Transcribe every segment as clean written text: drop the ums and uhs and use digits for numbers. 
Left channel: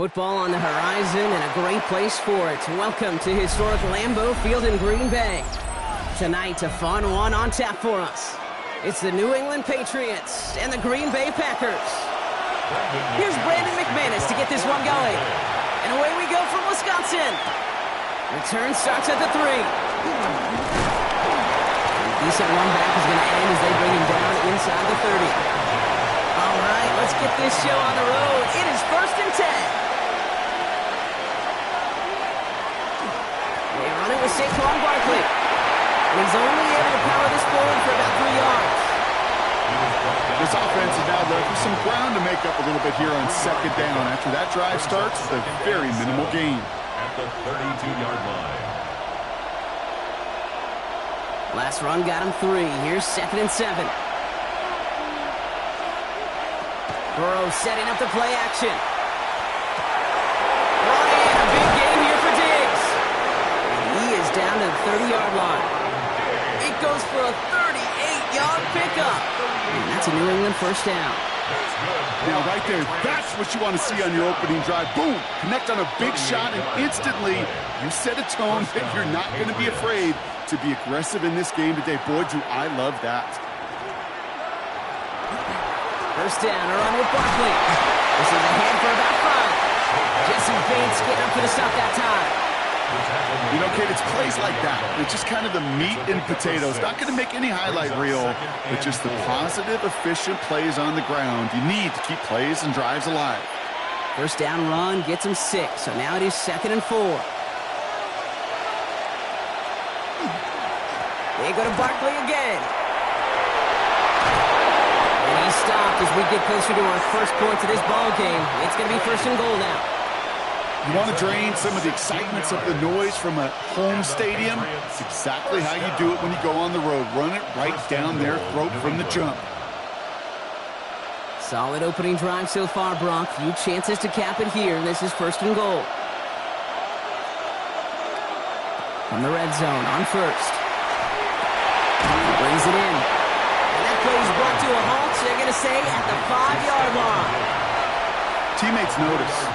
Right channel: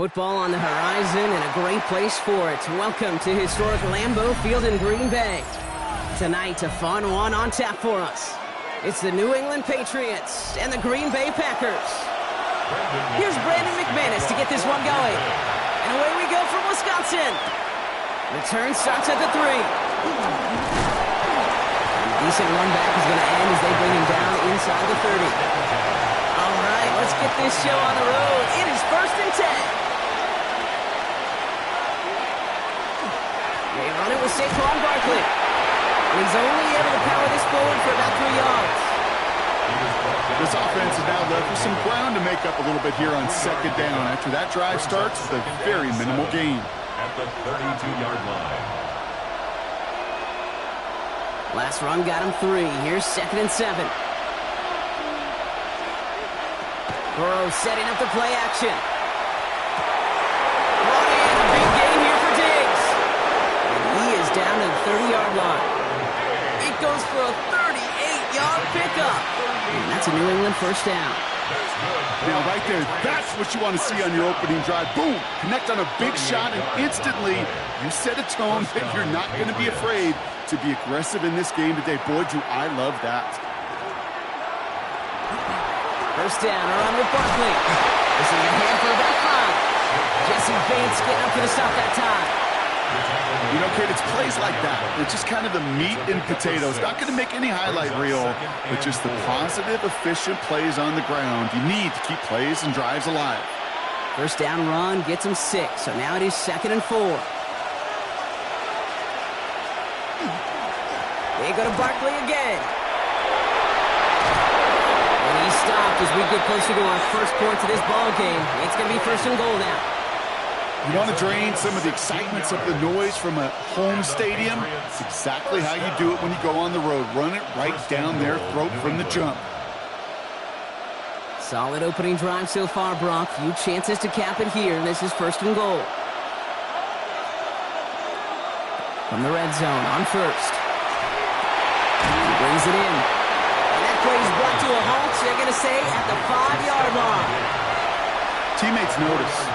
Football on the horizon and a great place for it. Welcome to historic Lambeau Field in Green Bay. Tonight, a fun one on tap for us. It's the New England Patriots and the Green Bay Packers. Here's Brandon McManus to get this one going. And away we go from Wisconsin. Return starts at the 3. And a decent run back is going to end as they bring him down inside the 30. All right, let's get this show on the road. It is 1st and 10. They run it with Saquon Barkley. And he's only able to power this forward for about 3 yards. This offense is now left with some ground to make up a little bit here on 2nd down. After that drive starts, it's a very minimal gain. At the 32-yard line. Last run got him 3. Here's 2nd and 7. Burrow setting up the play action. Brought in a big gain here for Diggs. And he is down to the 30-yard line. It goes for a 38-yard pickup. And that's a New England first down. Now right there, that's what you want to see on your opening drive. Boom! Connect on a big shot, and instantly you set a tone that you're not going to be afraid to be aggressive in this game today. Boy, do I love that. First down, a run with Barkley. This is ahead for about 5. Jesse Bates getting up for the stop that time. You know, Kate, it's plays like that. It's just kind of the meat and potatoes. Not going to make any highlight reel, but just the positive, efficient plays on the ground. You need to keep plays and drives alive. First down run gets him 6, so now it is 2nd and 4. They go to Barkley again. And he's stopped as we get closer to our first points of this ball game. It's going to be 1st and goal now. You want to drain some of the excitements of the noise from a home stadium? It's exactly how you do it when you go on the road. Run it right down their throat from the jump. Solid opening drive so far, Brock. Few chances to cap it here. This is 1st and goal. From the red zone on 1st. He brings it in. And that play is brought to a halt, they're going to say, at the 5-yard line. Teammates notice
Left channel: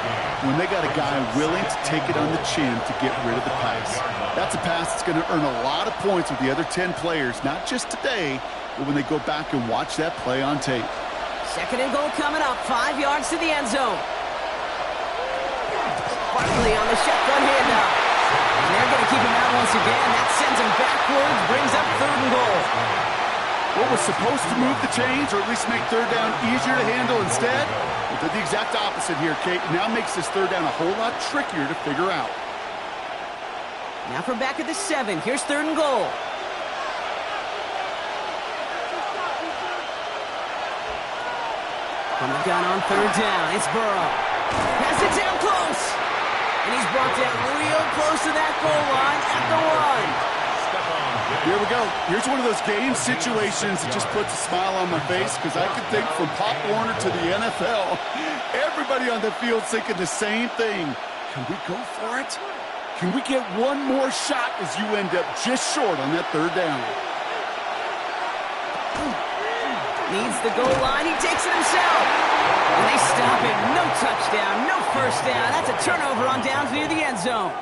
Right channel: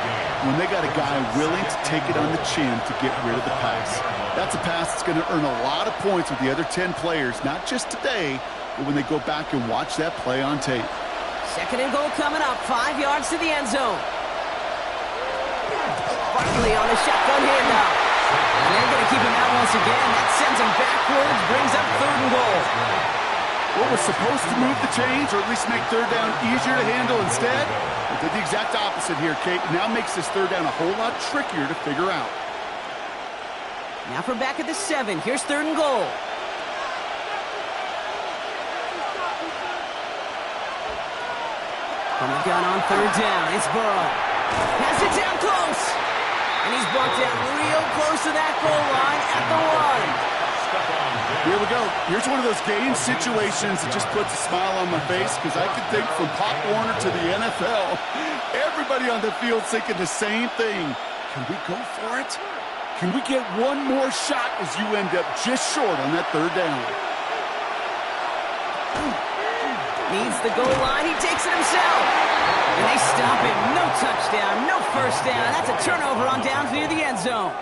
when they got a guy willing to take it on the chin to get rid of the pass. That's a pass that's going to earn a lot of points with the other 10 players, not just today, but when they go back and watch that play on tape. 2nd and goal coming up, 5 yards to the end zone. Barkley on the shotgun handoff. And they're going to keep him out once again. That sends him backwards, brings up 3rd and goal. What was supposed to move the chains, or at least make 3rd down easier to handle instead, it did the exact opposite here, Kate. It now makes this 3rd down a whole lot trickier to figure out. Now from back at the 7, here's 3rd and goal. From the gun on 3rd down, it's Burrow. Has it down close. And he's brought down real close to that goal line at the 1. Here we go. Here's one of those game situations that just puts a smile on my face, because I can think from Pop Warner to the NFL, everybody on the field thinking the same thing. Can we go for it? Can we get one more shot as you end up just short on that 3rd down? Needs the goal line. He takes it himself. And they stop him. No touchdown, no first down. That's a turnover on downs near the end zone.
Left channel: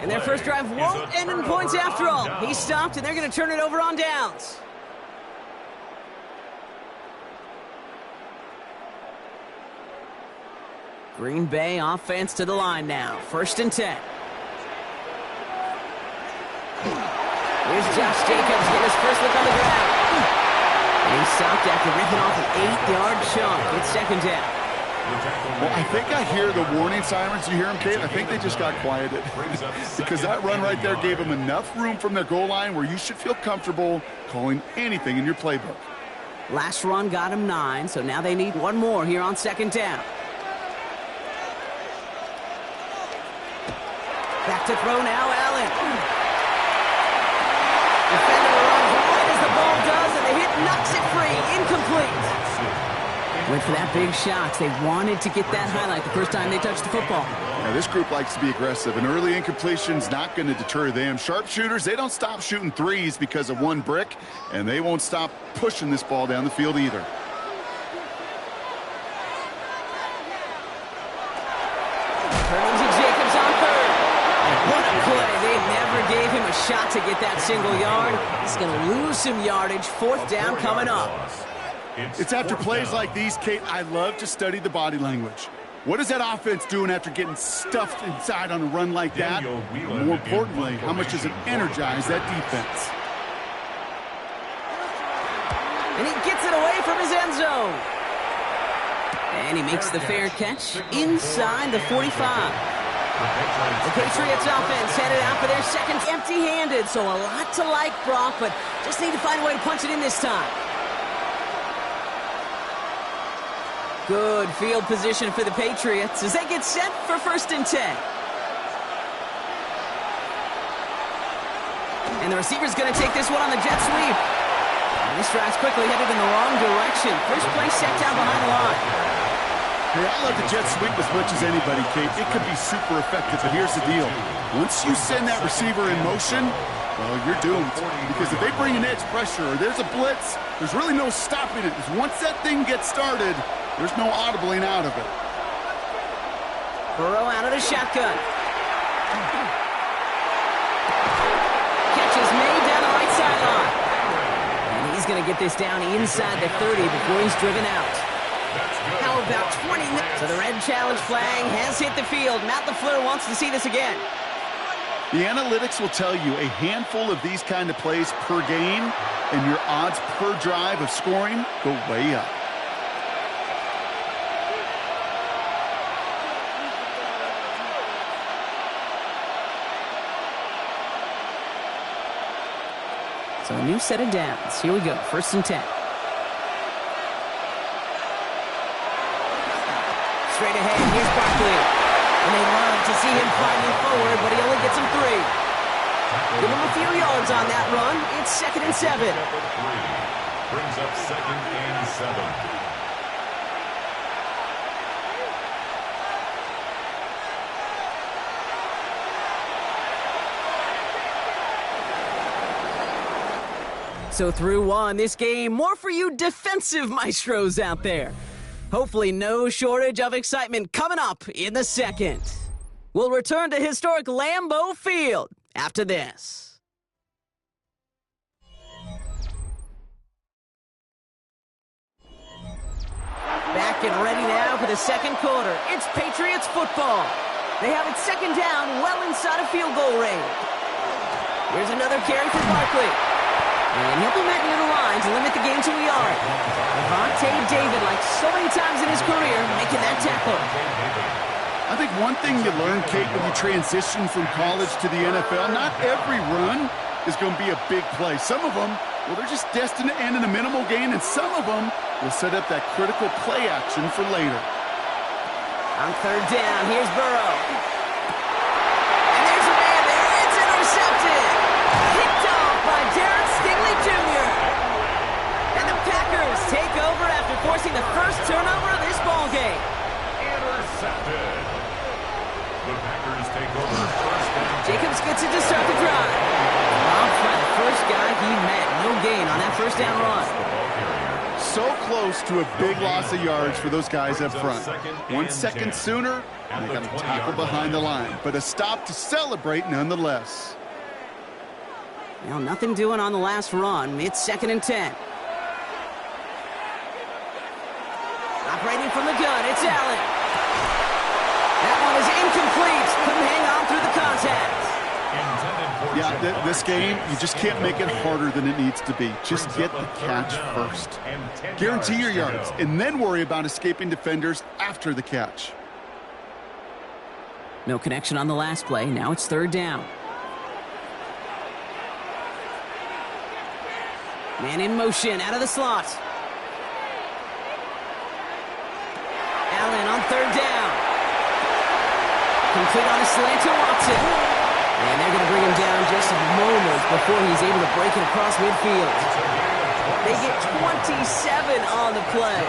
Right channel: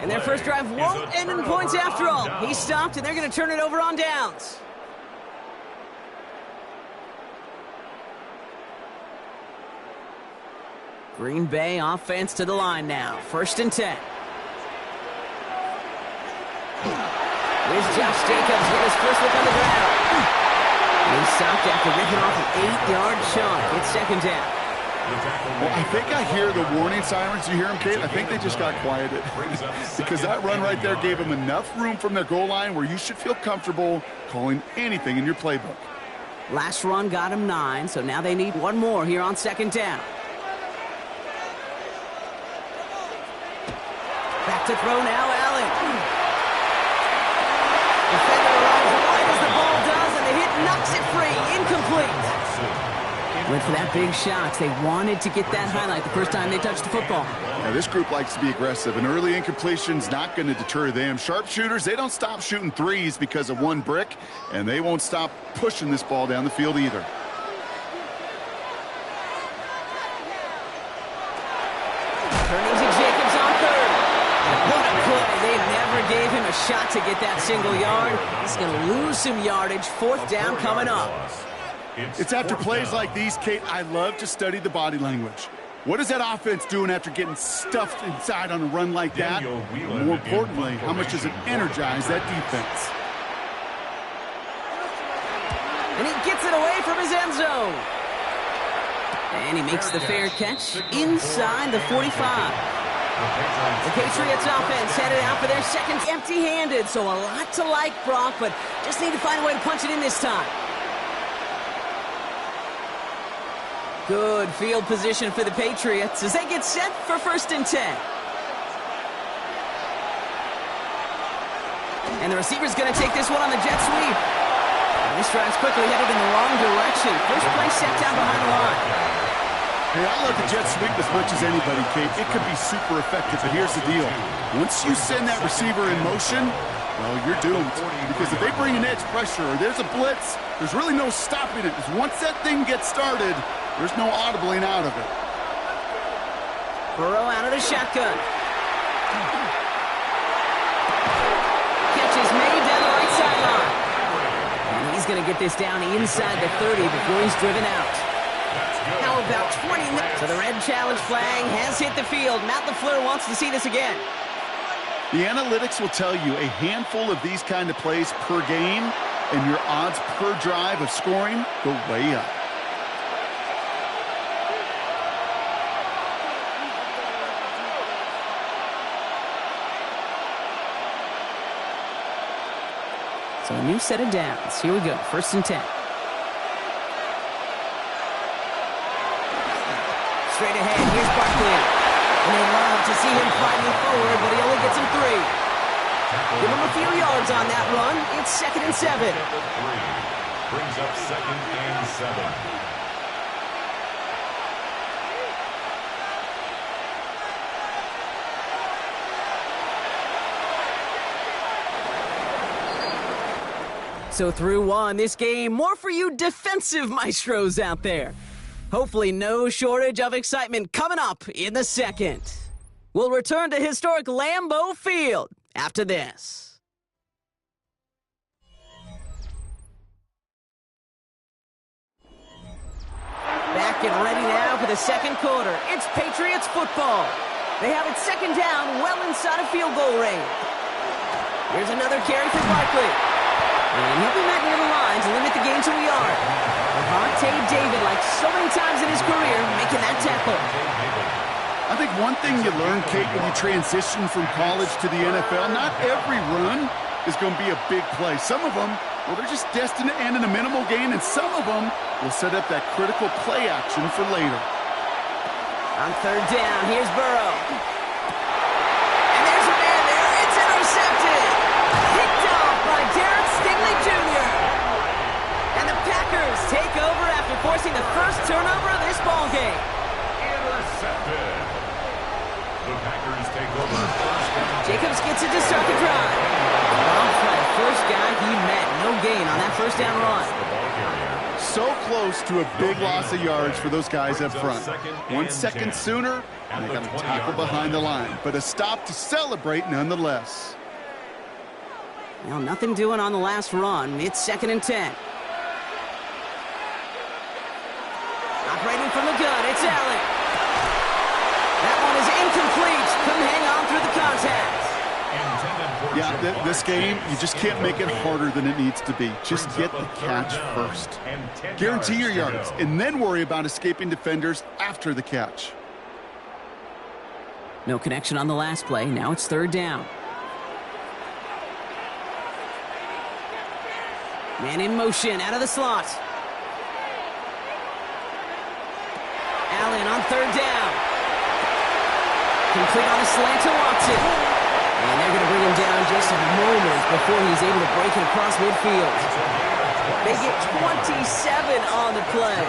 And their first drive won't end in points after all. He stopped, and they're going to turn it over on downs. Green Bay offense to the line now. 1st and 10. Here's Josh Jacobs getting his first look on the ground. And he stopped after ripping off an 8-yard chunk. It's 2nd down. Well, I think I hear the warning sirens. You hear them, Kate? I think they just got quieted. Because that run right there gave them enough room from their goal line where you should feel comfortable calling anything in your playbook. Last run got him 9, so now they need one more here on 2nd down. Back to throw now, Allen. Defender arrives right as the ball does, and the hit knocks it free. Incomplete. Went for that big shot. They wanted to get that highlight the first time they touched the football. Now, this group likes to be aggressive, and early incompletion's not going to deter them. Sharpshooters, they don't stop shooting threes because of one brick, and they won't stop pushing this ball down the field either. a shot to get that single yard. He's going to lose some yardage. Fourth down coming up. It's after plays like these, Kate, I love to study the body language. What is that offense doing after getting stuffed inside on a run like that? More importantly, how much does it energize that defense? And he gets it away from his end zone. And he makes the fair catch inside the 45. The Patriots offense headed out for their second empty-handed, so a lot to like, Brock, but just need to find a way to punch it in this time. Good field position for the Patriots as they get set for 1st and 10. And the receiver's going to take this one on the jet sweep. And this drive's quickly headed in the wrong direction. First play set down behind the line. Hey, I love the jet sweep as much as anybody, Kate. It could be super effective, but here's the deal. Once you send that receiver in motion, well, you're doomed. Because if they bring an edge pressure or there's a blitz, there's really no stopping it. Because once that thing gets started, there's no audibling out of it. Burrow out of the shotgun. Catch is made down the right sideline. And he's going to get this down inside the 30 before he's driven out. How about 20 minutes? So the red challenge flag has hit the field. Matt LaFleur wants to see this again. The analytics will tell you a handful of these kind of plays per game, and your odds per drive of scoring go way up. So a new set of downs. Here we go. 1st and 10. Straight ahead. Here's Barkley. And they love to see him climbing forward, but he only gets him 3. Give him a few yards on that run. It's 2nd and 7. Brings up 2nd and 7. So through one, this game, more for you defensive maestros out there. Hopefully no shortage of excitement coming up in the second. We'll return to historic Lambeau Field after this. Back and ready now for the second quarter. It's Patriots football. They have it 2nd down, well inside of field goal range. Here's another carry for Barkley. And he'll be met near the line to limit the game to a yard. Lavonte David, like so many times in his career, making that tackle. I think one thing you learn, Kate, when you transition from college to the NFL, not every run is going to be a big play. Some of them, well, they're just destined to end in a minimal gain, and some of them will set up that critical play action for later. On 3rd down, here's Burrow. And there's a man there. It's intercepted. Picked off by Derek Stingley Jr. And the Packers take over after forcing the first turnover of this ball game. Intercepted. The Packers take over 1st and 10. Jacobs gets it to start the drive. Robbed by the first guy he met. No gain on that 1st down run. So close to a big loss of yards for those guys up front. 1 second sooner, and they got a tackle behind the line. But a stop to celebrate nonetheless. Well, nothing doing on the last run. It's 2nd and 10. Operating from the gun, it's Allen. That one is incomplete. Couldn't hang on through the contact. Yeah, this game, you just can't make it harder than it needs to be. Just get the catch first. Guarantee your yards, and then worry about escaping defenders after the catch. No connection on the last play. Now it's 3rd down. Man in motion, out of the slot. Allen on 3rd down. Complete on a slant to Watson. And they're going to bring him down just a moment before he's able to break it across midfield. They get 27 on the play.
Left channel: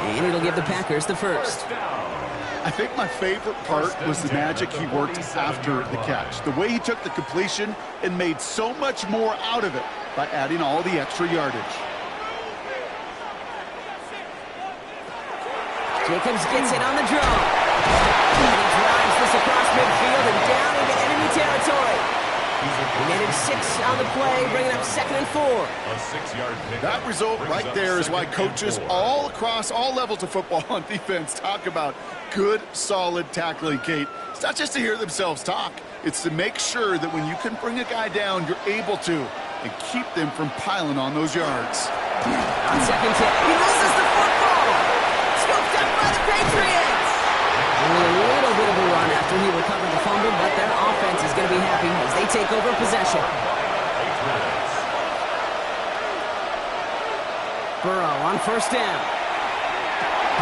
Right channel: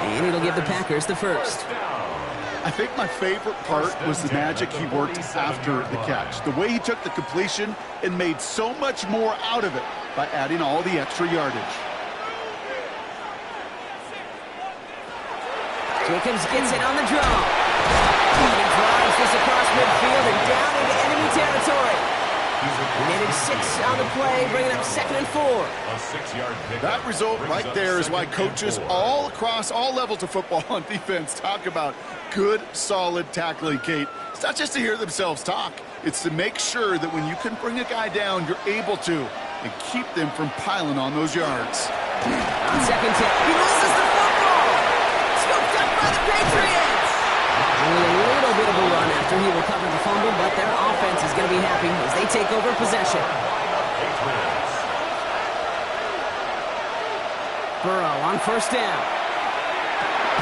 And it'll give the Packers the first. I think my favorite part was the magic he worked after the catch. The way he took the completion and made so much more out of it by adding all the extra yardage. Jacobs gets it on the draw. And he drives this across midfield and down into enemy territory. Netted 6 on the play, bringing up 2nd and 4. A 6-yard pickup. That result right there is why coaches all across all levels of football on defense talk about good, solid tackling, Kate. It's not just to hear themselves talk. It's to make sure that when you can bring a guy down, you're able to, and keep them from piling on those yards. On 2nd tip, he loses the football. Scooped up by the Patriots. Only a little bit of a run after he recovered the fumble, but their offense is going to be happy as they take over possession. Burrow on 1st down.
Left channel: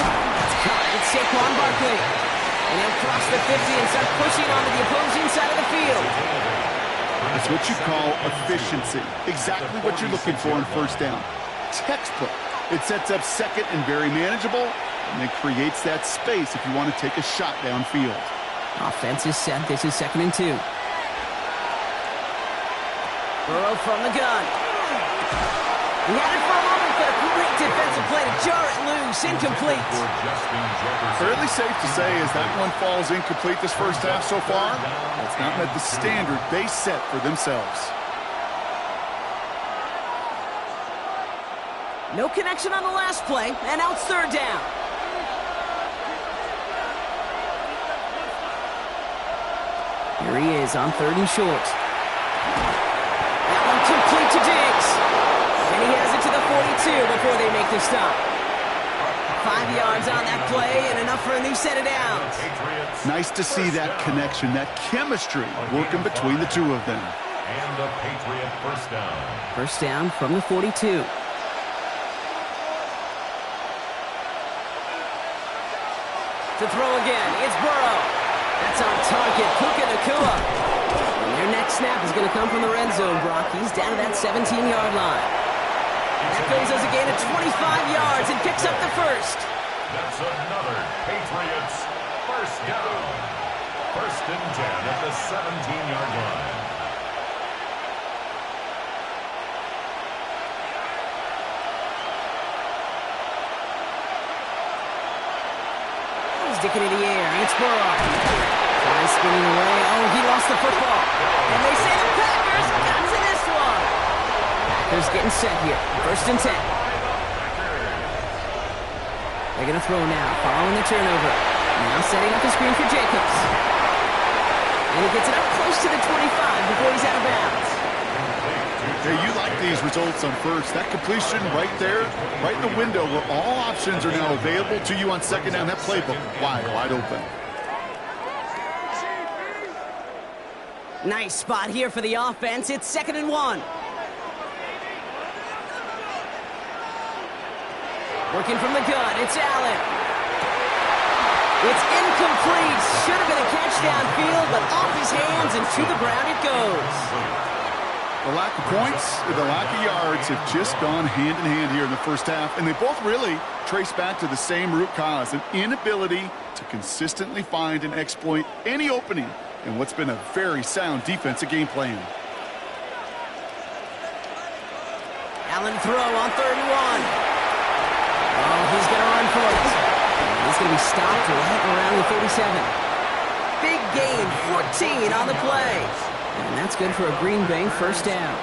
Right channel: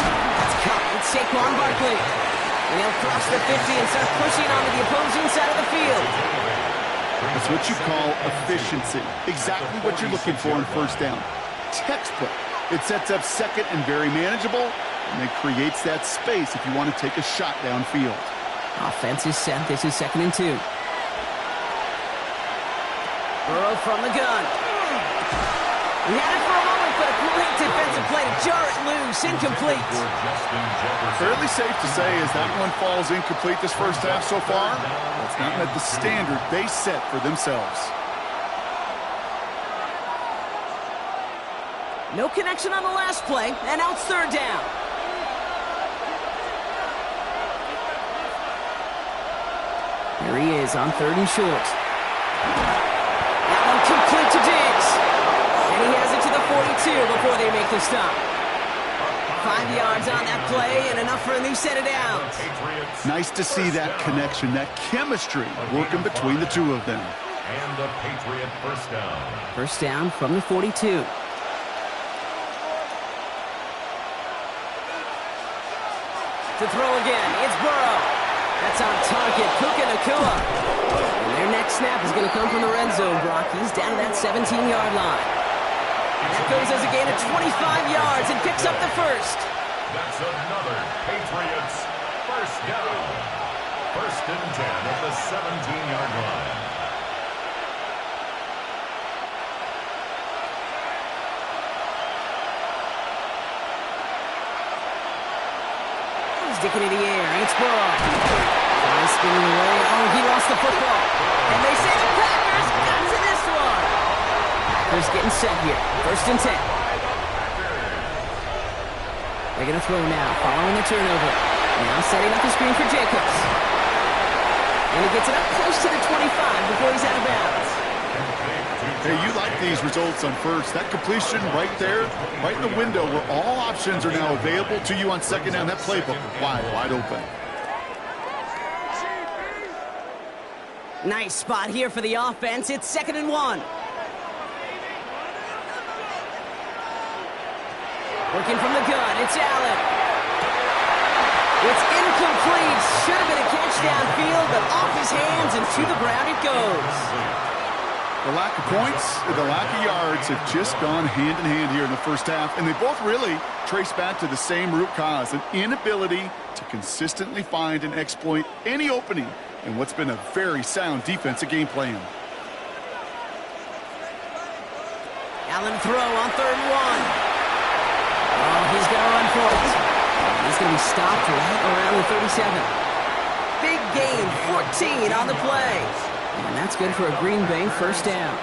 That's caught. It's Saquon Barkley. And he'll cross the 50 and start pushing onto the opposing side of the field. That's what you call efficiency. Exactly what you're looking for in 1st down. Textbook. It sets up 2nd and very manageable, and then creates that space if you want to take a shot downfield. Offense is set. This is 2nd and 2. Burrow from the gun. He had it for a moment, but a great defensive play to jar it loose. Incomplete. Fairly safe to say as that one falls incomplete this 1st half so far, that's not met the standard they set for themselves. No connection on the last play, and now it's 3rd down. Here he is on 3rd and short. That one complete to Diggs. And he has it to the 42 before they make the stop. 5 yards on that play and enough for a new set of downs. Nice to see that connection, that chemistry working between the two of them. And a Patriot 1st down. 1st down from the 42. To throw again, it's Burrow. That's on target, Puka Nacua. And their next snap is going to come from the red zone, Brock. He's down to that 17-yard line. That goes as a gain of 25 yards and picks up the 1st. That's another Patriots 1st down. 1st and 10 at the 17-yard line. Sticking in the air, it's Burrow. Tries spinning away. Oh, he lost the football. And they say the Packers got to this one. Packers getting set here. 1st and 10. They're going to throw now, following the turnover. Now setting up the screen for Jacobs. And he gets it up close to the 25 before he's out of bounds. Hey, you like these results on 1st. That completion right there, right in the window where all options are now available to you on 2nd down. That playbook wide open. Nice spot here for the offense. It's 2nd and 1. Working from the gun, it's Allen. It's incomplete. Should have been a catch downfield, but off his hands and to the ground it goes. The lack of points, the lack of yards have just gone hand in hand here in the 1st half, and they both really trace back to the same root cause, an inability to consistently find and exploit any opening in what's been a very sound defensive game plan. Allen throw on 3rd and 1. Oh, he's going to run for it. He's going to be stopped right around the 37. Big gain, 14 on the play. And that's good for a Green Bay 1st down.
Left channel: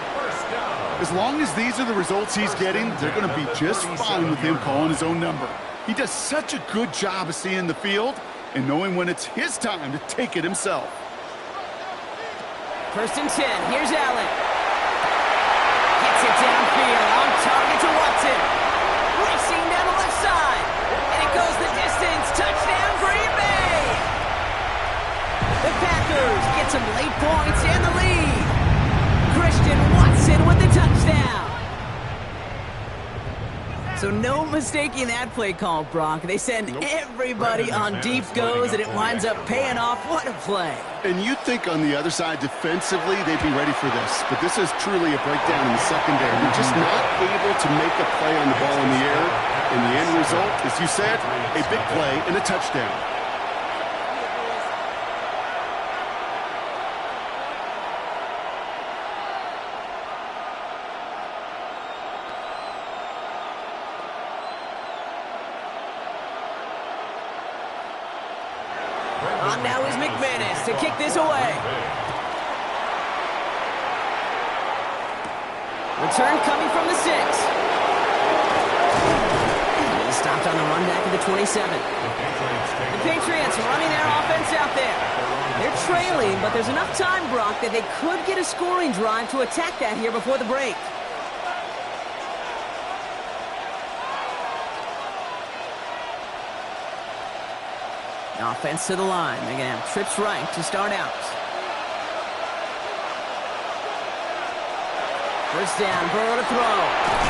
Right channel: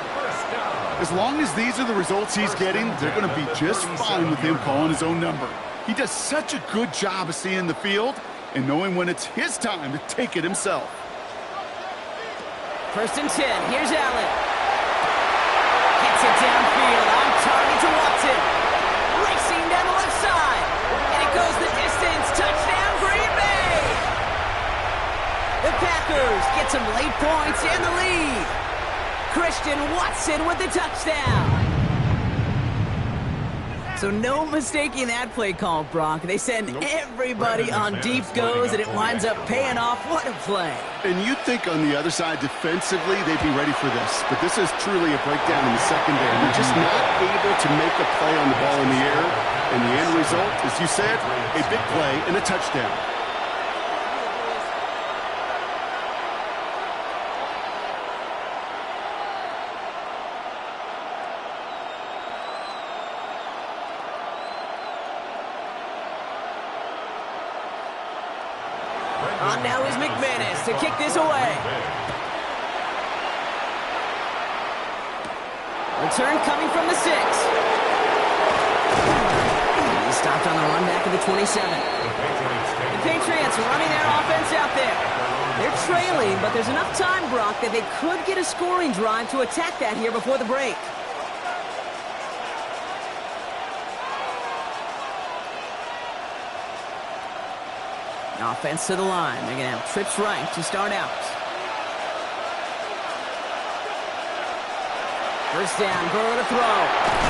As long as these are the results he's getting, they're going to be just fine with him calling his own number. He does such a good job of seeing the field and knowing when it's his time to take it himself. 1st and 10. Here's Allen. Gets it downfield on target to Watson. Racing down the left side. And it goes the distance. Touchdown, Green Bay. The Packers get some late points and the lead. Christian Watson with the touchdown. So no mistaking that play call, Brock. They send everybody on deep goes, and it winds up paying off. What a play. And you'd think on the other side, defensively, they'd be ready for this. But this is truly a breakdown in the secondary. They're just not able to make a play on the ball in the air. And the end result, as you said, a big play and a touchdown. On now is McManus to kick this away. Return coming from the 6. He's stopped on the run back at the 27. The Patriots running their offense out there. They're trailing, but there's enough time, Brock, that they could get a scoring drive to attack that here before the break. Offense to the line. They're going to have trips right to start out. First down, Burrow to throw.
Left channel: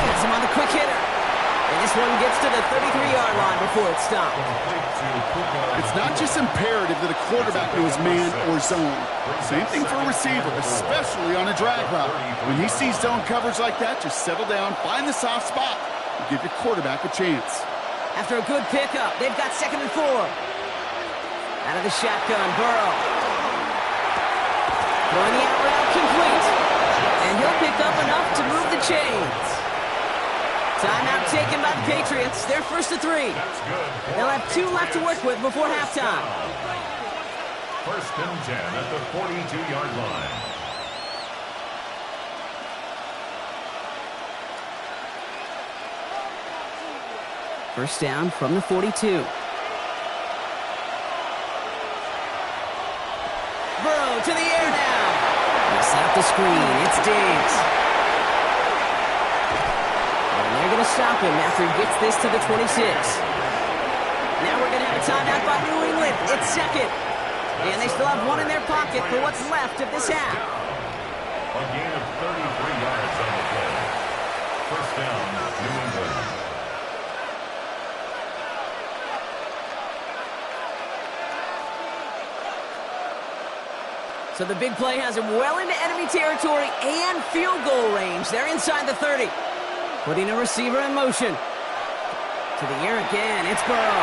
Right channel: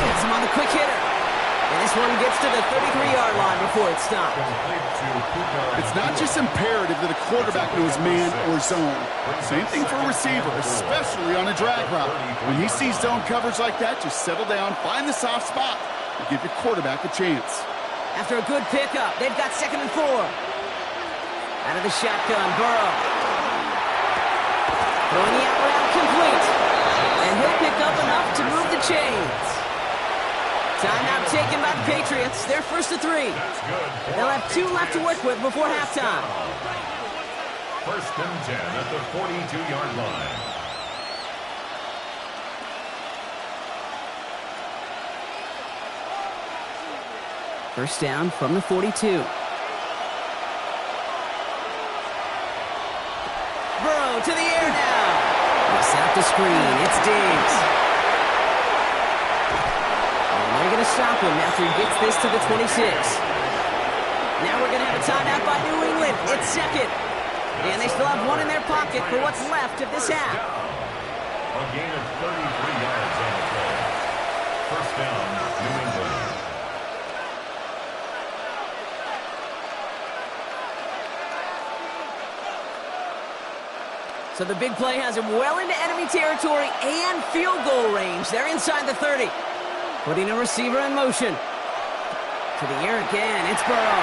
Gets him on the quick hitter. And this one gets to the 33-yard line before it's stopped. It's not just imperative that a quarterback knows man or zone. Same thing for a receiver, especially on a drag route. When he sees zone coverage like that, just settle down, find the soft spot, and give your quarterback a chance. After a good pickup, they've got 2nd and 4. Out of the shotgun, Burrow. Throwing the out route complete. And he'll pick up enough to move the chains. Timeout taken by the Patriots. They're 1st to 3. They'll have 2 left to work with before halftime. 1st and 10 at the 42-yard line. First down from the 42. Burrow to the air now. They set up the screen. It's Diggs. And they're going to stop him after he gets this to the 26. Now we're going to have a timeout by New England. It's 2nd. And they still have 1 in their pocket for what's left of this half. A gain of 33 yards on the play. First down, New England. So the big play has him well into enemy territory and field goal range. They're inside the 30. Putting a receiver in motion. To the air again. It's Burrow.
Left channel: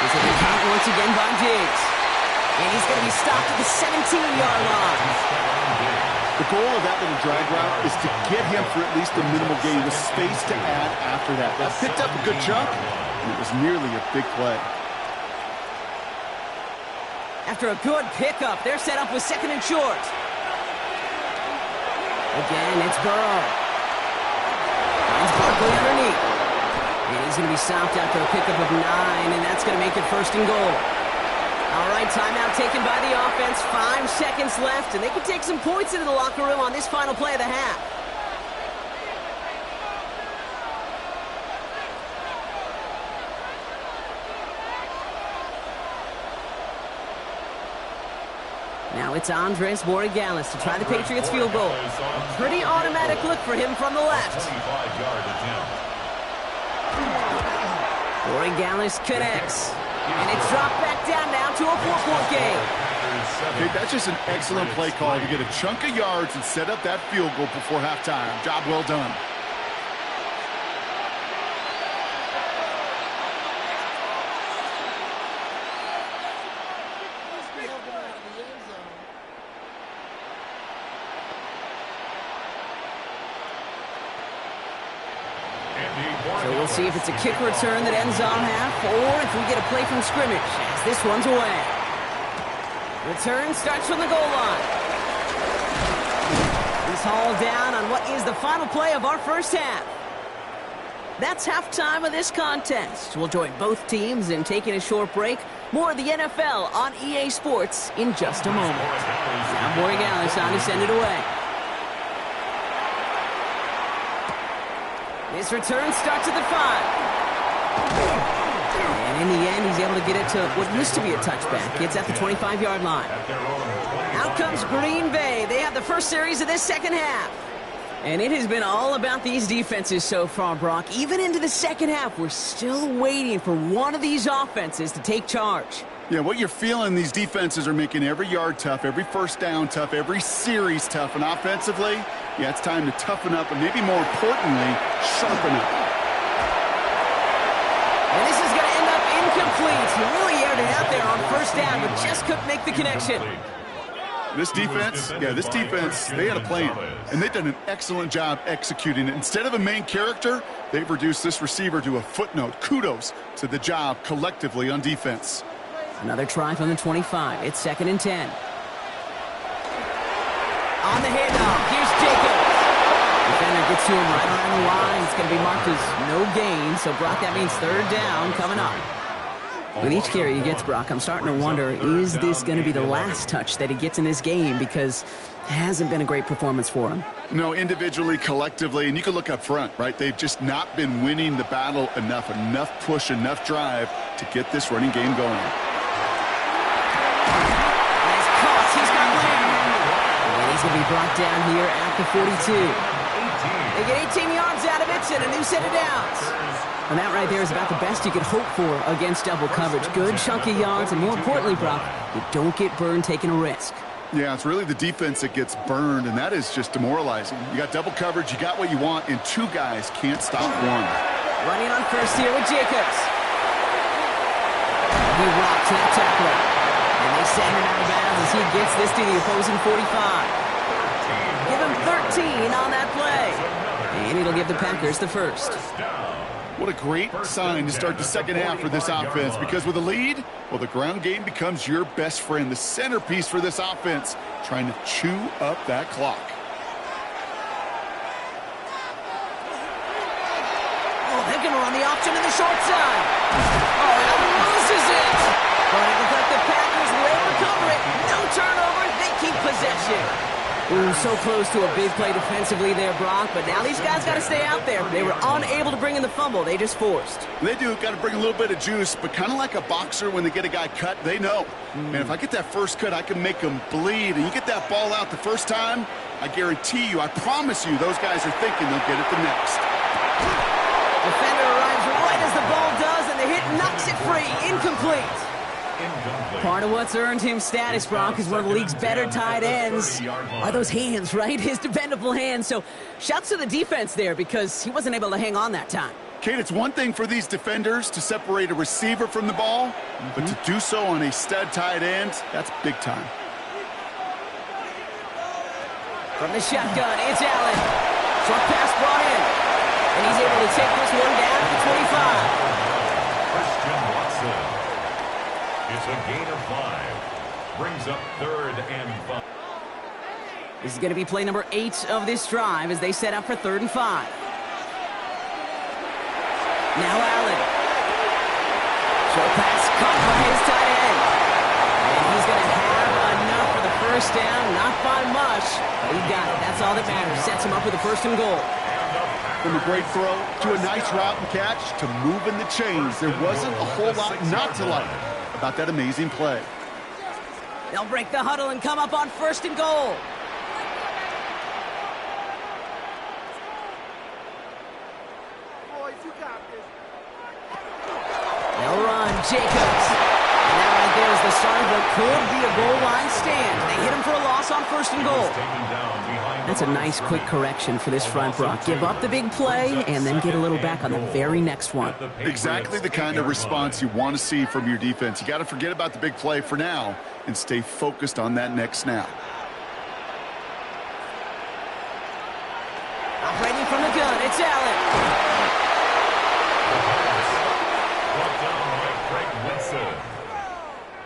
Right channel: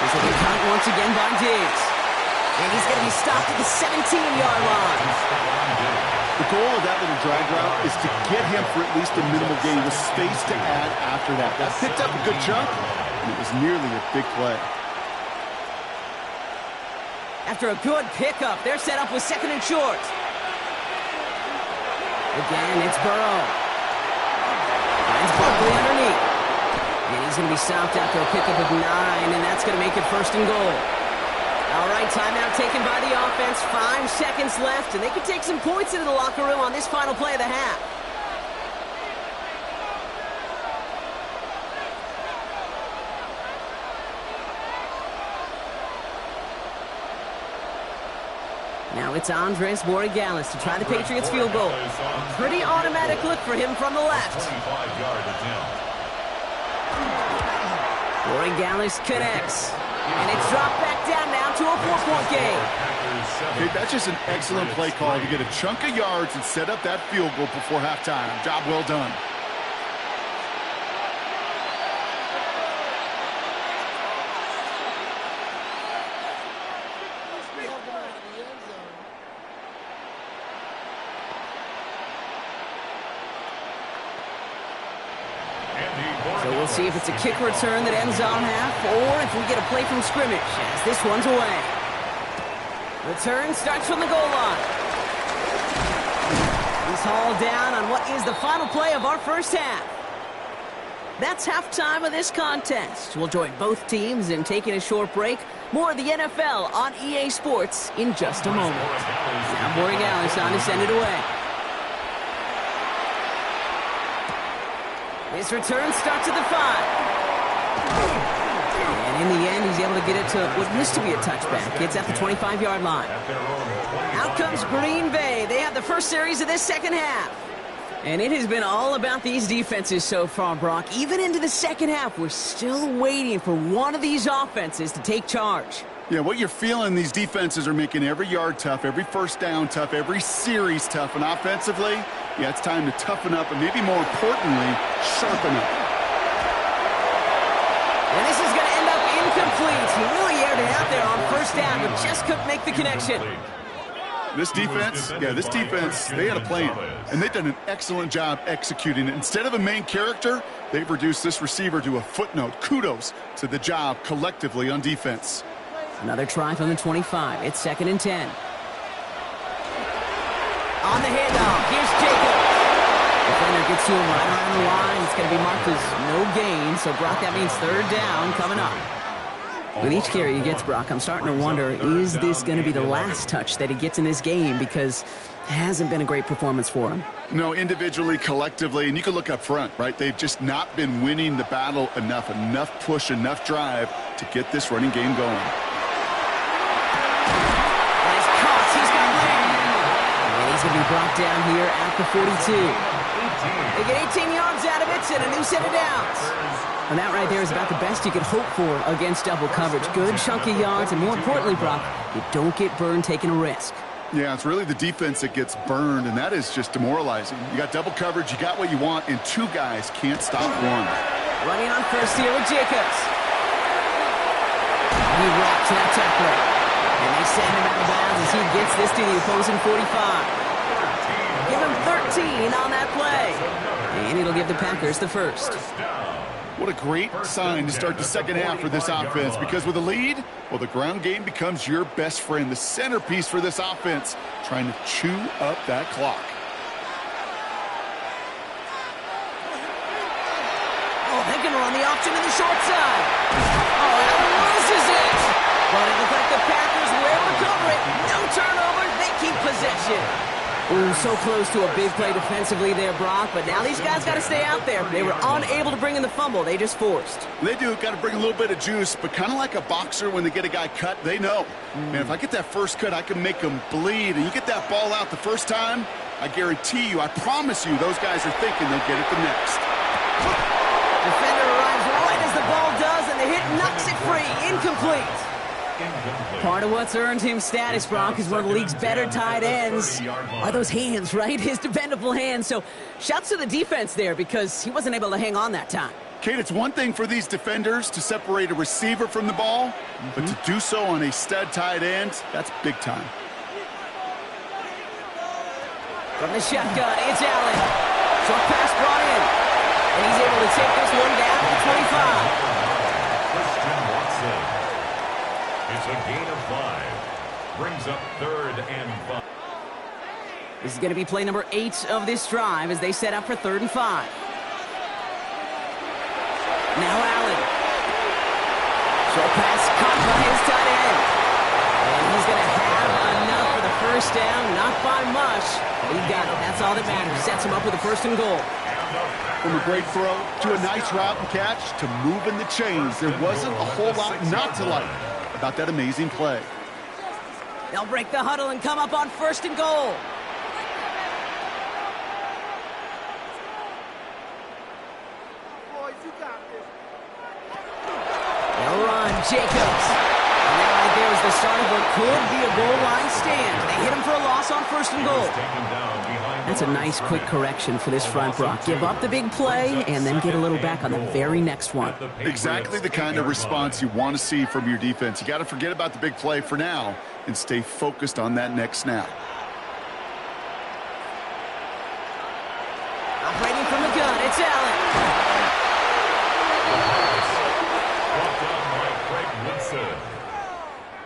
He's at the count once again by Diggs. And he's going to be stopped at the 17-yard line. The goal of that little drag route is to get him for at least a minimal gain with space to add after that. That picked up a good chunk, and it was nearly a big play. After a good pickup, they're set up with 2nd and short. Again, it's Burrow. Finds Barkley underneath. And he's going to be stopped after a pickup of 9, and that's going to make it 1st and goal. All right, timeout taken by the offense. 5 seconds left, and they can take some points into the locker room on this final play of the half. Now it's Andres Borregales to try the Patriots field goal. A pretty automatic look for him from the left. 25-yard attempt. Borregales connects. And it's dropped back down now to a 4-point game. Okay, that's just an excellent play call to get a chunk of yards and set up that field goal before halftime. Job well done. So we'll see if it's a kick return that ends on half, or if we get a play from scrimmage, as this one's away. Return starts from the goal line. He's hauled down on what is the final play of our first half. That's halftime of this contest. We'll join both teams in taking a short break. More of the NFL on EA Sports in just a moment. Now Borregales on to send it away. This return starts at the 5. And in the end, he's able to get it to what used to be a touchback. It's at the 25-yard line. Out comes Green Bay. They have the first series of this second half. And it has been all about these defenses so far, Brock. Even into the second half, we're still waiting for one of these offenses to take charge. Yeah, what you're feeling, these defenses are making every yard tough, every first down tough, every series tough. And offensively, yeah, it's time to toughen up and maybe more importantly, sharpen up. And this is going to end up incomplete. He really aired it out there on first down, but just couldn't make the connection. This defense, they had a plan, and they've done an excellent job executing it. Instead of a main character, they've reduced this receiver to a footnote. Kudos to the job collectively on defense. Another try from the 25. It's 2nd and 10. On the handoff, here's Jacobs. Defender gets to him right around the line. It's going to be marked as no gain. So, Brock, that means third down coming up. With each carry he gets, Brock, I'm starting to wonder, is this going to be the last touch that he gets in this game? Because it hasn't been a great performance for him. No, individually, collectively, and you can look up front, right? They've just not been winning the battle enough push, enough drive to get this running game going. Nice caught. He's got Lamb. And he's going to be brought down here at the 42. They get 18 yards out of it and a new set of downs. And that right there is about the best you could hope for against double coverage. Good chunky yards, and more importantly, Brock, you don't get burned taking a risk. Yeah, it's really the defense that gets burned, and that is just demoralizing. You got double coverage, you got what you want, and two guys can't stop one. Running on first here with Jacobs. He rocks that tackler. And they send him out of bounds as he gets this to the opposing 45. Give him 13 on that play. And it'll give the Packers the first. What a great sign to start the second half for this offense, because with a lead, well, the ground game becomes your best friend, the centerpiece for this offense, trying to chew up that clock. Oh, they're going to run the option to the short side. Oh, Allen loses it. But it looks like the Packers were able to cover it. No turnover. They keep possession. Ooh, so close to a big play defensively there, Brock. But now these guys got to stay out there. They were unable to bring in the fumble. They just forced. They do. Got to bring a little bit of juice, but kind of like a boxer when they get a guy cut, they know. Man, if I get that first cut, I can make them bleed. And you get that ball out the first time, I guarantee you, I promise you, those guys are thinking they'll get it the next. Defender arrives right as the ball does, and the hit knocks it free. Incomplete. Part of what's earned him status, Brock, is one of the league's better tight ends. Are those hands, right? His dependable hands. So shouts to the defense there, because he wasn't able to hang on that time. Kate, it's one thing for these defenders to separate a receiver from the ball, but to do so on a stud tight end, that's big time. From the shotgun, it's Allen. Short pass brought in. And he's able to take this one down to the 25. Christian Watson. It's a gain of 5. Brings up 3rd and 5. This is going to be play number 8 of this drive as they set up for 3rd and 5. Now Allen. Short pass caught by his tight end. And he's going to have enough for the first down. Not by much, but he got it. That's all that matters. Sets him up with a 1st and goal. From a great throw to a nice route and catch to moving the chains, there wasn't a whole lot not to like about that amazing play. They'll break the huddle and come up on 1st and goal. Boys, you got this. They'll run. Jacobs. And that right there is the start of what could be a goal line stand. They hit him for a loss on 1st and goal. That's a nice quick correction for this front, Brock. Give up the big play and then get a little back on the very next one. Exactly the kind of response you want to see from your defense. You got to forget about the big play for now and stay focused on that next snap. Operating from the gun, it's Allen. Brought down by Craig Woodson.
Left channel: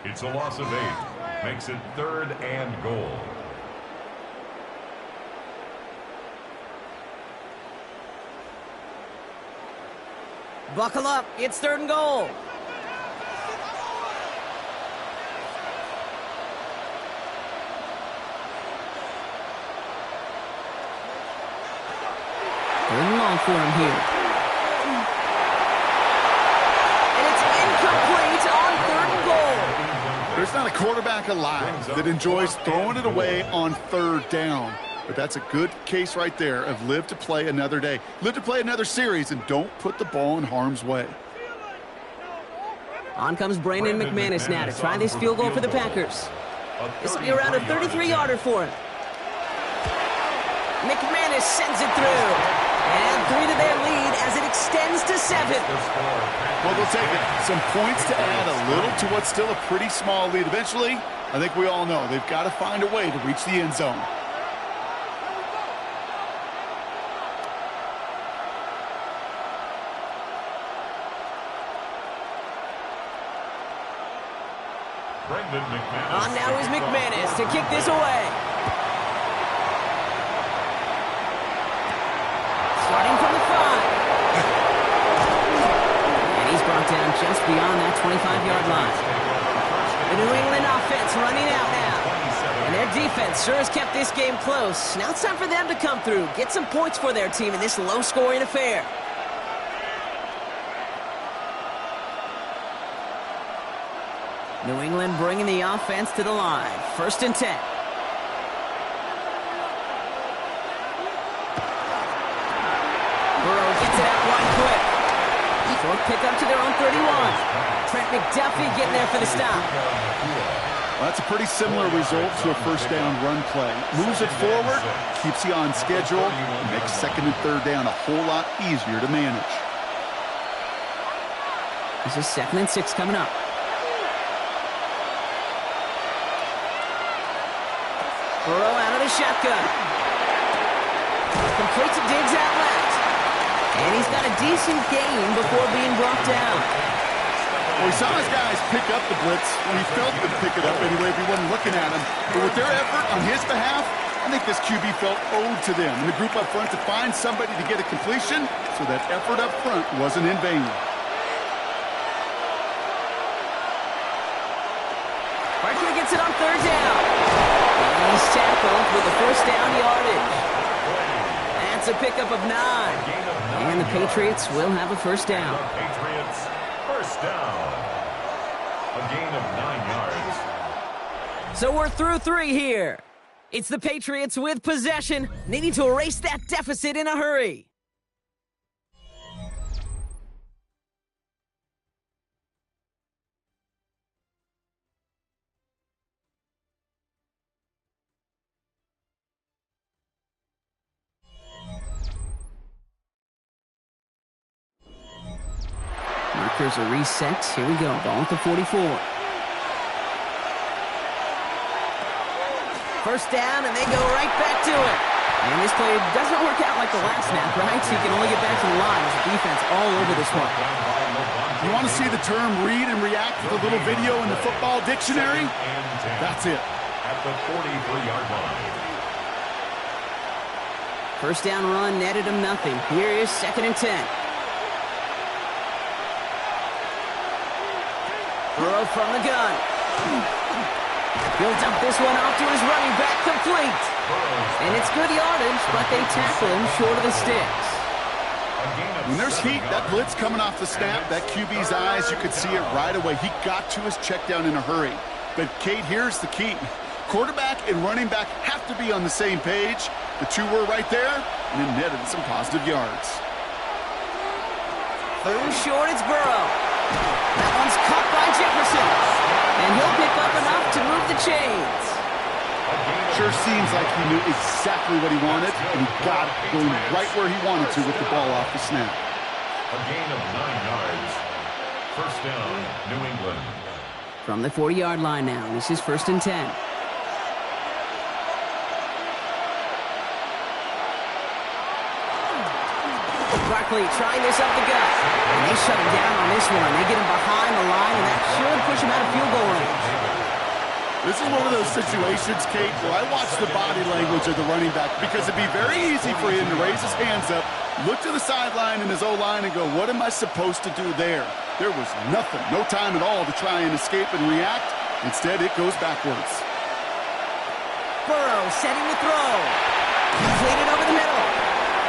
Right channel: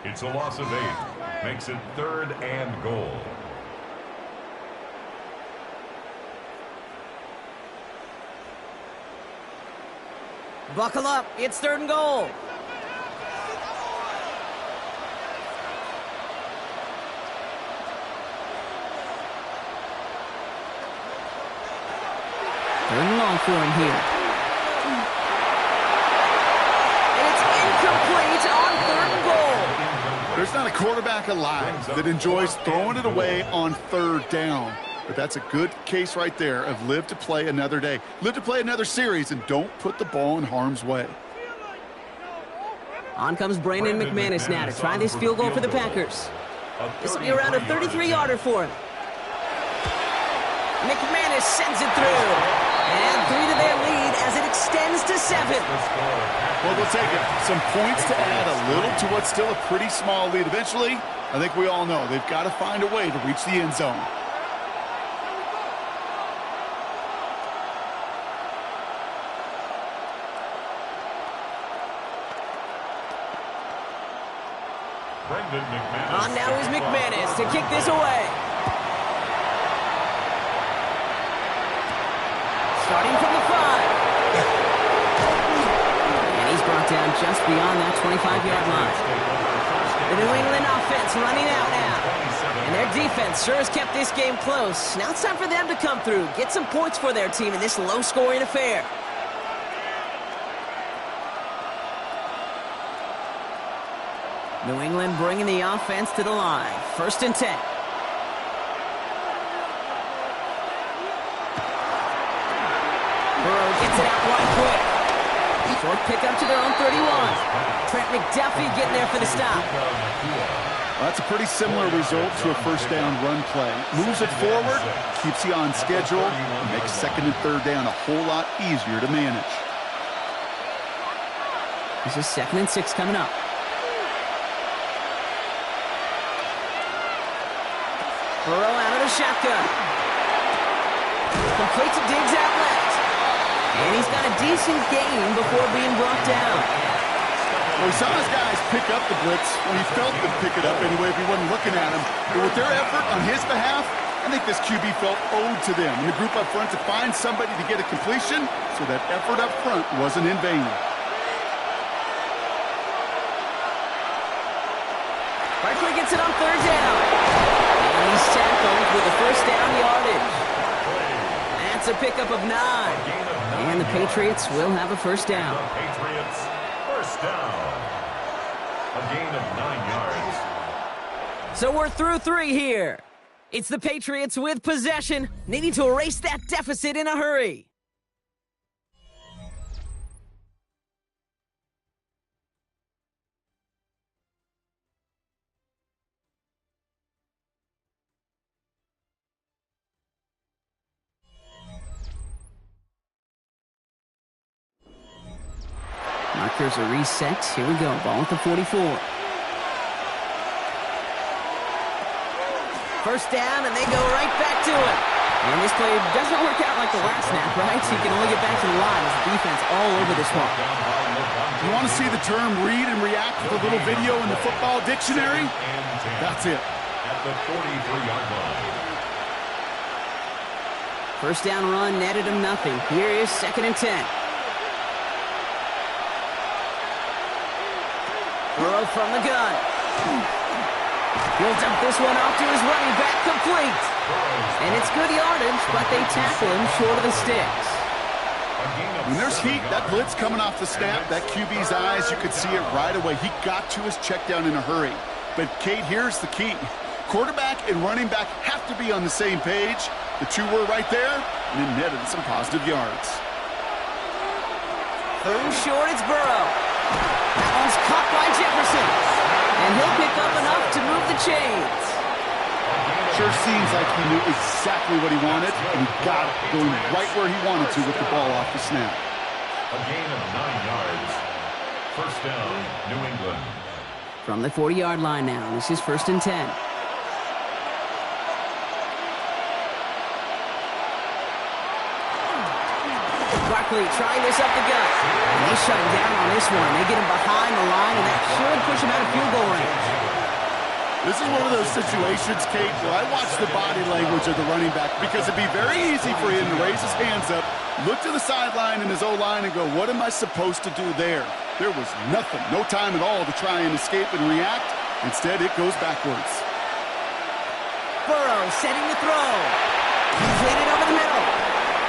It's a loss of 8. Makes it 3rd and goal. Buckle up. It's 3rd and goal. Third and long for him here. And it's incomplete on 3rd and goal. There's not a quarterback alive that enjoys throwing it away on 3rd down. But that's a good case right there of live to play another day. Live to play another series and don't put the ball in harm's way. On comes Brandon McManus now to try this field goal for the Packers. This will be around a 33-yarder for him. McManus sends it through. And add 3 to their lead as it extends to 7. Well, they'll take it. Some points to add a little to what's still a pretty small lead. Eventually, I think we all know they've got to find a way to reach the end zone. On now is McManus to kick this away. starting from the 5. And he's brought down just beyond that 25-yard line. The New England offense running out now. And their defense sure has kept this game close. Now it's time for them to come through, get some points for their team in this low-scoring affair. New England bringing the offense to the line. 1st and 10. Burrow gets it out wide quick. Short pickup to their own 31. Trent McDuffie getting there for the stop. Well, that's a pretty similar result to a first down run play. Moves it forward, keeps you on schedule, makes 2nd and 3rd down a whole lot easier to manage. This is 2nd and 6 coming up. Burrow out of the shotgun. Complete to Diggs out left. And he's got a decent gain before being brought down. Well, he saw his guys pick up the blitz. Well, he felt them pick it up anyway if he wasn't looking at him. But with their effort on his behalf, I think this QB felt owed to them and the group up front to find somebody to get a completion, so that effort up front wasn't in vain. Barkley gets it on 3rd down. And he's tackled with a 1st down yardage. That's a pickup of 9. And the Patriots will have a 1st down. The Patriots, 1st down. A gain of 9 yards. So we're through 3 here. It's the Patriots with possession, needing to erase that deficit in a hurry. Markers are reset. Here we go. Ball at the 44. 1st down, and they go right back to it. And this play doesn't work out like the last snap, right? So you can only get back to the line as the defense all over this one. You want to see the term read and react with a little video in the football dictionary? That's it. At the 43-yard line. 1st down run netted him nothing. Here is 2nd and 10. Burrow from the gun. He'll dump this one off to his running back, complete. And it's good yardage, but they tackle him short of the sticks. When there's heat, that blitz coming off the snap, that QB's eyes, you could see it right away. He got to his check down in a hurry. But, Kate, here's the key. Quarterback and running back have to be on the same page. The two were right there, and it netted some positive yards. 3rd and short, it's Burrow. That one's caught by Jefferson. And he'll pick up enough to move the chains. Sure seems like he knew exactly what he wanted, and he got it going right where he wanted to with the ball off the snap. A gain of 9 yards. 1st down, New England. From the 40-yard line now, this is 1st and 10. Barkley trying this up the gut. And they shut him down on this one. They get him behind the line, and that should push him out of field goal range. This is one of those situations, Kate, where I watch the body language of the running back, because it'd be very easy for him to raise his hands up, look to the sideline in his O-line and go, what am I supposed to do there? There was nothing, no time at all to try and escape and react. Instead, it goes backwards. Burrow setting the throw. Completed over the middle.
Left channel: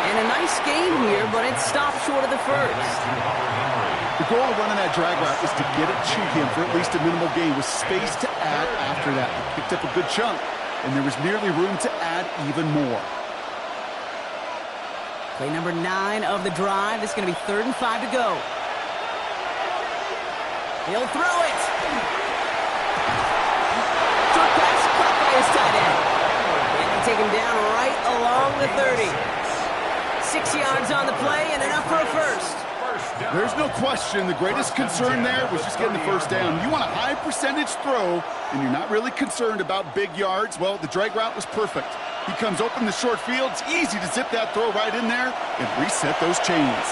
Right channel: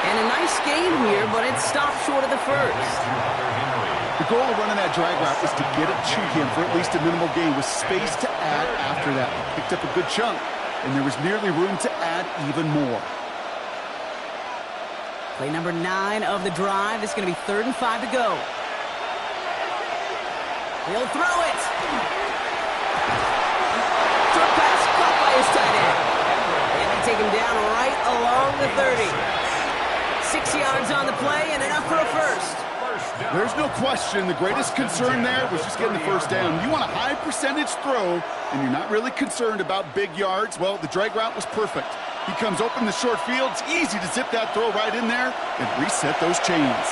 And a nice game here, but it stopped short of the 1st. The goal of running that drag route is to get it to him for at least a minimal gain with space to add after that. He picked up a good chunk, and there was nearly room to add even more. Play number 9 of the drive. This is going to be 3rd and 5 to go. He'll throw it. Short pass caught by his tight end. And they take him down right along the 30. 6 yards on the play and enough for a 1st. There's no question the greatest concern there was just getting the 1st down. You want a high percentage throw, and you're not really concerned about big yards. Well, the drag route was perfect. He comes open in the short field. It's easy to zip that throw right in there and reset those chains.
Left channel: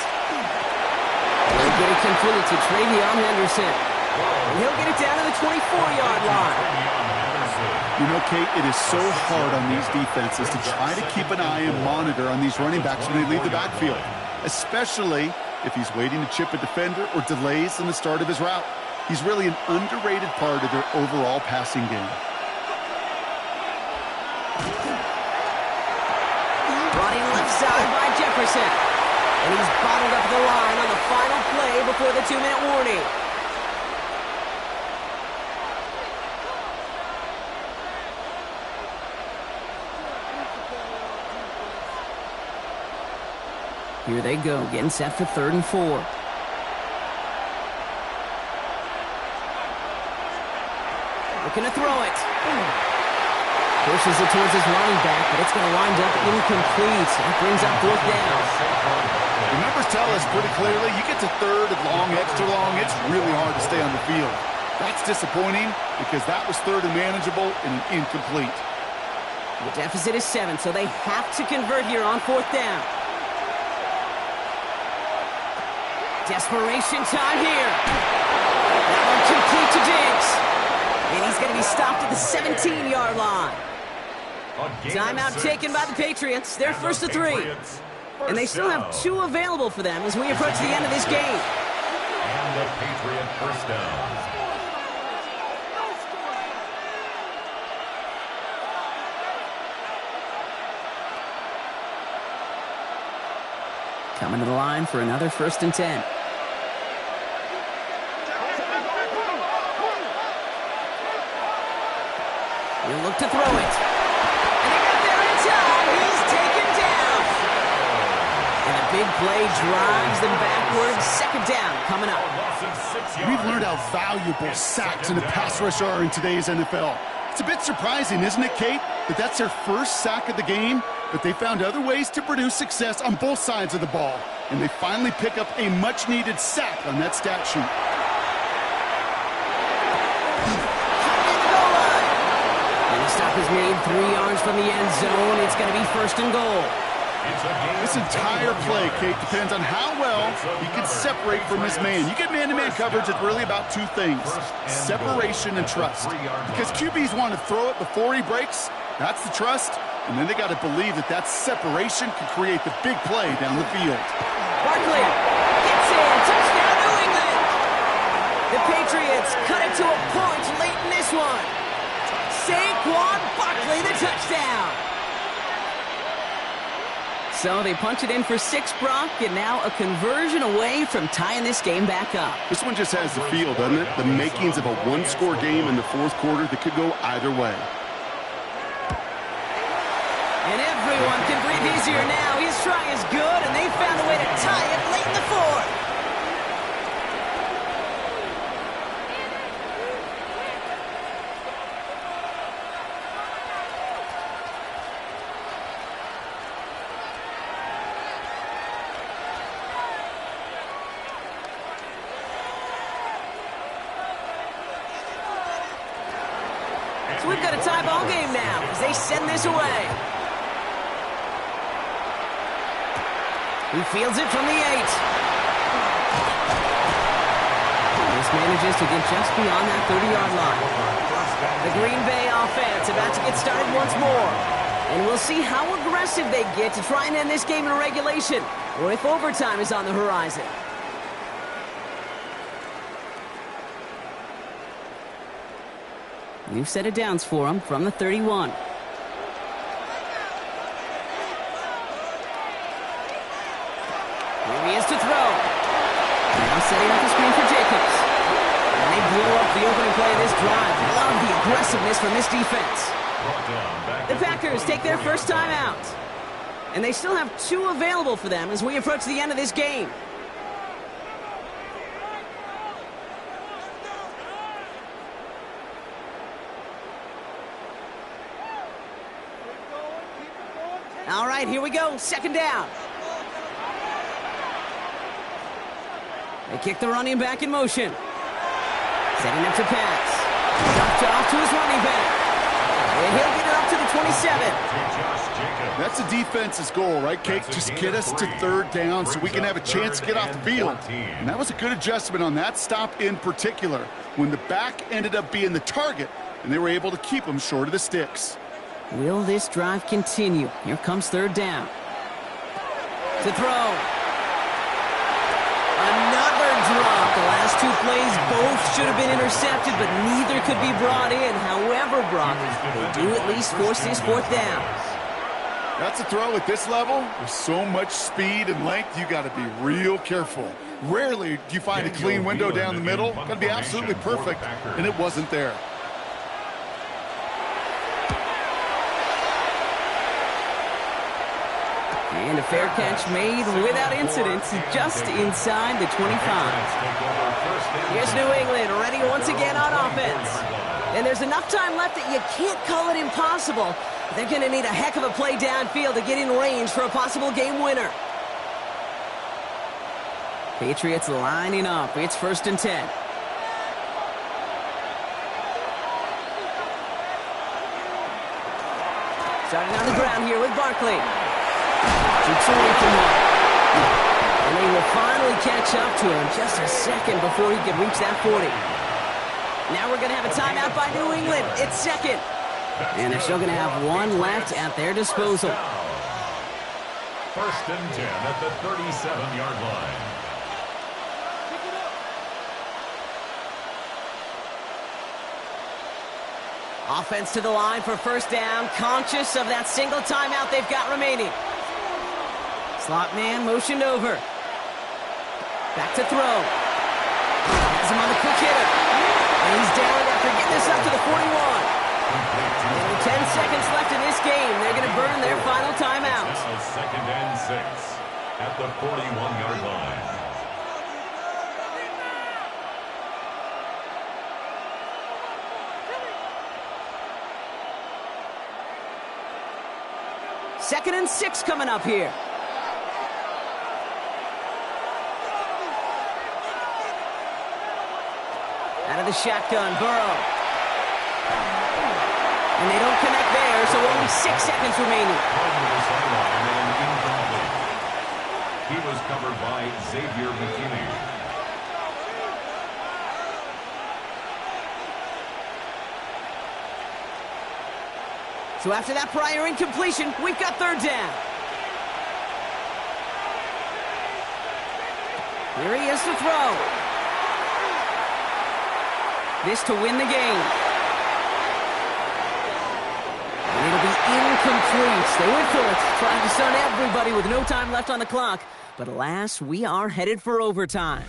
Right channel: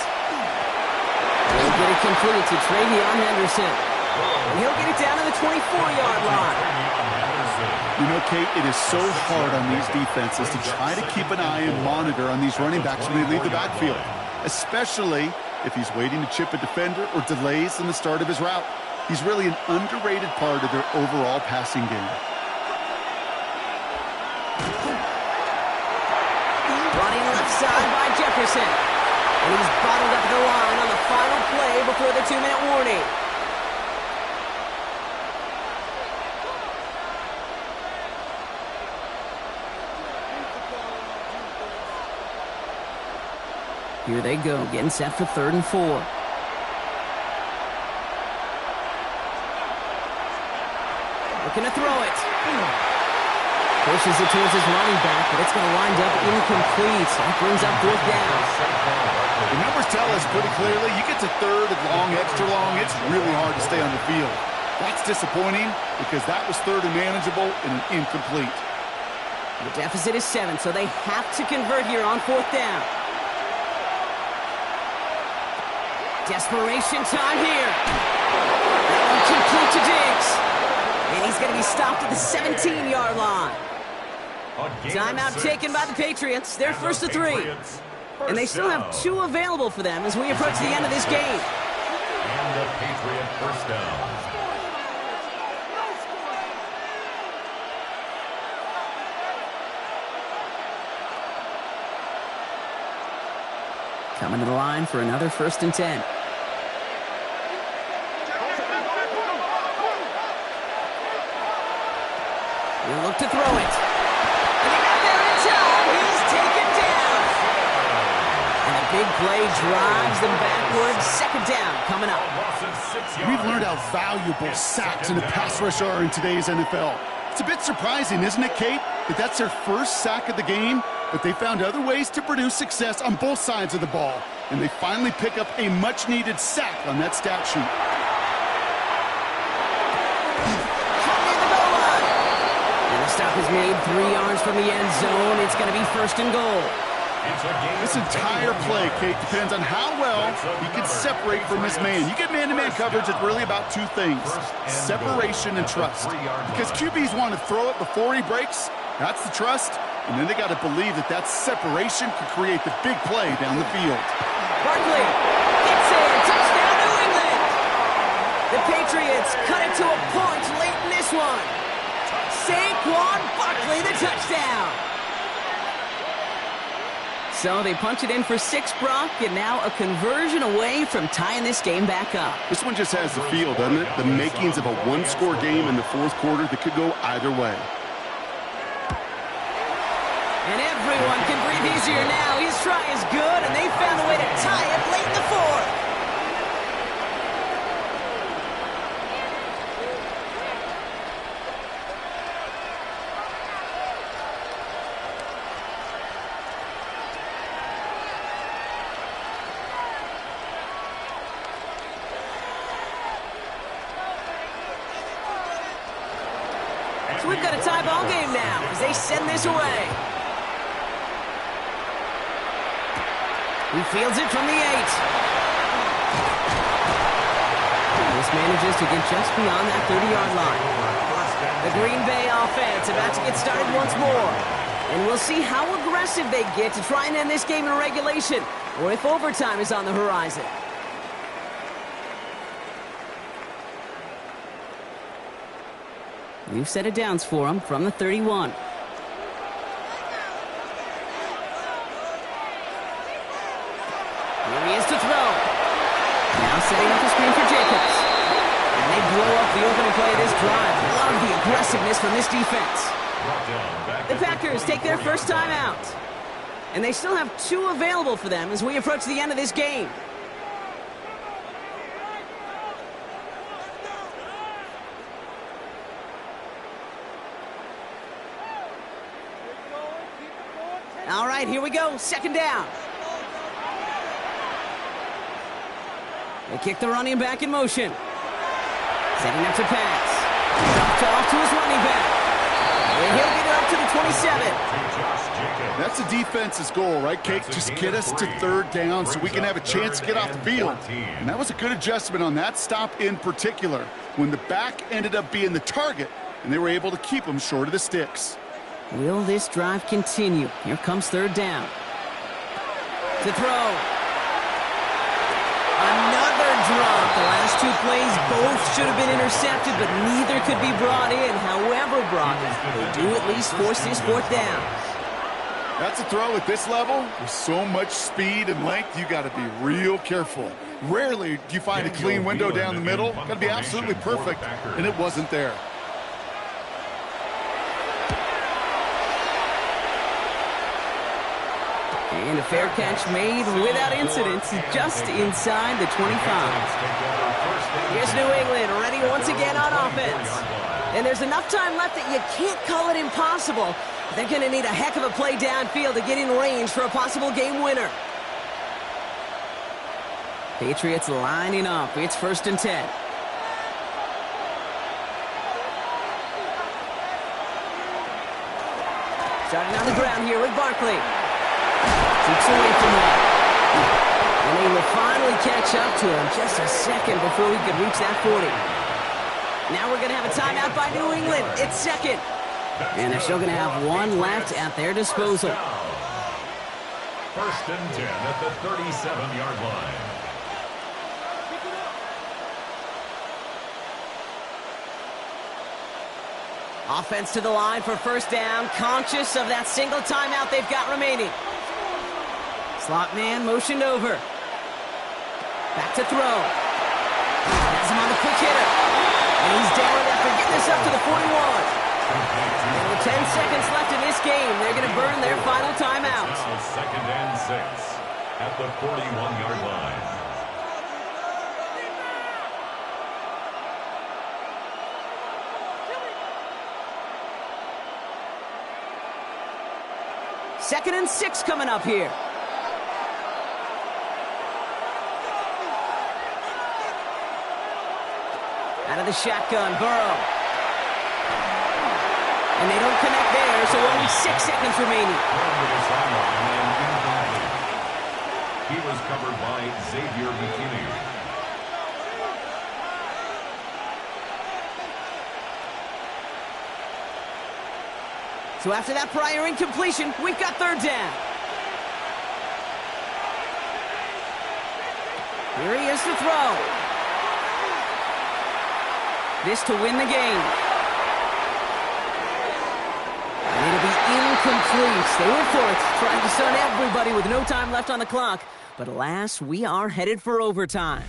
He'll get it completed to Travion Henderson. And he'll get it down to the 24-yard line. You know, Kate, it is so hard on these defenses to try to keep an eye and monitor on these running backs when they leave the backfield, especially if he's waiting to chip a defender or delays in the start of his route. He's really an underrated part of their overall passing game. Brought in left side by Jefferson. And he's bottled up the line on the final play before the 2-minute warning. Here they go, getting set for 3rd and 4. Looking to throw it. Pushes it towards his running back, but it's going to wind up incomplete. That brings up 4th down. The numbers tell us pretty clearly, you get to 3rd and long, extra long, it's really hard to stay on the field. That's disappointing because that was 3rd and manageable and an incomplete. The deficit is 7, so they have to convert here on 4th down. Desperation time here. That one complete to Diggs. And he's going to be stopped at the 17-yard line. Timeout taken by the Patriots. They're 1st and 3. And they still have 2 available for them as we approach the end of this game. And the Patriot 1st down. Coming to the line for another 1st and 10. He'll look to throw it. And they got there in time. He's taken down. And a big play drives them backwards. 2nd down coming up. We've learned how valuable sacks in the pass rush are in today's NFL. It's a bit surprising, isn't it, Kate, that that's their first sack of the game, but they found other ways to produce success on both sides of the ball, and they finally pick up a much-needed sack on that stat sheet. And the stop is made 3 yards from the end zone. It's going to be 1st and goal. This entire play, Kate, depends on how well he can separate from his man. You get man-to-man coverage, it's really about 2 things, separation and trust. Because QBs want to throw it before he breaks, that's the trust, and then they got to believe that that separation can create the big play down the field. Barkley gets in, touchdown New England! The Patriots cut it to a point late in this one. Saquon Barkley, the touchdown! So they punch it in for 6, Brock, and now a conversion away from tying this game back up. This one just has the feel, doesn't it? The makings of a 1-score game in the 4th quarter that could go either way. And everyone can breathe easier now. His try is good, and they found a way to tie it late in the 4th. So we've got a tie ball game now as they send this away. He fields it from the 8. This manages to get just beyond that 30-yard line. The Green Bay offense about to get started once more. And we'll see how aggressive they get to try and end this game in regulation, or if overtime is on the horizon. We've set it downs for him from the 31. Here he is to throw. Now setting up the screen for Jacobs. And they blow up the opening play of this drive. Love the aggressiveness from this defense. The Packers take their first time out. And they still have 2 available for them as we approach the end of this game. All right, here we go. 2nd down. They kick the running back in motion. Setting up to pass. Dumped off to his running back. And he'll get it up to the 27. That's the defense's goal, right, Kate? Just get us to 3rd down so we can have a chance to get off the field. And that was a good adjustment on that stop in particular. When the back ended up being the target, and they were able to keep them short of the sticks. Will this drive continue? Here comes third down. To throw. Another drop. The last two plays both should have been intercepted, but neither could be brought in. However, Brock, they do at least force this fourth down. That's a throw at this level. With so much speed and length, you got to be real careful. Rarely do you find a clean window down the middle. Got to be absolutely perfect, and it wasn't there. And a fair catch made without incident, just inside the 25. Here's New England, ready once again on offense. And there's enough time left that you can't call it impossible. They're going to need a heck of a play downfield to get in range for a possible game winner. Patriots lining up. It's 1st and 10. Starting on the ground here with Barkley. Shoots away from one. And they will finally catch up to him just a second before he could reach that 40. Now we're going to have a timeout by New England. It's second. And they're still going to have one left at their disposal. 1st and 10 at the 37-yard line. Offense to the line for first down, conscious of that single timeout they've got remaining. Slot man motioned over. Back to throw. Has him on the quick hitter. And he's down after getting this up to the 41. And with 10 seconds left in this game, they're going to burn their final timeout. Now 2nd and 6 at the 41-yard line. Second and 6 coming up here. Out of the shotgun, Burrow. And they don't connect there, so only 6 seconds remaining. Thrown to the sideline and incomplete. He was covered by Xavier McKinney. So after that prior incompletion, we've got third down. Here he is to throw. This to win the game. And it'll be incomplete. They went for it, trying to stun everybody with no time left on the clock. But alas, we are headed for overtime.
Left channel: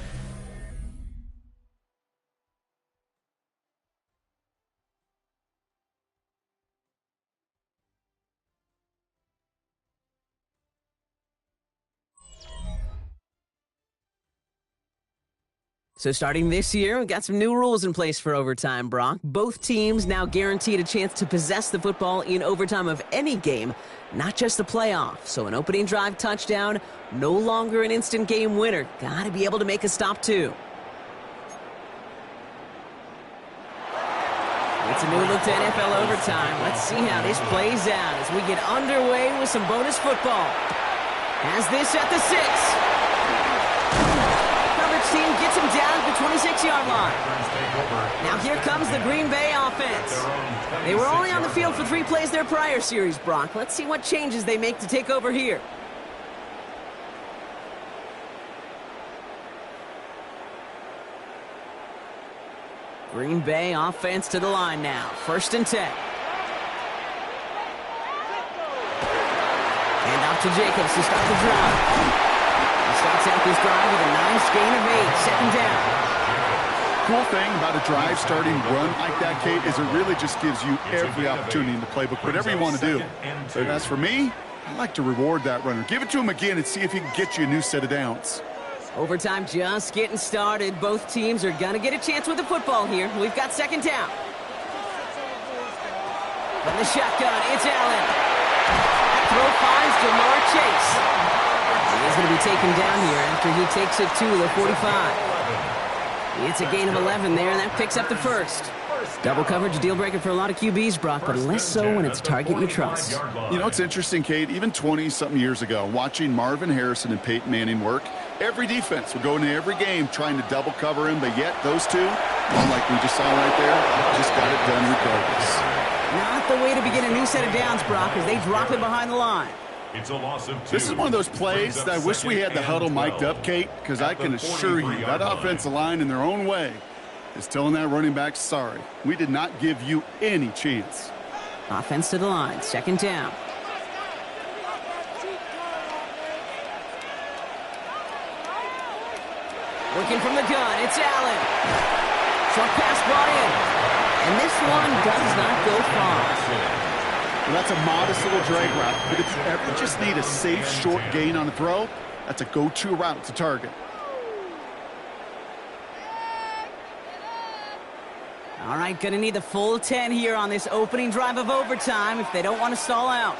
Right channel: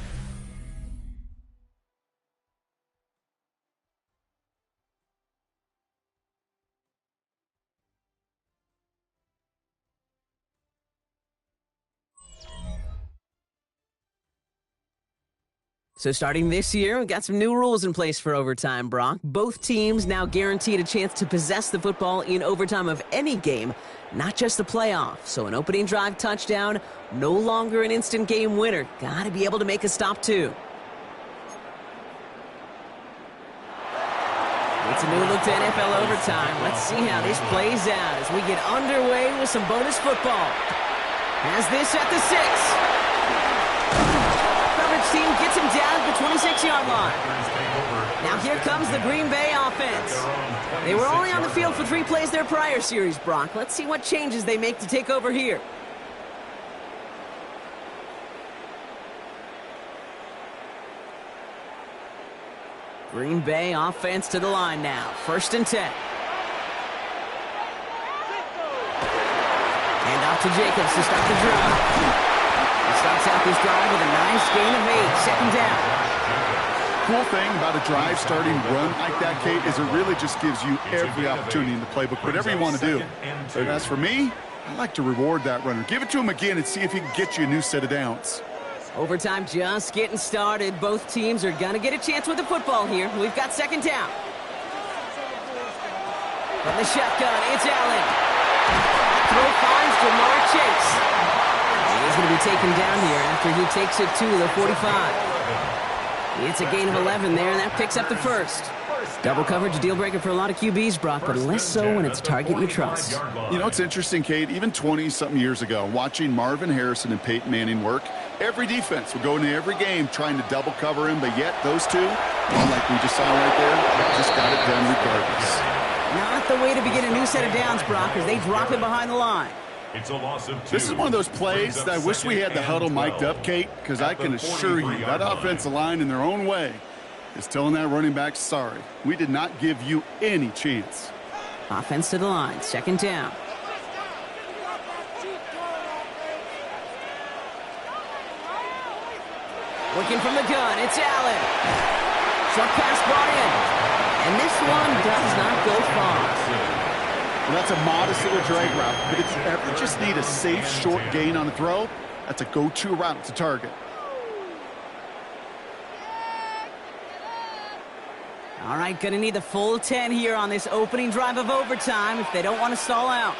So starting this year, we've got some new rules in place for overtime, Brock. Both teams now guaranteed a chance to possess the football in overtime of any game, not just the playoff. So an opening drive touchdown, no longer an instant game winner. Got to be able to make a stop, too. It's a new look to NFL overtime. Let's see how this plays out as we get underway with some bonus football. Has this at the 6. Team gets him down at the 26-yard line. Now here comes the Green Bay offense. They were only on the field for 3 plays their prior series, Brock. Let's see what changes they make to take over here. Green Bay offense to the line now. 1st and 10. And off to Jacobs to start the drive. He starts out this drive with a nice gain of 8. 2nd down. Cool thing about a drive starting run like that, Kate, is it really just gives you every opportunity in the playbook, whatever you want to do. But as for me, I like to reward that runner. Give it to him again and see if he can get you a new set of downs. Overtime just getting started. Both teams are going to get a chance with the football here. We've got 2nd down. From the shotgun, it's Allen. That throw finds Jamar Chase. He's going to be taken down here after he takes it to the 45. It's a gain of 11 there, and that picks up the 1st. Double coverage, a deal breaker for a lot of QBs, Brock, but less so when it's a target you trust. You know, it's interesting, Kate, even 20-something years ago, watching Marvin Harrison and Peyton Manning work, every defense would go into every game trying to double cover him, but yet those two, Well, like we just saw right there, just got it done regardless. Not the way to begin a new set of downs, Brock, as they drop it behind the line. It's a loss of 2. This is one of those plays that I wish we had the huddle mic'd up, Kate, because I can assure you that offensive line in their own way is telling that running back, sorry, we did not give you any chance. Offense to the line, 2nd down. Working from the gun, it's Allen. Short pass brought in. And this one does not go far. Well, that's a modest little drag route, but if you ever just need a safe, short gain on a throw, that's a go-to route to target. All right, going to need the full 10 here on this opening drive of overtime if they don't want to stall out.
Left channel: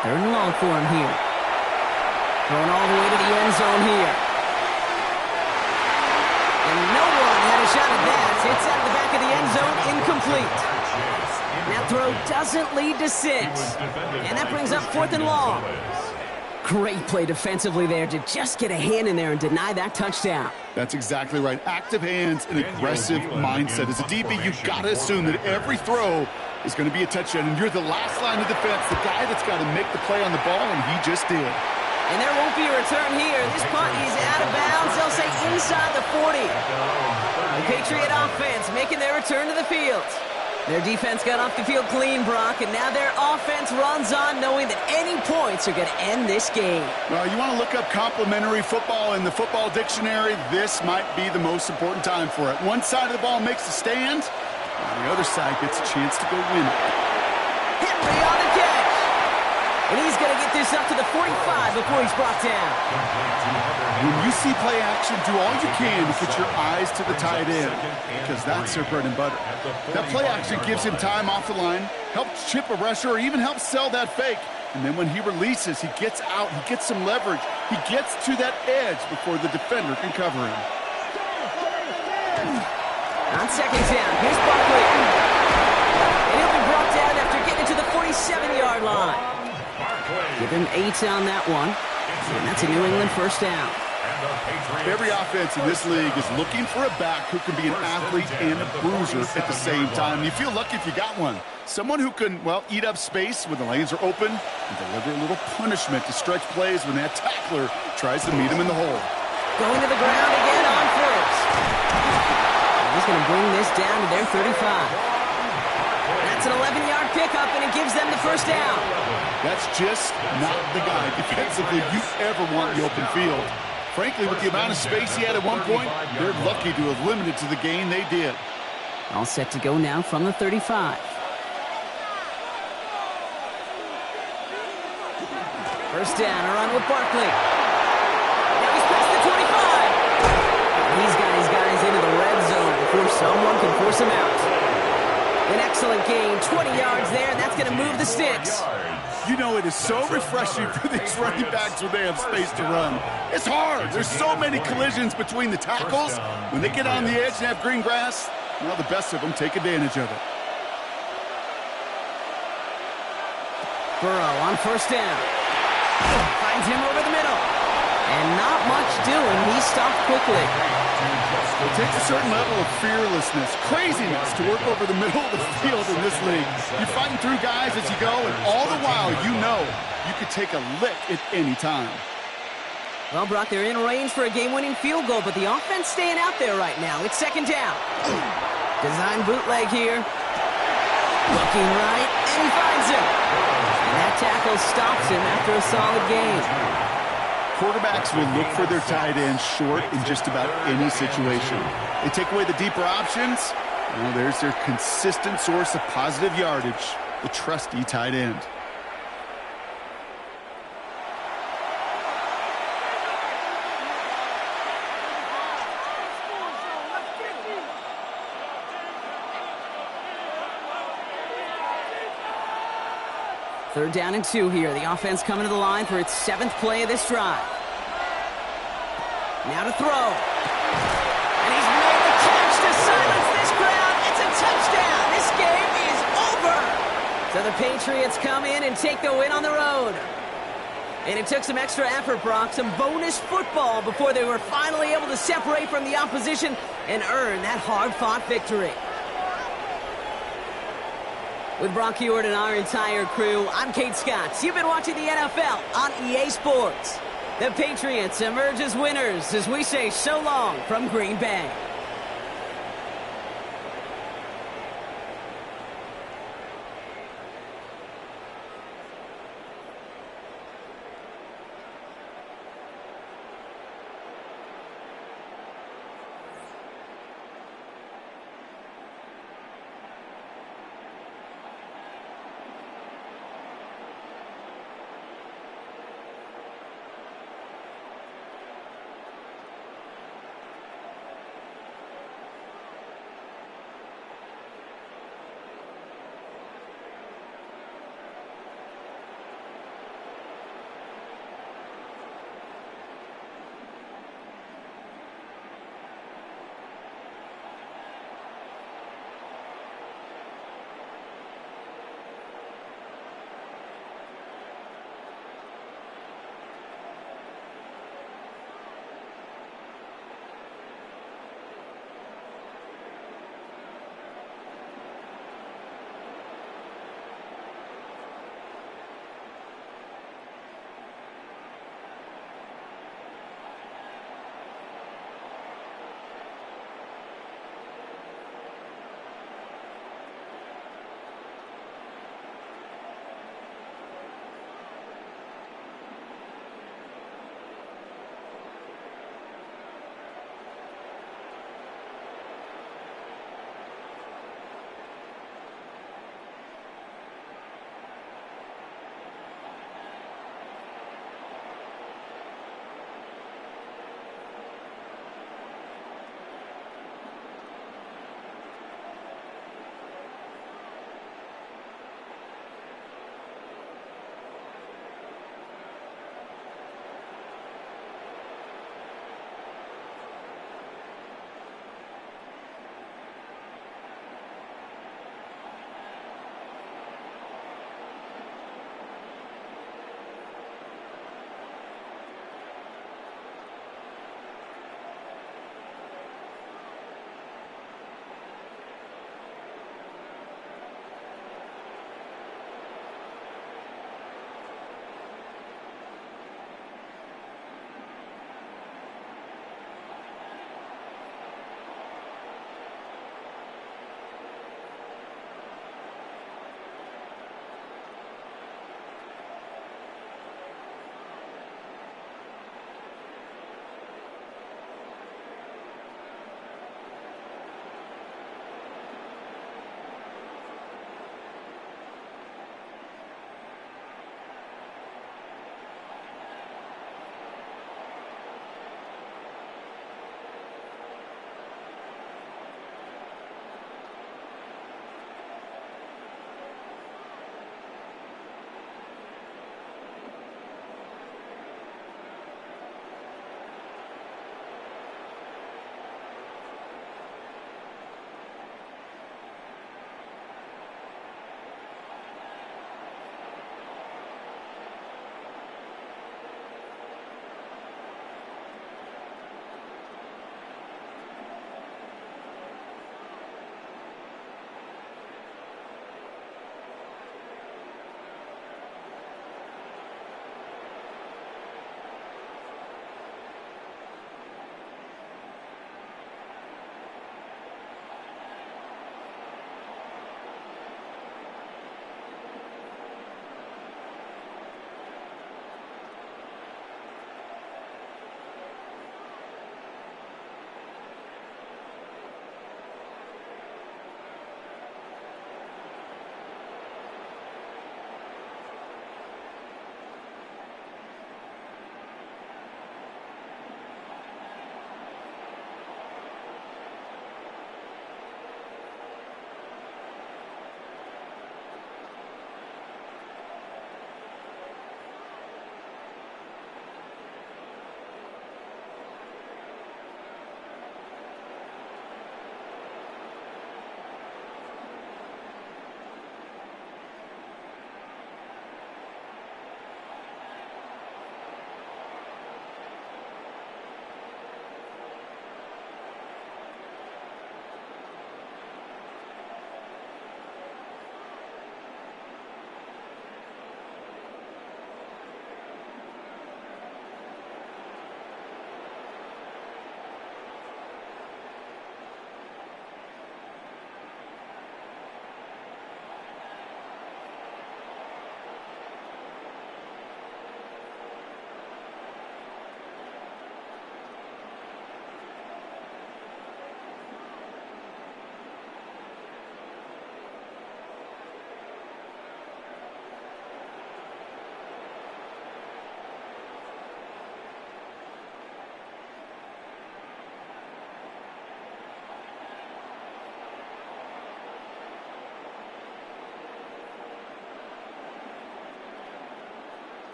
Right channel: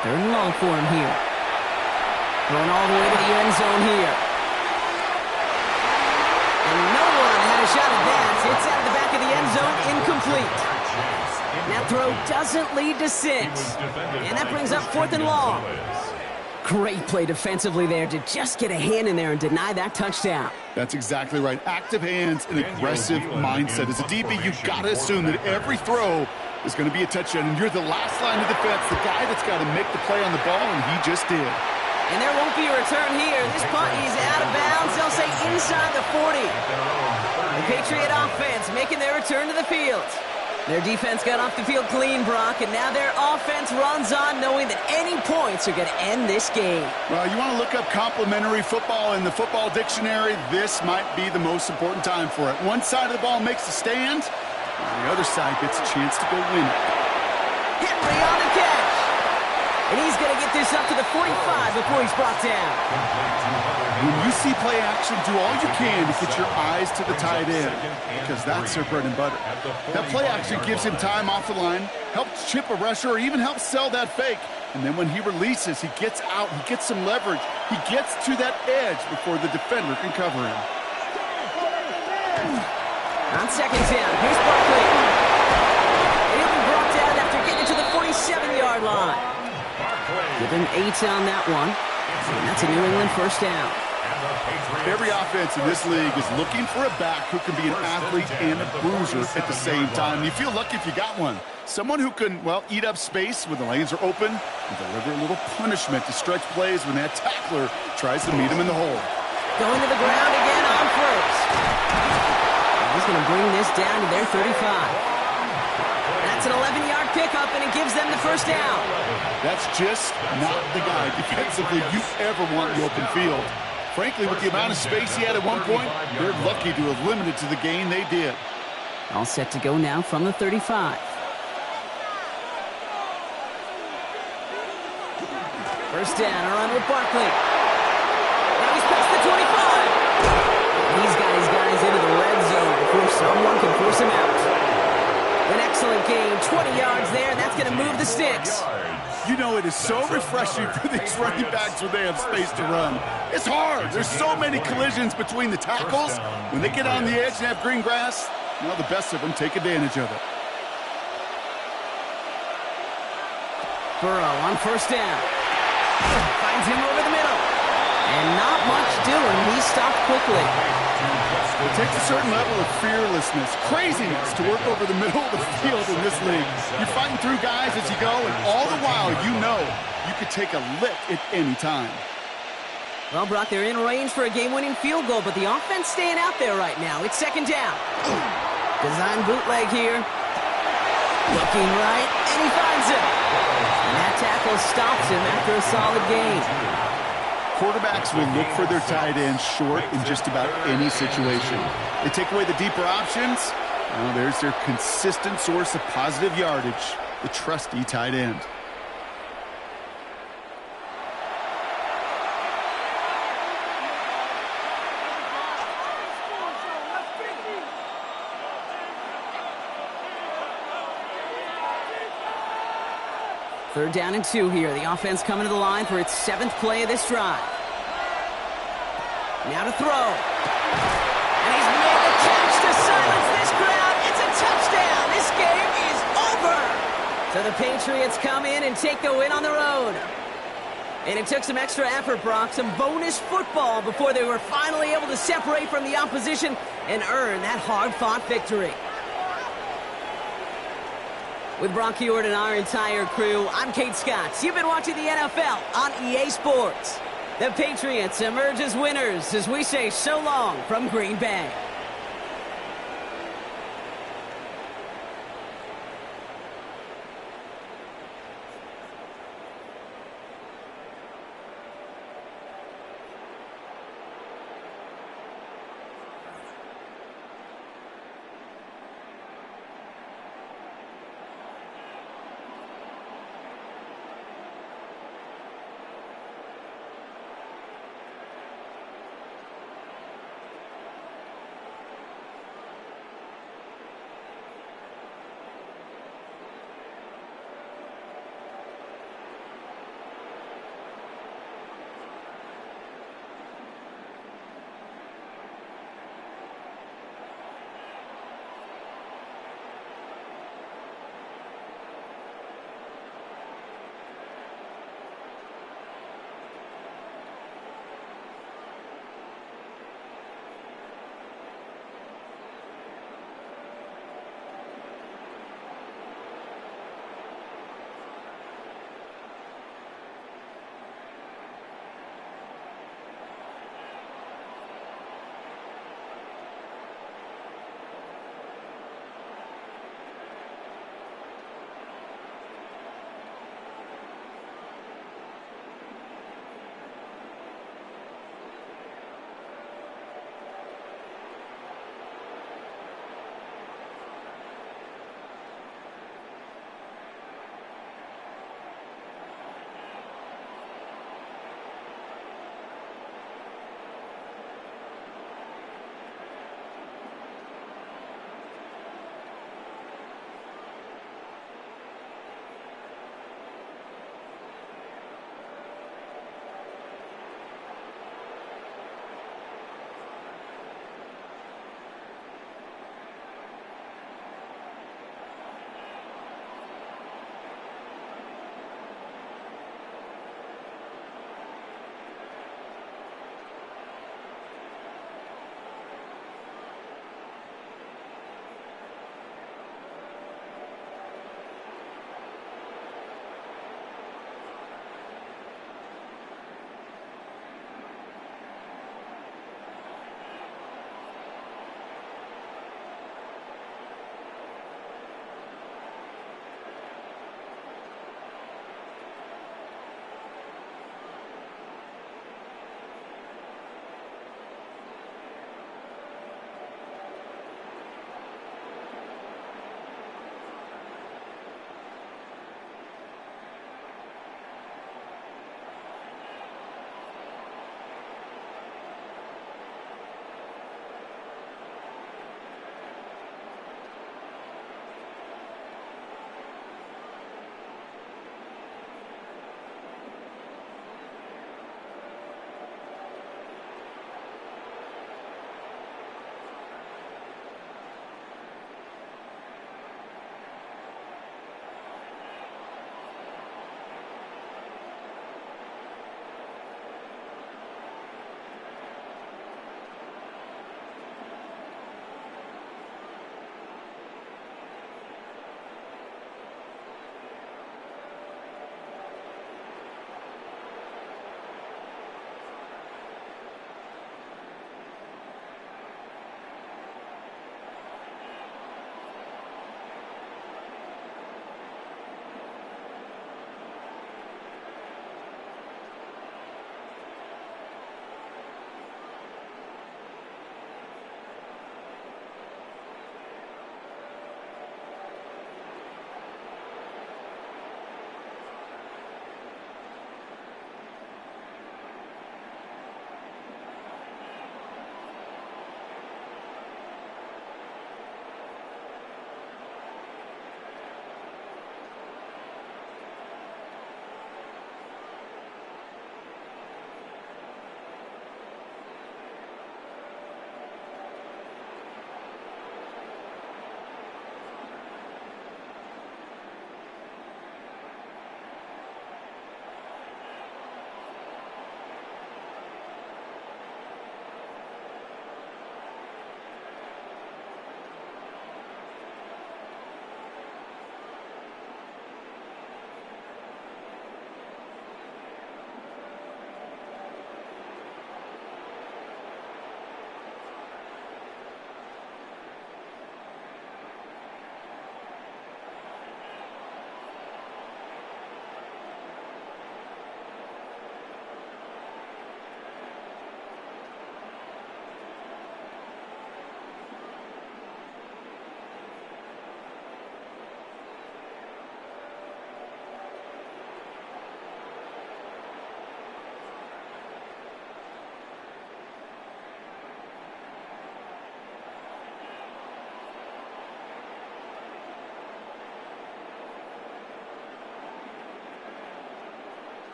3rd and long for him here. Thrown all the way to the end zone here. And no one had a shot at that. It's out of the back of the end zone, incomplete. And that throw doesn't lead to 6. And that brings up 4th and long. Great play defensively there to just get a hand in there and deny that touchdown. That's exactly right. Active hands and aggressive mindset. As a DB, you've got to assume that every throw is going to be a touchdown. And you're the last line of defense, the guy that's got to make the play on the ball, and he just did. And there won't be a return here. This punt is out of bounds. They'll say inside the 40. The Patriot offense making their return to the field. Their defense got off the field clean, Brock, and now their offense runs on knowing that any points are going to end this game. Well, you want to look up complimentary football in the football dictionary, this might be the most important time for it. One side of the ball makes a stand, and the other side gets a chance to go win it. Henry on the catch. And he's going to get this up to the 45 before he's brought down. When you see play action, do all you can to get your eyes to the tight end, because that's their bread and butter. That play action gives him time off the line, helps chip a rusher, or even helps sell that fake. And then when he releases, he gets out, he gets some leverage. He gets to that edge before the defender can cover him. On 2nd down, here's Barkley. And he'll be brought down after getting to the 47-yard line. Give him 8 on that one. And that's a New England 1st down. Every offense in this league is looking for a back who can be an athlete and a bruiser at the same time. You feel lucky if you got one. Someone who can, well, eat up space when the lanes are open and deliver a little punishment to stretch plays when that tackler tries to meet him in the hole. Going to the ground again on 1st. And he's going to bring this down to their 35. That's an 11-yard pickup, and it gives them the 1st down. That's just not the guy defensively you ever want in the open field. Frankly, with the amount of space he had at one point, they're lucky to have limited to the gain they did. All set to go now from the 35. First down, a run with Barkley. Now he's past the 25. He's got his guys into the red zone before someone can force him out. An excellent gain, 20 yards there, and that's going to move the sticks. You know, it is so refreshing for these running backs when they have space to run. It's hard. There's so many collisions between the tackles. When they get on the edge and have green grass, well, the best of them take advantage of it. Burrow on 1st down. Finds him over the middle. And not much doing. He stopped quickly. It takes a certain level of fearlessness, craziness to work over the middle of the field in this league. You're fighting through guys as you go, and all the while you know you could take a lick at any time. Well, Brock, they're in range for a game-winning field goal, but the offense staying out there right now. It's 2nd down. Design bootleg here. Looking right, and he finds him. And that tackle stops him after a solid gain. Quarterbacks will look for their tight ends short in just about any situation. They take away the deeper options. Well, there's their consistent source of positive yardage, the trusty tight end. Third down and 2 here. The offense coming to the line for its 7th play of this drive. Now to throw. And he's made the catch to silence this crowd. It's a touchdown. This game is over. So the Patriots come in and take the win on the road. And it took some extra effort, Brock, some bonus football before they were finally able to separate from the opposition and earn that hard-fought victory. With Brock Huard and our entire crew, I'm Kate Scott. You've been watching the NFL on EA Sports. The Patriots emerge as winners as we say so long from Green Bay.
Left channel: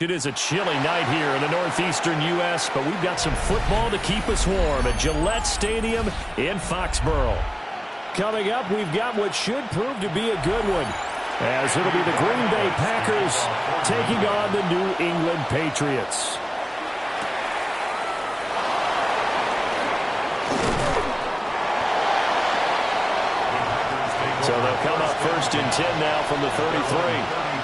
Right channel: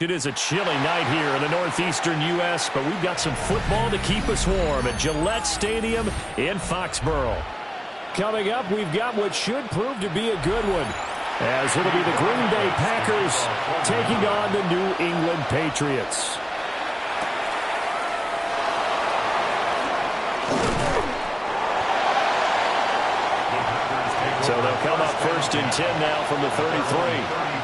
It is a chilly night here in the northeastern U.S., but we've got some football to keep us warm at Gillette Stadium in Foxborough. Coming up, we've got what should prove to be a good one, as it'll be the Green Bay Packers taking on the New England Patriots. So they'll come up 1st and 10 now from the 33.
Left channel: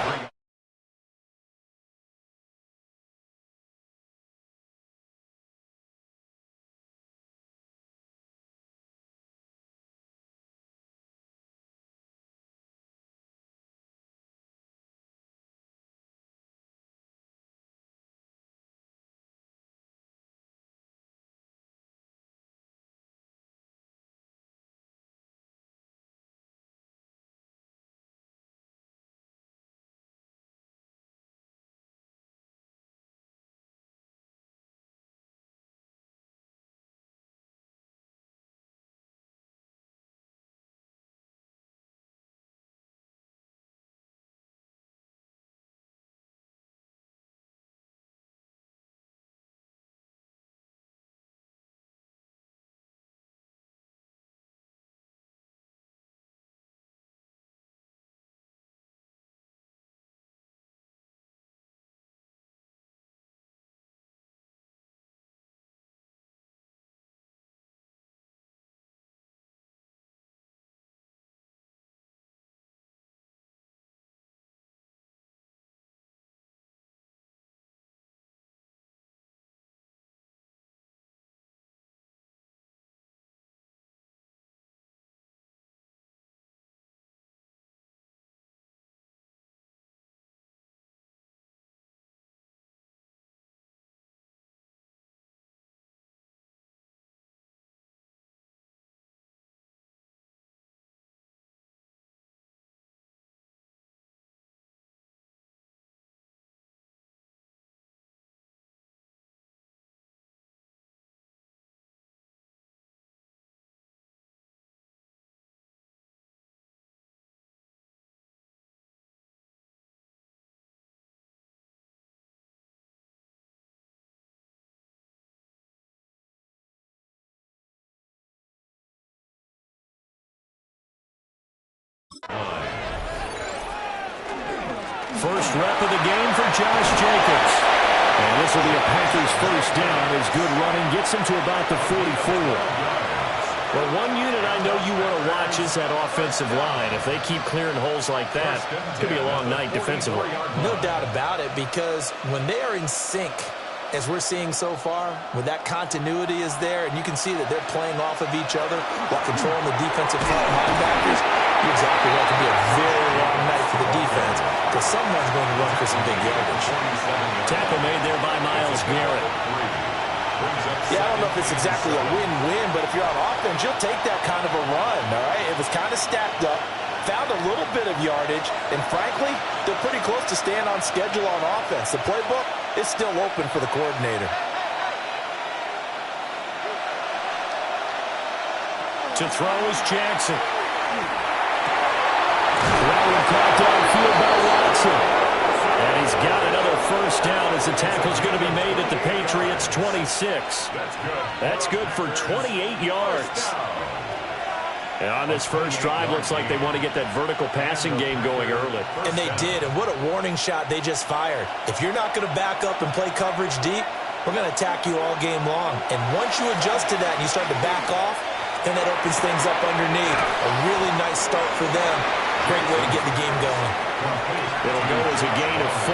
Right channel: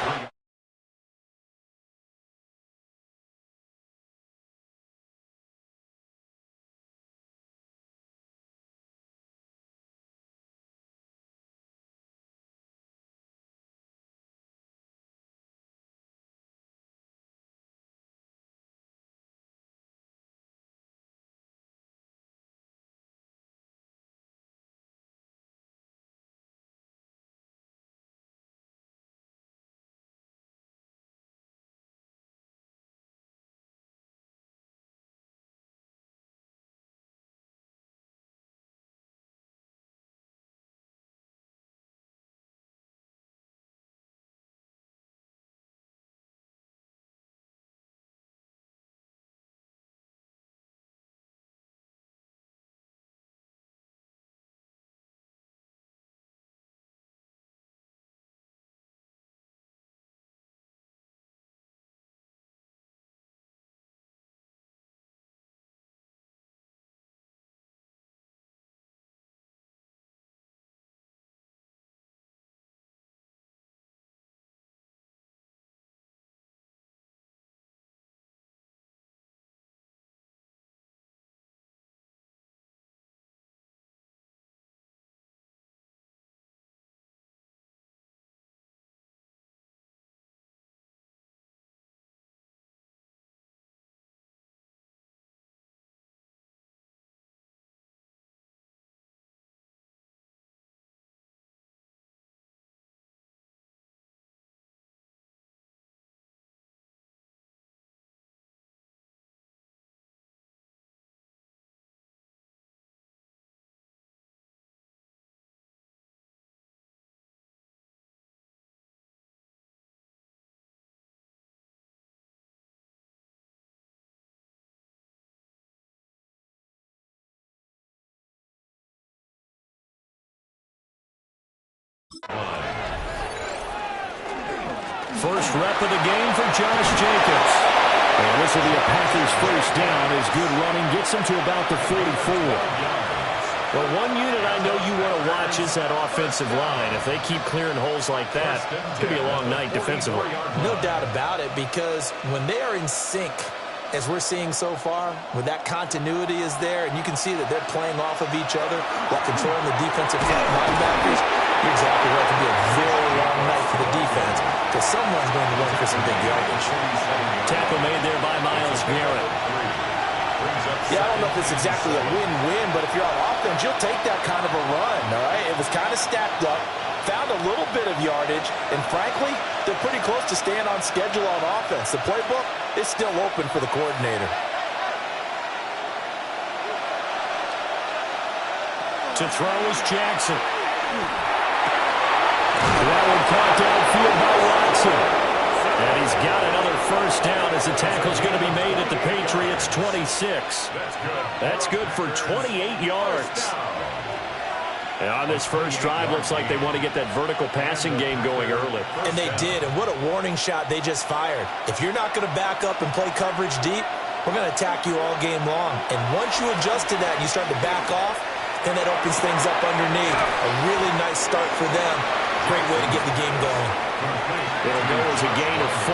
First rep of the game for Josh Jacobs. And this will be a Packers first down as good running gets him to about the 44. Well, one unit I know you want to watch is that offensive line. If they keep clearing holes like that, it could be a long night defensively. No doubt about it, because when they are in sync, as we're seeing so far, when that continuity is there, and you can see that they're playing off of each other while controlling the defensive front linebackers, you're exactly right. It could be a very long night for the defense because someone's going to run for some big yardage. Tackle made there by Myles Garrett. Yeah, I don't know if it's exactly a win-win, but if you're on offense, you'll take that kind of a run, all right? It was kind of stacked up, found a little bit of yardage, and frankly, they're pretty close to staying on schedule on offense. The playbook is still open for the coordinator. To throw is Jackson. That one caught downfield by Watson. And he's got another first down as the tackle's going to be made at the Patriots' 26. That's good for 28 yards. And on this first drive, looks like they want to get that vertical passing game going early. And they did, and what a warning shot they just fired. If you're not going to back up and play coverage deep, we're going to attack you all game long. And once you adjust to that and you start to back off, then that opens things up underneath. A really nice start for them. Great way to get the game going. It'll go as a gain of 4,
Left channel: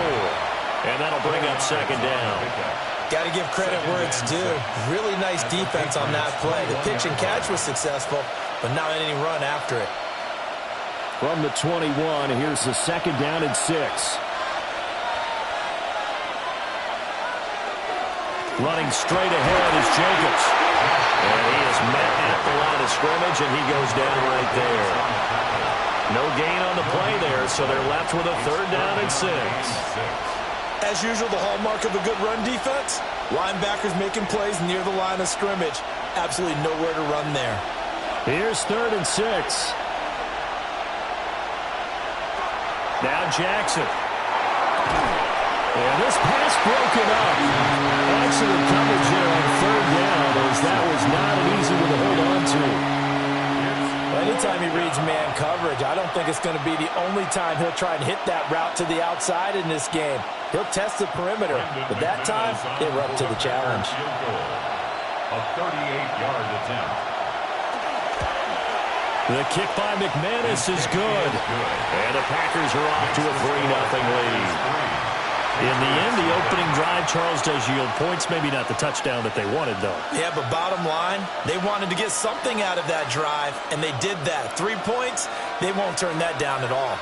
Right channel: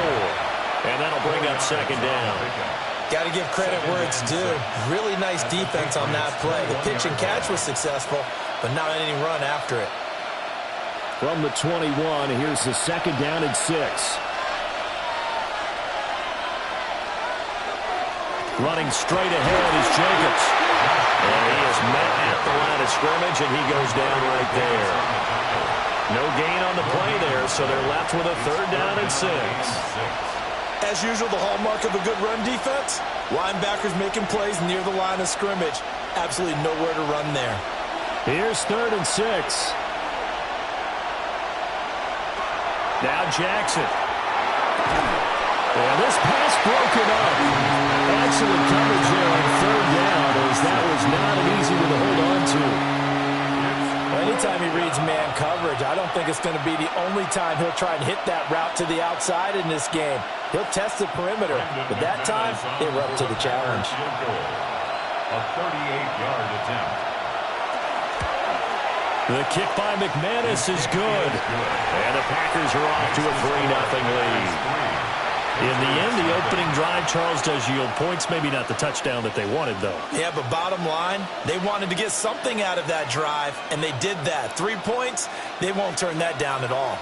and that'll bring up second down. Got to give credit where it's due. Really nice defense on that play. The pitch and catch was successful, but not any run after it. From the 21, here's the second down and 6. Running straight ahead is Jacobs. And he is met at the line of scrimmage, and he goes down right there. No gain on the play there, so they're left with a 3rd down and 6. As usual, the hallmark of a good run defense, linebackers making plays near the line of scrimmage. Absolutely nowhere to run there. Here's 3rd and 6. Now Jackson. And this pass broken up. Excellent coverage there on 3rd down, as that was not an easy one to hold on to. Well, anytime he reads man coverage, I don't think it's going to be the only time he'll try and hit that route to the outside in this game. He'll test the perimeter, but that time, they were up to the challenge. A 38-yard attempt. The kick by McManus is good. And the Packers are off to a 3-0 lead. In the end, the opening drive, Charles, does yield points. Maybe not the touchdown that they wanted, though. Yeah, but bottom line, they wanted to get something out of that drive, and they did that. 3 points, they won't turn that down at all.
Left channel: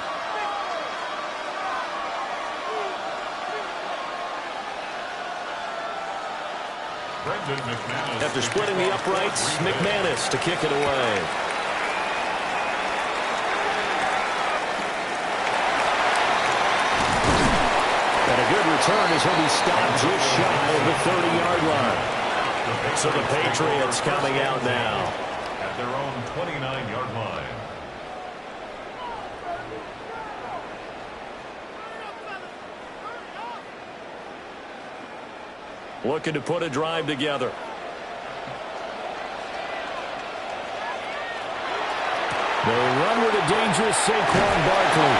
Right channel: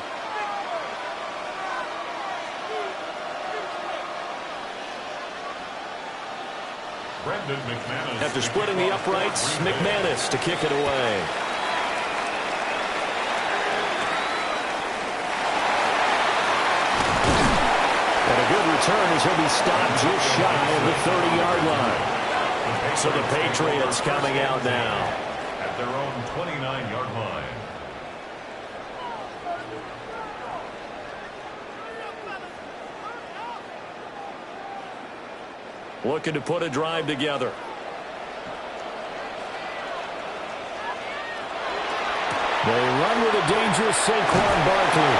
After splitting the uprights, McManus to kick it away. And a good return as he'll be stopped just shy of the 30-yard line. So the Patriots coming out now. At their own 29-yard line. Looking to put a drive together. They run with a dangerous Saquon Barkley.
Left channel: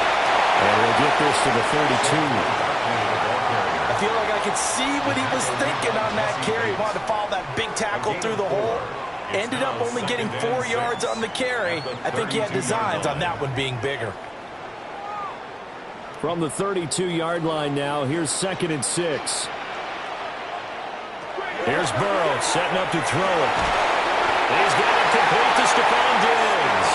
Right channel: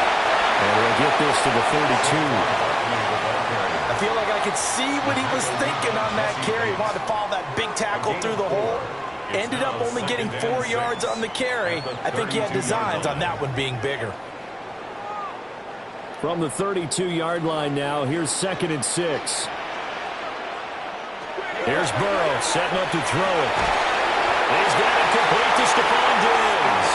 And he'll get this to the 32. I feel like I could see what he was thinking on that carry. He wanted to follow that big tackle through the hole. Ended up only getting 4 yards on the carry. I think he had designs on that one being bigger. From the 32-yard line now, here's 2nd and 6. Here's Burrow setting up to throw it. He's got it complete to Stephon Diggs.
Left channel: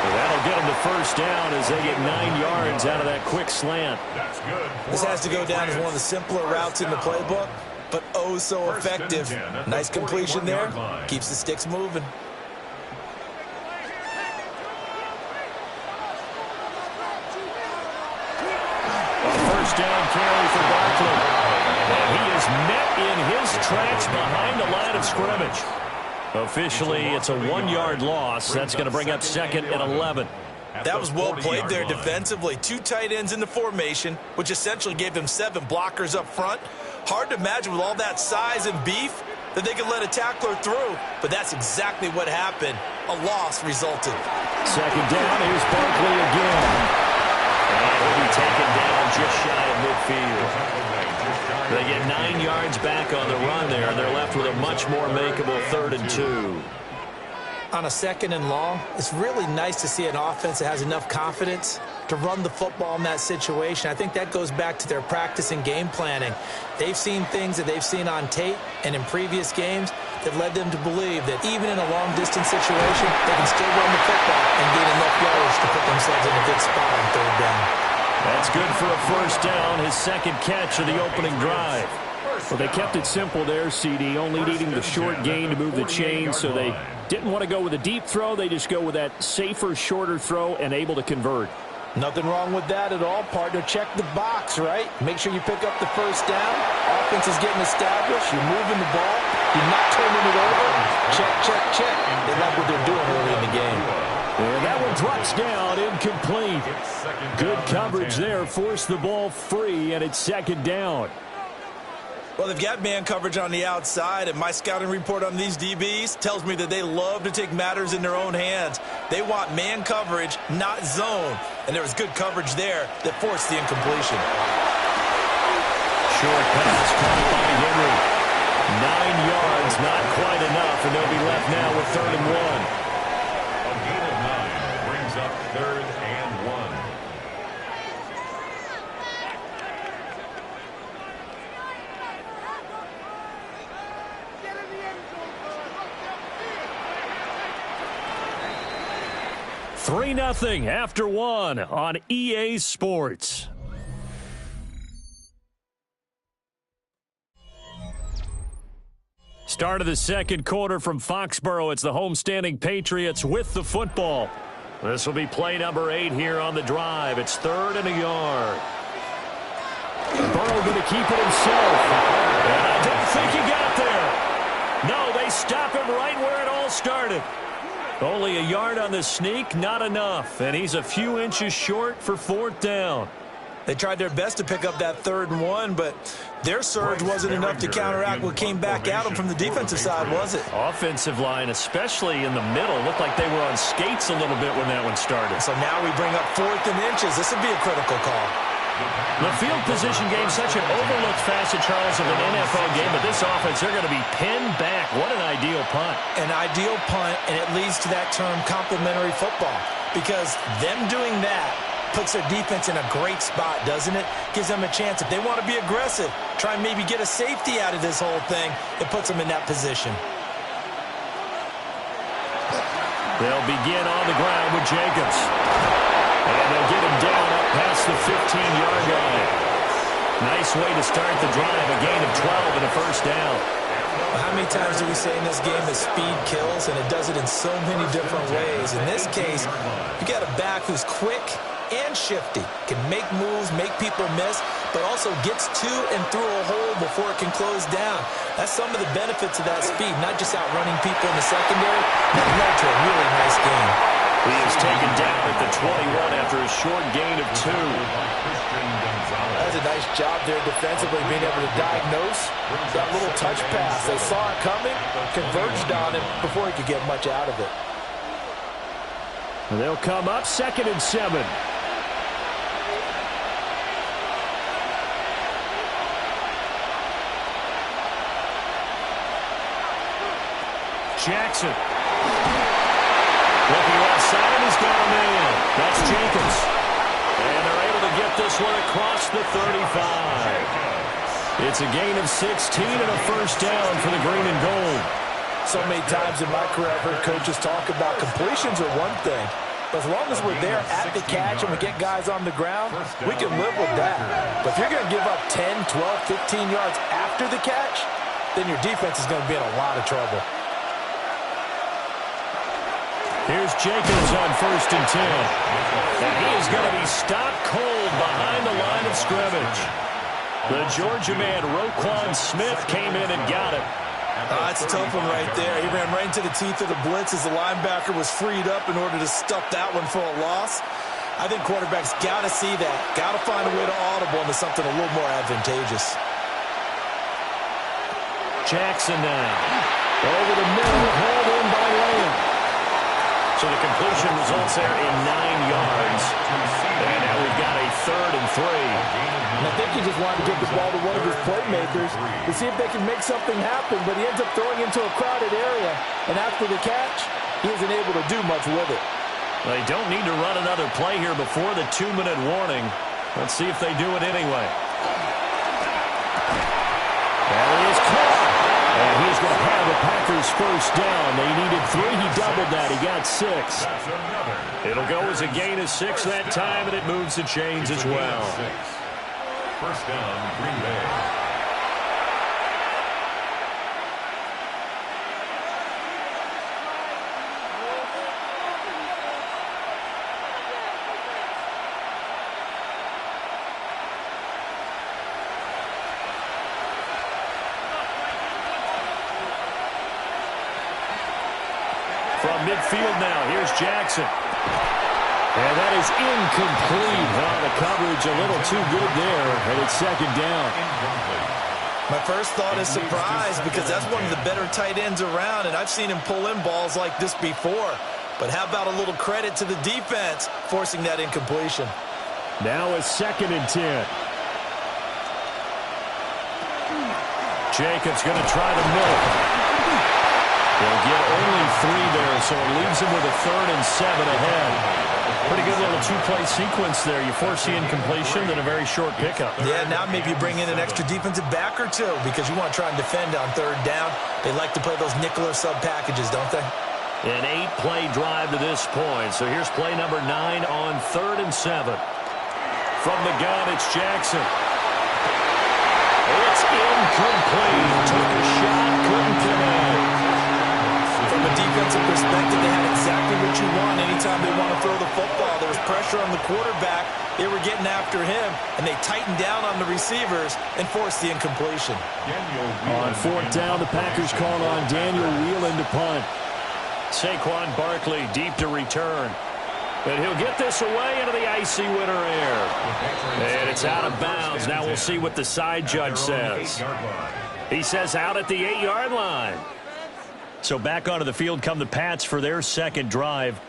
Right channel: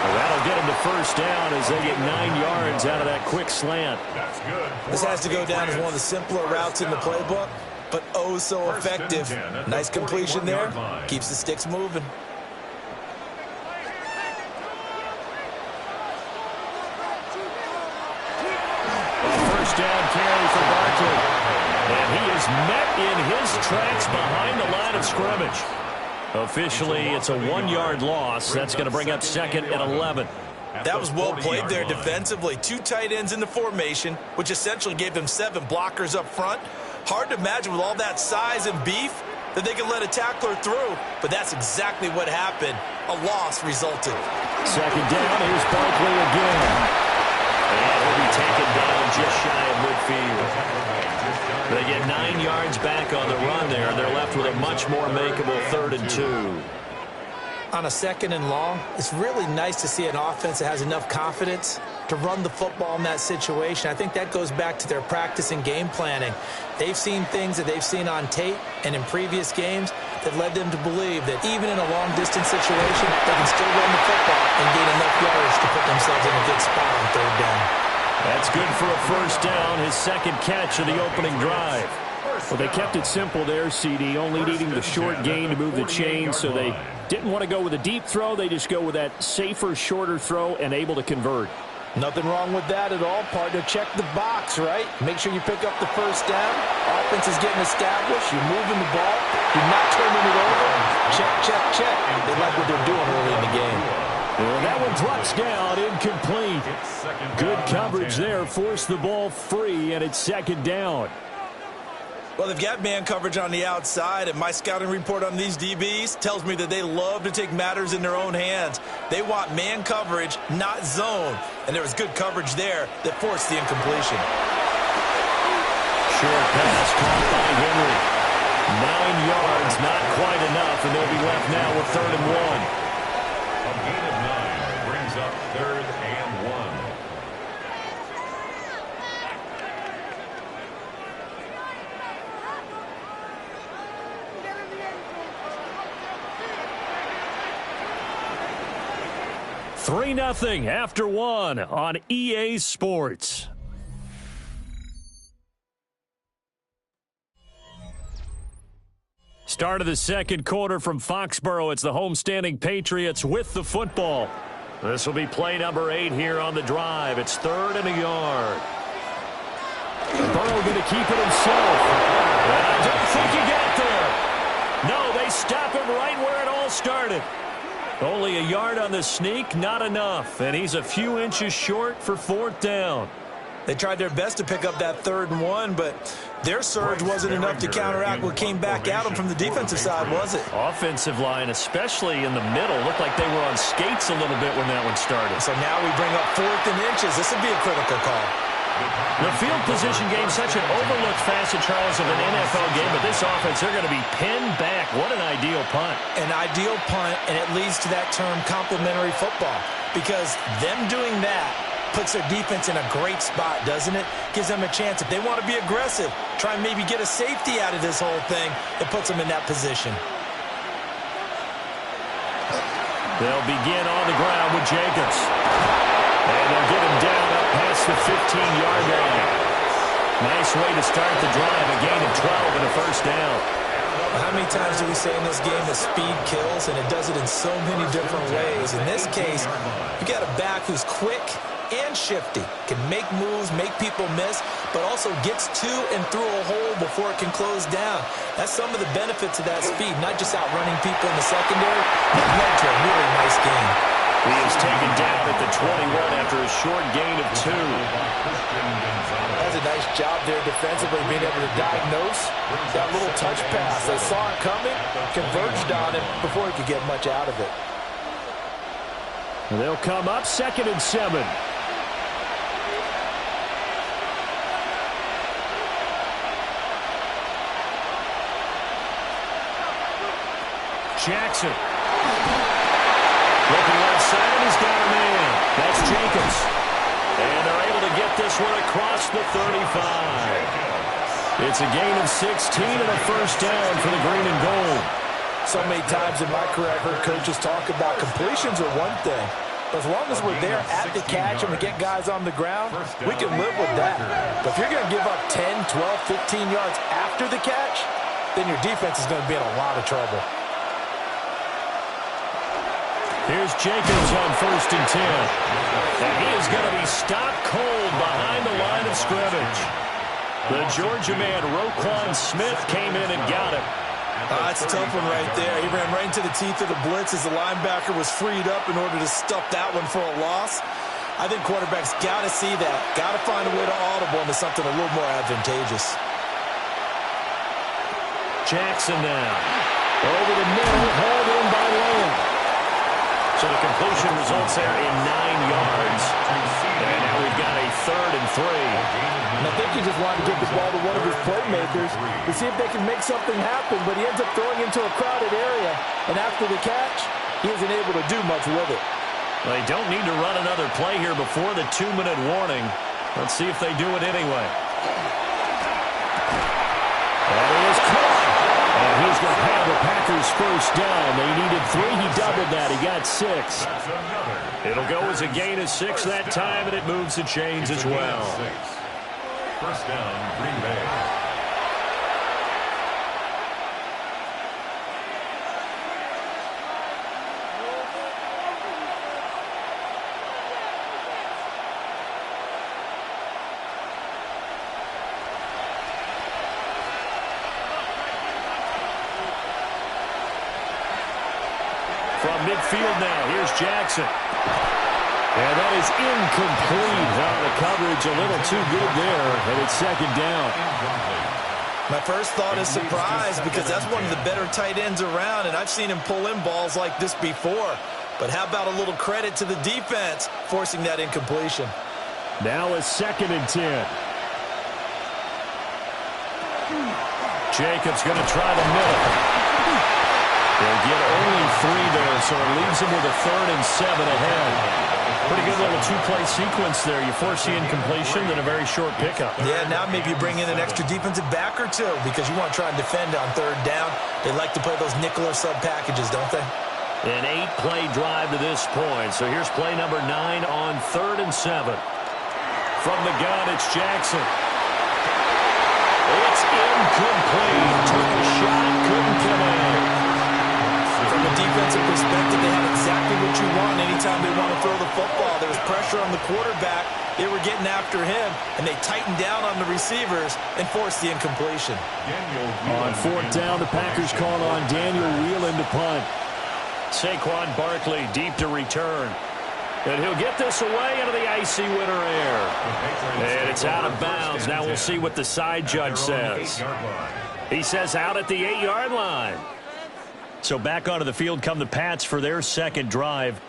Well, that'll get him to 1st down as they get 9 yards out of that quick slant. That's good. This has to go down as one of the simpler routes in the playbook, but oh so effective. Nice completion there. Keeps the sticks moving. A 1st down carry for Barkley. And he is met in his tracks behind the line of scrimmage. Officially, it's a 1-yard loss. That's going to bring up 2nd and 11. That was well played there defensively. 2 tight ends in the formation, which essentially gave them 7 blockers up front. Hard to imagine with all that size and beef that they could let a tackler through, but that's exactly what happened. A loss resulted. 2nd down, here's Barkley again. And he'll be taken down just shy of midfield. They get 9 yards back on the run there, and they're left with a much more makeable 3rd and 2. On a 2nd and long, it's really nice to see an offense that has enough confidence to run the football in that situation. I think that goes back to their practice and game planning. They've seen things that they've seen on tape and in previous games that led them to believe that even in a long-distance situation, they can still run the football and gain enough yards to put themselves in a good spot on 3rd down. That's good for a 1st down, his 2nd catch of the opening drive. Well, they kept it simple there, CD, only needing the short gain to move the chains, so they didn't want to go with a deep throw. They just go with that safer, shorter throw and able to convert. Nothing wrong with that at all, partner. Check the box, right? Make sure you pick up the 1st down. Offense is getting established. You're moving the ball. You're not turning it over. Check, check, check. They like what they're doing early in the game. And that one drops down, incomplete. Good coverage there, forced the ball free, and it's 2nd down. Well, they've got man coverage on the outside, and my scouting report on these DBs tells me that they love to take matters in their own hands. They want man coverage, not zone. And there was good coverage there that forced the incompletion. Short pass caught by Henry. 9 yards, not quite enough, and they'll be left now with 3rd and 1. A gain of 9 brings up 3rd and 1. Get in the end zone. 3-0 after 1 on EA Sports. Start of the second quarter from Foxborough. It's the homestanding Patriots with the football. This will be play number 8 here on the drive. It's 3rd and a yard. Burrow going to keep it himself. And I don't think he got there. No, they stop him right where it all started. Only a yard on the sneak, not enough. And he's a few inches short for 4th down. They tried their best to pick up that 3rd and 1, but their surge wasn't enough to counteract what came back at them from the defensive side, was it? Offensive line, especially in the middle, looked like they were on skates a little bit when that one started. So now we bring up 4th and inches. This would be a critical call. The field position game, such an overlooked facet, Charles, of an NFL game, but this offense, they're going to be pinned back. What an ideal punt. An ideal punt, and it leads to that term complementary football, because them doing that puts their defense in a great spot, doesn't it? Gives them a chance. If they want to be aggressive, try and maybe get a safety out of this whole thing, it puts them in that position. They'll begin on the ground with Jacobs. And they'll get him down up past the 15-yard line. Nice way to start the drive, a gain of 12 and a first down. Well, how many times do we say in this game that speed kills, and it does it in so many different ways? In this case, you got a back who's quick and shifty, can make moves, make people miss, but also gets to and through a hole before it can close down. That's some of the benefits of that speed, not just outrunning people in the secondary. That led to a really nice game. He is taken down at the 21 after a short gain of 2. That's a nice job there defensively, being able to diagnose that little touch pass. They saw it coming, converged on it before he could get much out of it. And they'll come up 2nd and 7. Jackson. Looking left side, and he's got a man. That's Jacobs. And they're able to get this one across the 35. It's a gain of 16 and a first down for the green and gold. So many times in my career I've heard coaches talk about completions are one thing. But as long as we're there at the catch and we get guys on the ground, we can live with that. But if you're going to give up 10, 12, 15 yards after the catch, then your defense is going to be in a lot of trouble. Here's Jacobs on 1st and 10. And he is going to be stopped cold behind the line of scrimmage. The Georgia man, Roquan Smith, came in and got him. That's a tough one right there. He ran right into the teeth of the blitz as the linebacker was freed up in order to stuff that one for a loss. I think quarterbacks got to see that. Got to find a way to audible into something a little more advantageous. Jackson now. Over the middle, hauled in by Lamb. So the completion results there in 9 yards. And now we've got a 3rd and 3. And I think he just wanted to get the ball to one of his playmakers to see if they can make something happen, but he ends up throwing into a crowded area. And after the catch, he isn't able to do much with it. They don't need to run another play here before the 2-minute warning. Let's see if they do it anyway. That is caught. And he's going to have the Packers first down. They needed 3. He doubled that. He got 6. It'll go as a gain of 6 that time, and it moves the chains as well. First down, Green Bay. From midfield now, here's Jackson. And that is incomplete. The coverage a little too good there, and it's 2nd down. My first thought is surprise, because that's one of the better tight ends around, and I've seen him pull in balls like this before. But how about a little credit to the defense forcing that incompletion? Now a 2nd and 10. Jacobs going to try the middle. They'll get only 3 there, so it leaves them with a 3rd and 7 ahead. Pretty good little 2-play sequence there. You force the incompletion, then a very short pickup. Yeah, now maybe you bring in an extra defensive back or 2 because you want to try and defend on 3rd down. They like to play those nickel or sub packages, don't they? An 8-play drive to this point. So here's play number 9 on 3rd and 7. From the gun, it's Jackson. It's incomplete. Took a shot, couldn't connect. From a defensive perspective, they had exactly what you want anytime they want to throw the football. There was pressure on the quarterback. They were getting after him, and they tightened down on the receivers and forced the incompletion. On fourth down, the Packers call on Daniel Whelan to punt. Saquon Barkley deep to return. And he'll get this away into the icy winter air. And it's out of bounds. Now we'll see what the side judge says. He says out at the 8-yard line. So back onto the field come the Pats for their second drive.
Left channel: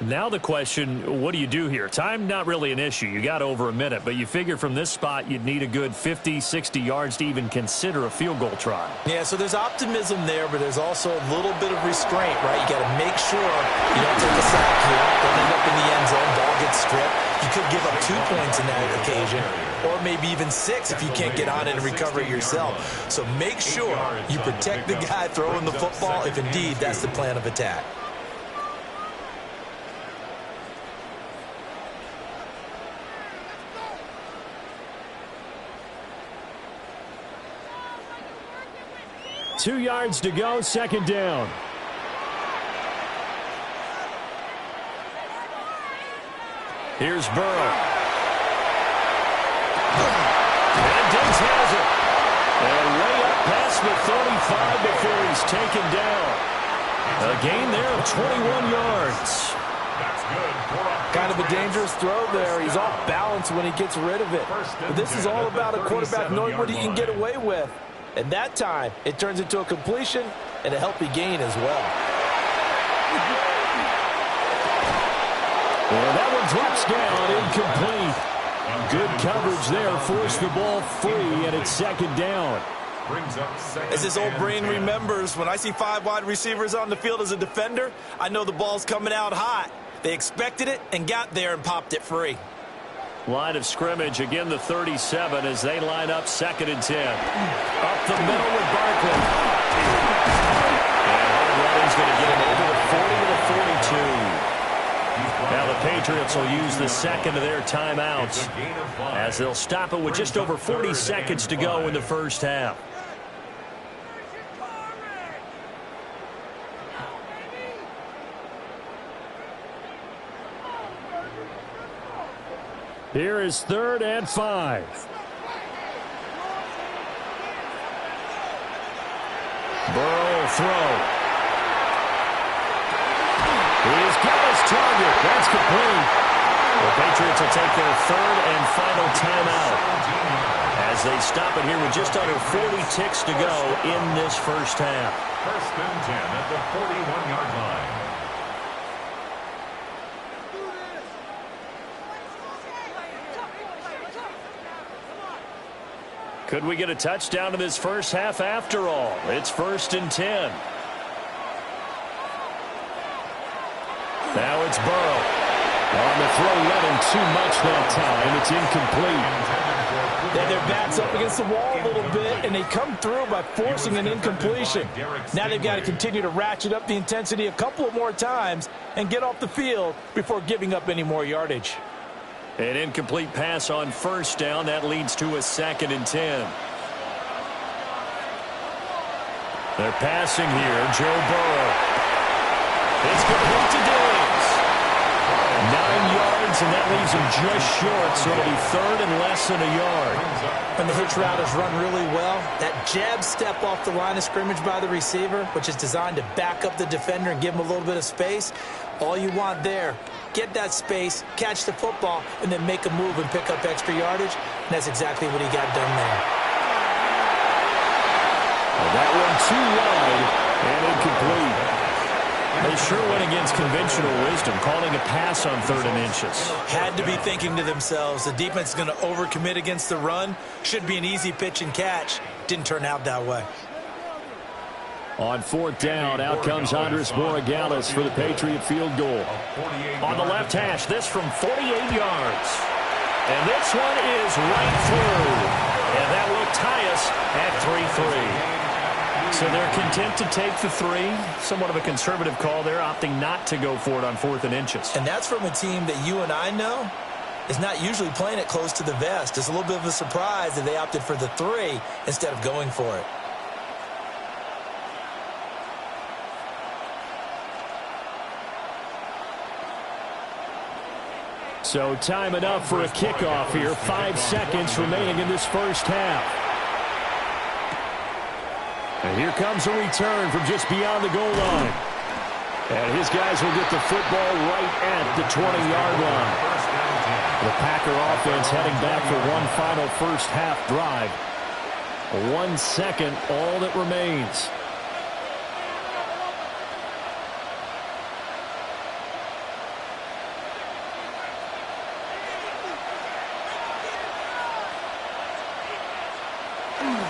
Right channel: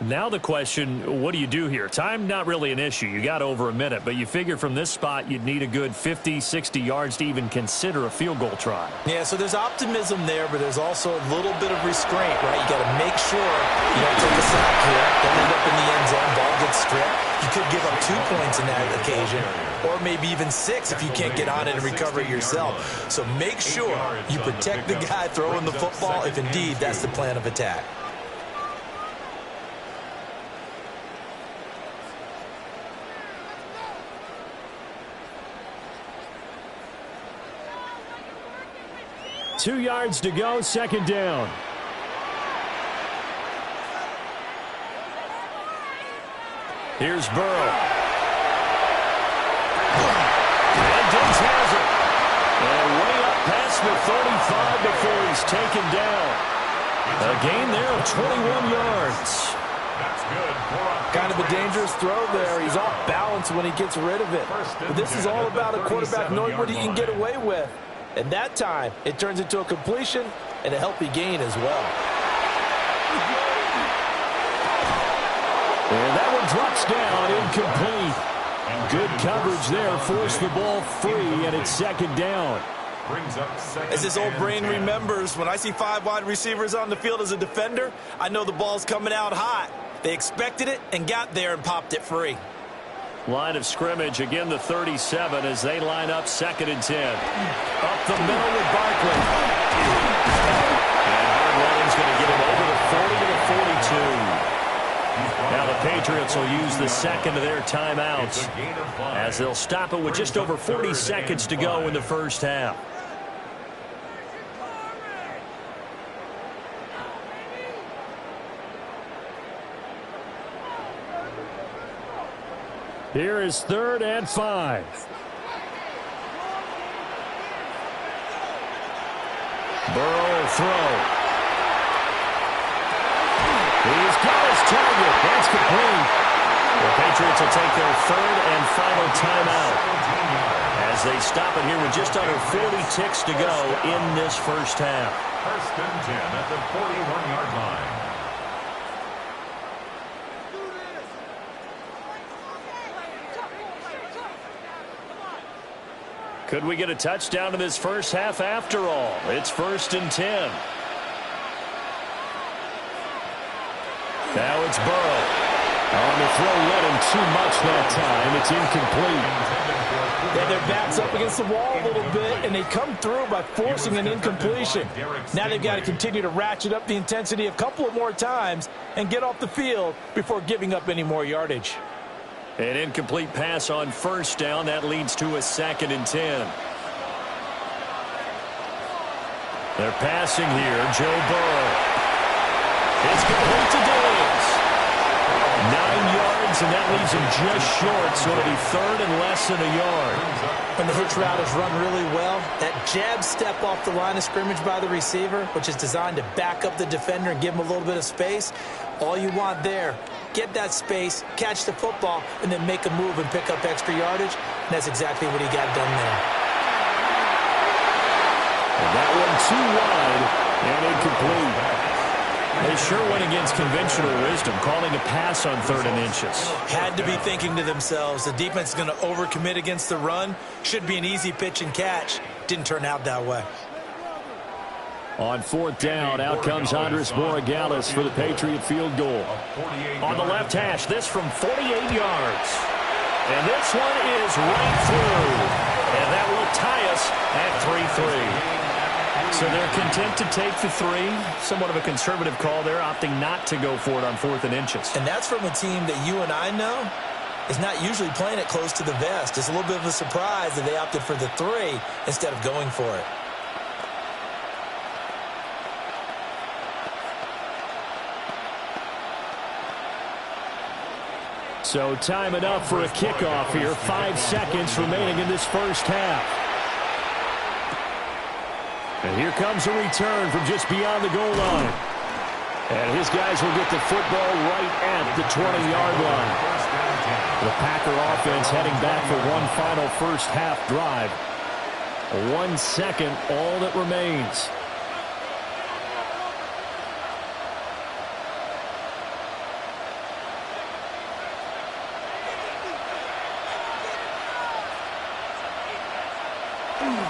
Now the question, what do you do here? Time not really an issue. You got over a minute, but you figure from this spot you'd need a good 50, 60 yards to even consider a field goal try. Yeah, so there's optimism there, but there's also a little bit of restraint, right? You got to make sure you don't take a sack here, don't end up in the end zone, ball gets stripped. You could give up 2 points in that occasion, or maybe even 6 if you can't get on it and recover it yourself. So make sure you protect the guy throwing the football if indeed that's the plan of attack. Two yards to go, second down. Here's Burrow. And Diggs has it. And way up past the 35 before he's taken down. A gain there of 21 yards. That's good. Kind of a dangerous throw there. He's off balance when he gets rid of it. But this is all about a quarterback knowing what he can get away with. And that time, it turns into a completion and a healthy gain as well. And that one drops down, incomplete. Good coverage there, forced the ball free, and it's second down. As his old brain remembers, when I see 5 wide receivers on the field as a defender, I know the ball's coming out hot. They expected it and got there and popped it free. Line of scrimmage, again the 37 as they line up second and 10. Up the middle with Barkley. And hard running's going to get him over the 40 to the 42. Now the Patriots will use the second of their timeouts as they'll stop it with just over 40 seconds to go in the first half. Here is 3rd and 5. Burrow will throw. He's got his target. That's complete. The Patriots will take their 3rd and final timeout as they stop it here with just under 40 ticks to go in this first half. 1st and 10 at the 41-yard line. Could we get a touchdown in this first half after all? It's 1st and 10. Now it's Burrow. On the throw, led him too much that time. It's incomplete. Yeah, their back's up against the wall a little bit, and they come through by forcing an incompletion. Now they've got to continue to ratchet up the intensity a couple of more times and get off the field before giving up any more yardage. An incomplete pass on first down. That leads to a 2nd and 10. They're passing here. Joe Burrow. It's complete to Diggs. 9 yards, and that leaves him just short, so it'll be 3rd and less than a yard. When the hitch route is run really well, that jab step off the line of scrimmage by the receiver, which is designed to back up the defender and give him a little bit of space, all you want there, get that space, catch the football, and then make a move and pick up extra yardage, and that's exactly what he got done there. And that one too wide and incomplete. They sure went against conventional wisdom, calling a pass on 3rd and inches. Had to be thinking to themselves, the defense is going to overcommit against the run. Should be an easy pitch and catch. Didn't turn out that way. On 4th down, out comes Andres Borregales for the Patriot field goal. On the left hash, this from 48 yards. And this one is right through. And that will tie us at 3-3. So they're content to take the 3. Somewhat of a conservative call there, opting not to go for it on 4th and inches. And that's from a team that you and I know is not usually playing it close to the vest. It's a little bit of a surprise that they opted for the 3 instead of going for it. So time enough for a kickoff here. 5 seconds remaining in this first half. And here comes a return from just beyond the goal line. And his guys will get the football right at the 20-yard line. The Packer offense heading back for one final first half drive. 1 second, all that remains.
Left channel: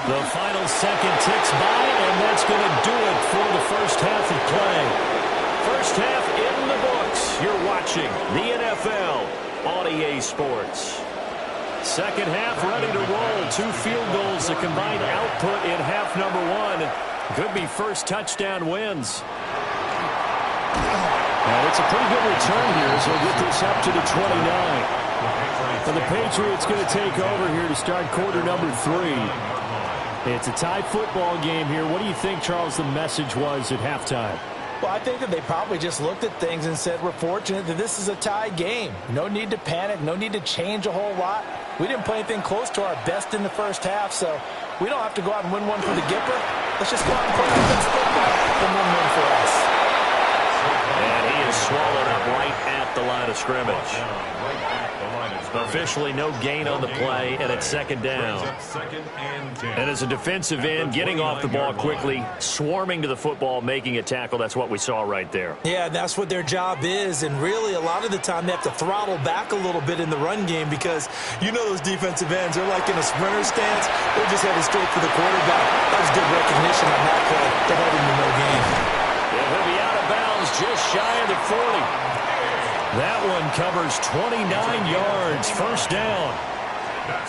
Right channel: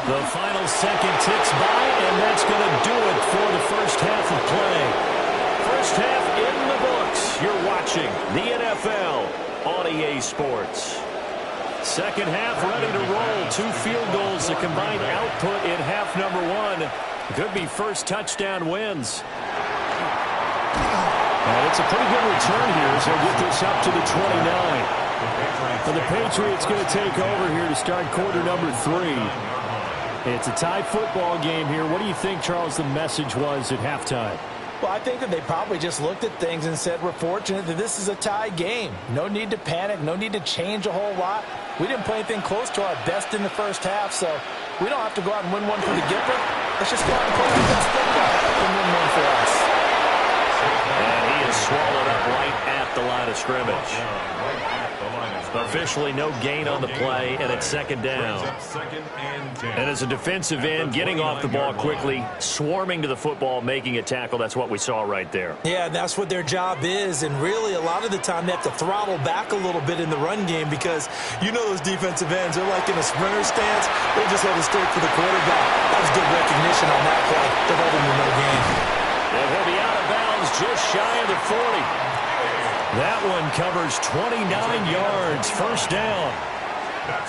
The final second ticks by, and that's going to do it for the first half of play. First half in the books. You're watching the NFL on EA Sports. Second half ready to roll. 2 field goals, the combined output in half number 1. Could be first touchdown wins. And it's a pretty good return here, so we'll get this up to the 29. And the Patriots going to take over here to start quarter number 3. It's a tie football game here. What do you think, Charles, the message was at halftime? Well, I think that they probably just looked at things and said, we're fortunate that this is a tie game. No need to panic. No need to change a whole lot. We didn't play anything close to our best in the first half, so we don't have to go out and win one for the Gipper. Let's just go out and play our best football and win one for us. And he is swallowed up right at the line of scrimmage. Officially no gain on the play, and it's second down. And as a defensive end, getting off the ball quickly, swarming to the football, making a tackle, that's what we saw right there. Yeah, that's what their job is, and really a lot of the time they have to throttle back a little bit in the run game because you know those defensive ends, they're like in a sprinter stance. They're just headed straight for the quarterback. That was good recognition on that play to hold him to no gain. And he'll be out of bounds just shy of the 40. That one covers 29 yards, first down.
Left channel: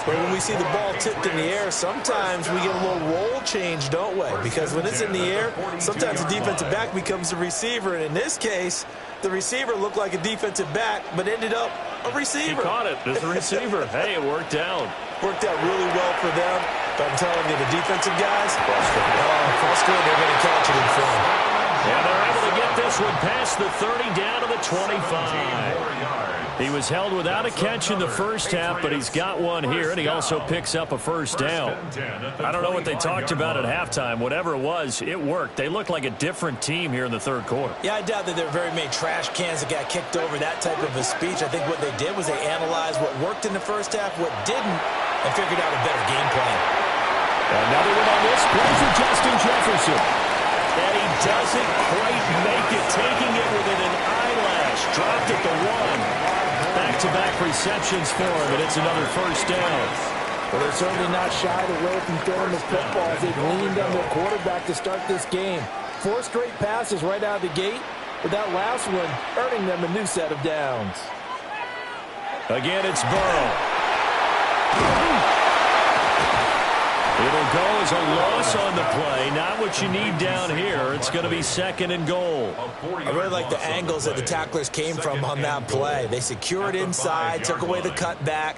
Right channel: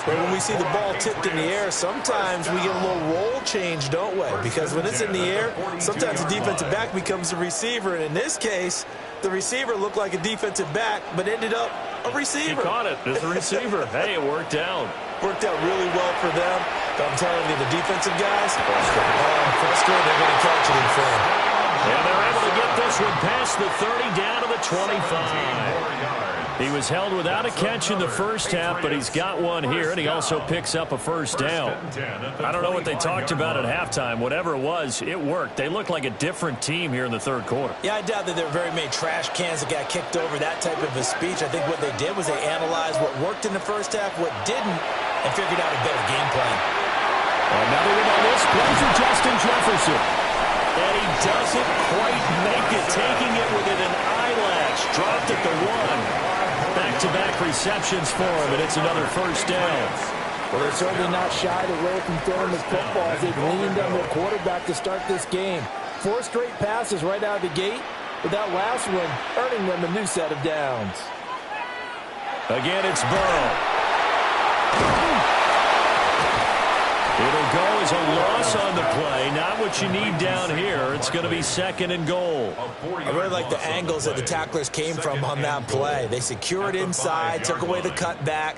But when we see the ball tipped in the air, sometimes we get a little roll change, don't we? Because when it's in the air, sometimes the defensive back becomes a receiver. And in this case, the receiver looked like a defensive back, but ended up a receiver. He caught it as a receiver. Hey, it worked out. Worked out really well for them. But I'm telling you, the defensive guys, frustrated. They're going to catch it in film. Yeah, they're able to get this one past the 30 down to the 25. He was held without a catch in the first half, but he's got one here, and he also picks up a first down. I don't know what they talked about at halftime. Whatever it was, it worked. They looked like a different team here in the third quarter. Yeah, I doubt that there were very many trash cans that got kicked over, that type of a speech. I think what they did was they analyzed what worked in the first half, what didn't, and figured out a better game plan. Another one on this play for Justin Jefferson. And he doesn't quite make it, taking it within an eyelash. Dropped at the 1. Back-to-back receptions for him, and it's another first down. Well, they're certainly not shied away from throwing the football as they've leaned on their quarterback to start this game. 4 straight passes right out of the gate, with that last one earning them a new set of downs. Again, it's Burrow. It'll go as a loss on the play. Not what you need down here. It's going to be second and goal. I really like the angles that the tacklers came from on that play. They secured inside, took away the cutback.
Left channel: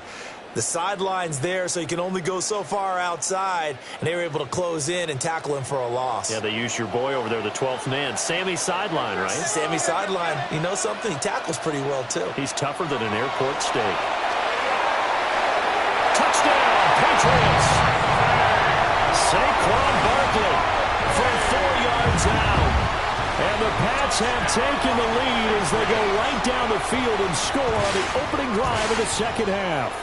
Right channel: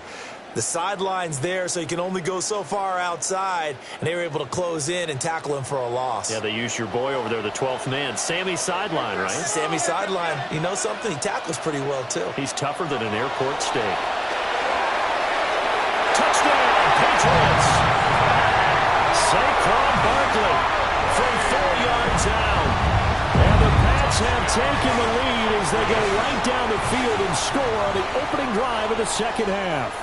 The sideline's there, so you can only go so far outside, and they were able to close in and tackle him for a loss. Yeah, they used your boy over there, the 12th man, Sammy Sideline, right? Sammy Sideline. You know something? He tackles pretty well, too. He's tougher than an airport steak. Touchdown, Patriots! Saquon Barkley from 4 yards out. And the Pats have taken the lead as they go right down the field and score on the opening drive of the second half.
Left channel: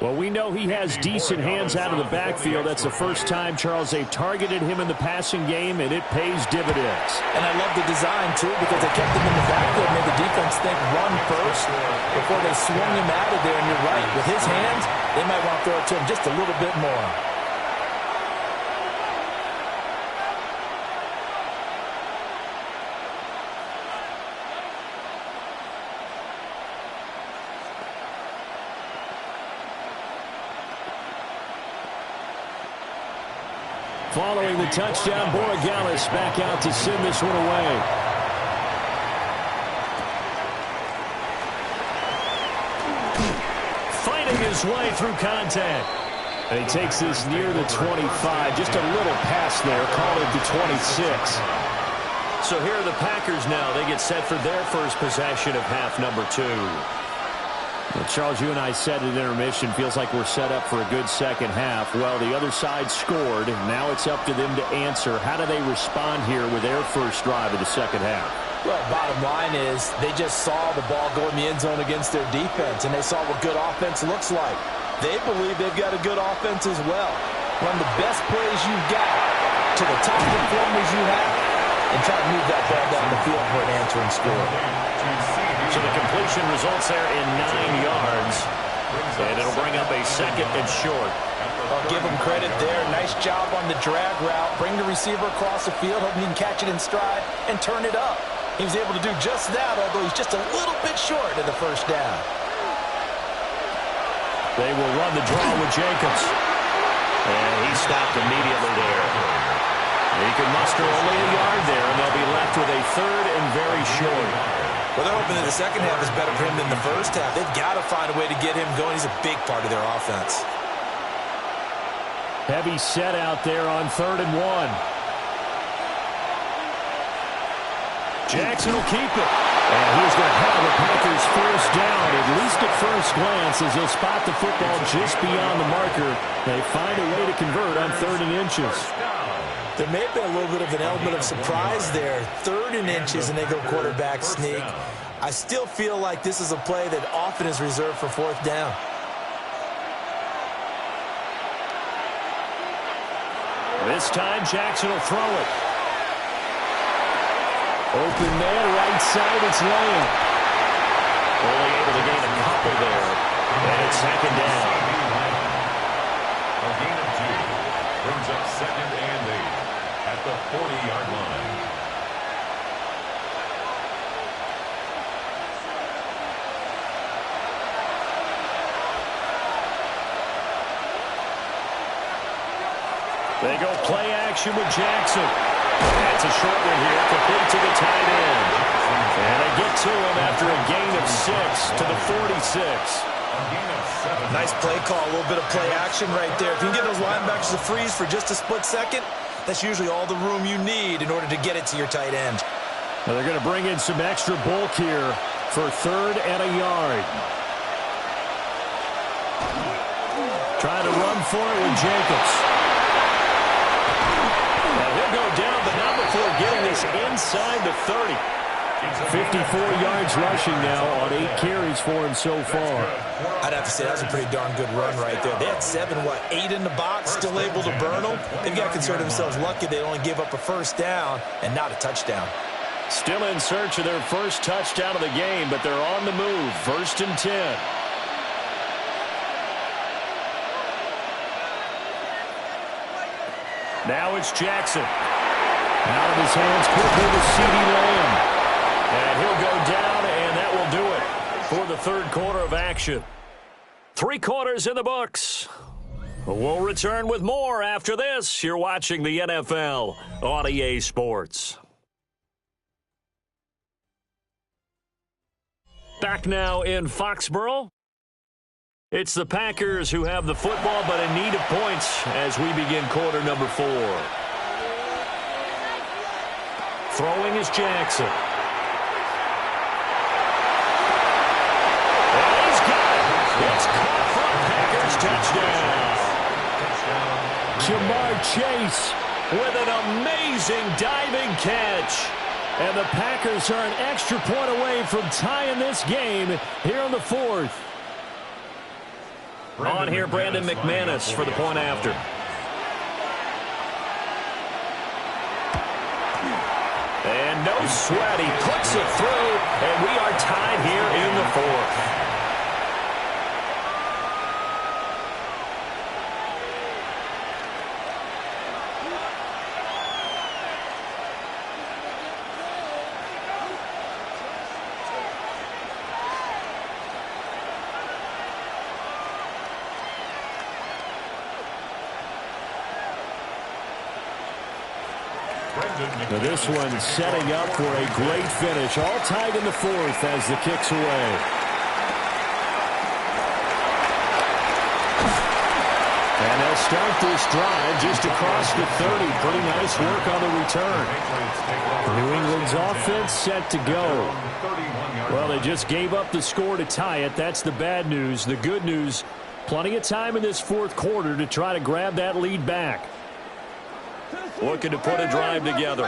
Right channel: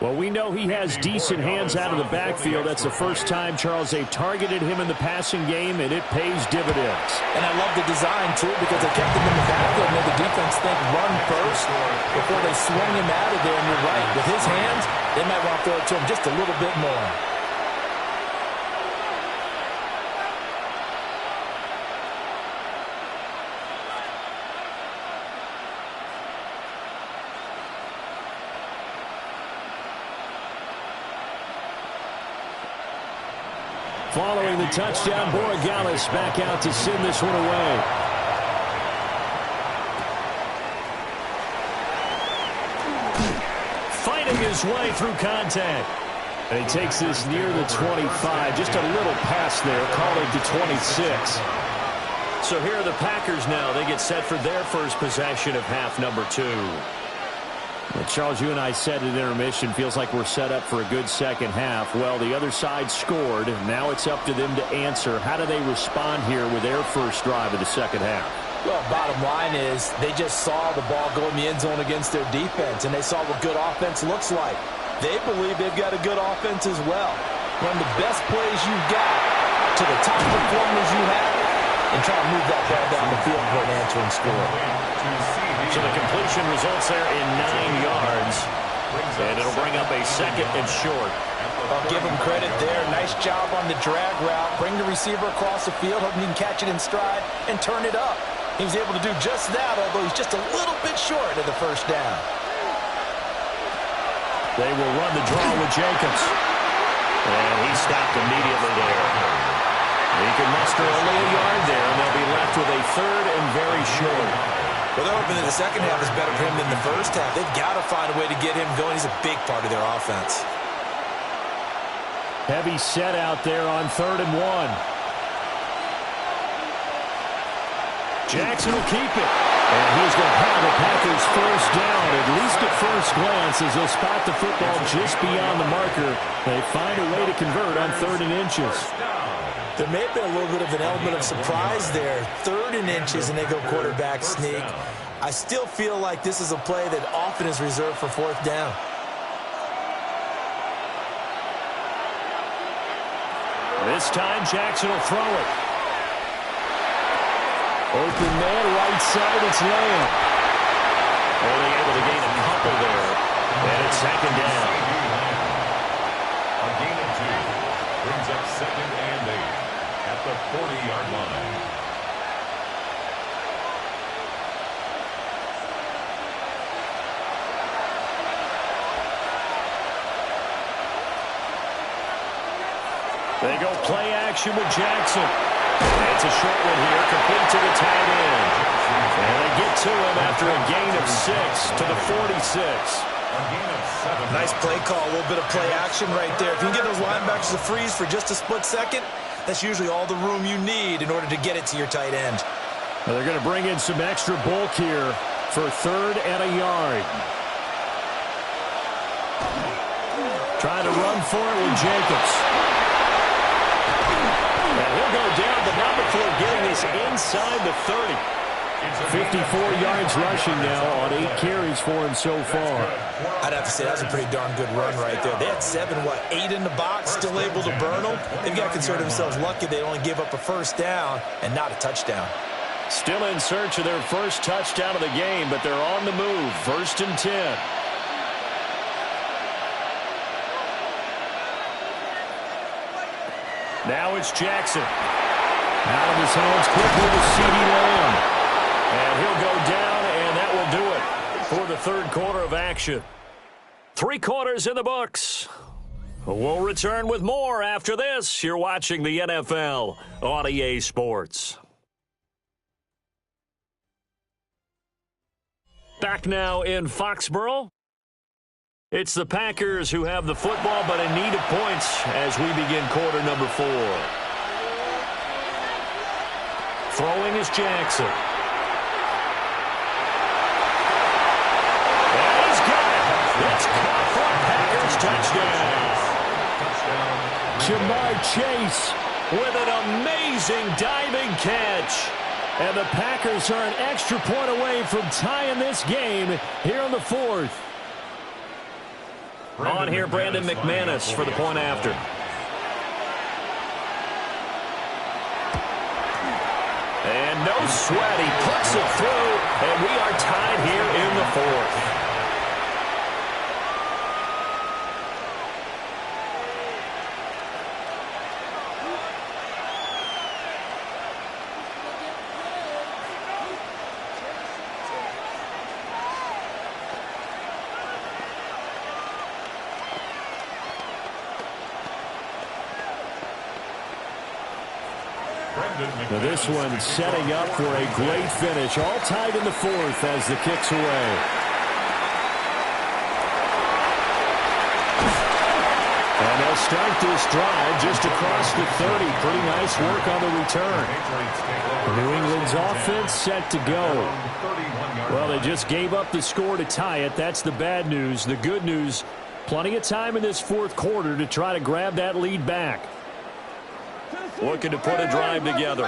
Well, we know he has decent hands out of the backfield. That's the first time, Charles, they've targeted him in the passing game, and it pays dividends. And I love the design, too, because they kept him in the backfield, made the defense think run first before they swung him out of there. And you're right, with his hands, they might want to throw it to him just a little bit more. Following the touchdown, Borregales back out to send this one away. Fighting his way through contact. And he takes this near the 25. Just a little pass there. Call it the 26. So here are the Packers now. They get set for their first possession of half number 2. Well, Charles, you and I said at intermission, feels like we're set up for a good second half. Well, the other side scored. Now it's up to them to answer. How do they respond here with their first drive of the second half? Well, bottom line is they just saw the ball go in the end zone against their defense, and they saw what good offense looks like. They believe they've got a good offense as well. Run the best plays you've got to the top performers you have, and try to move that ball down the field for an answering score. So the completion results there in 9 yards, and it'll bring up a second and short. I'll give him credit there. Nice job on the drag route. Bring the receiver across the field, hoping he can catch it in stride and turn it up. He was able to do just that, although he's just a little bit short of the first down. They will run the draw with Jacobs. And he stopped immediately there. He can muster only a yard there, and they'll be left with a third and very short. Well, they're hoping that the second half is better for him than the first half. They've got to find a way to get him going. He's a big part of their offense. Heavy set out there on 3rd and 1. Jackson will keep it. And he's going to have the Packers first down, at least at first glance, as they'll spot the football just beyond the marker. They find a way to convert on 3rd and inches. There may have been a little bit of an element of surprise there. 3rd and inches, and they go quarterback sneak. I still feel like this is a play that often is reserved for 4th down. This time, Jackson will throw it. Open man, right side, it's Lamb. Only able to gain a couple there. And it's 2nd down. A gain of 2 brings up 2nd and 8 at the 40-yard line. They go play action with Jackson. It's a short one here, complete to the tight end. And they get to him after a gain of 6 to the 46. Nice play call, a little bit of play action right there. If you can give those linebackers a freeze for just a split second, that's usually all the room you need in order to get it to your tight end. Well, they're going to bring in some extra bulk here for 3rd and a yard. Trying to run for it with Jacobs. And he'll go down, but not before getting this inside the 30. 54 yards rushing now on 8 carries for him so far. I'd have to say that was a pretty darn good run right there. They had 8 in the box, still able to burn them. They've got to consider themselves lucky they only gave up a first down and not a touchdown. Still in search of their first touchdown of the game, but they're on the move. 1st and 10. Now it's Jackson. Out of his hands quickly to CeeDee Lamb. And he'll go down, and that will do it for the 3rd quarter of action. 3 quarters in the books. We'll return with more after this. You're watching the NFL on EA Sports. Back now in Foxborough. It's the Packers who have the football, but in need of points as we begin quarter number 4. Throwing is Jackson. And he's got it. It's caught for a Packers touchdown. Jamar Chase with an amazing diving catch. And the Packers are an extra point away from tying this game here in the 4th. On here, Brandon McManus for the point after. And no sweat. He puts it through, and we are tied here in the 4th. Now this one setting up for a great finish. All tied in the 4th as the kick's away. And They'll start this drive just across the 30. Pretty nice work on the return. New England's offense set to go. Well, they just gave up the score to tie it. That's the bad news. The good news, plenty of time in this fourth quarter to try to grab that lead back. Looking to put a drive together.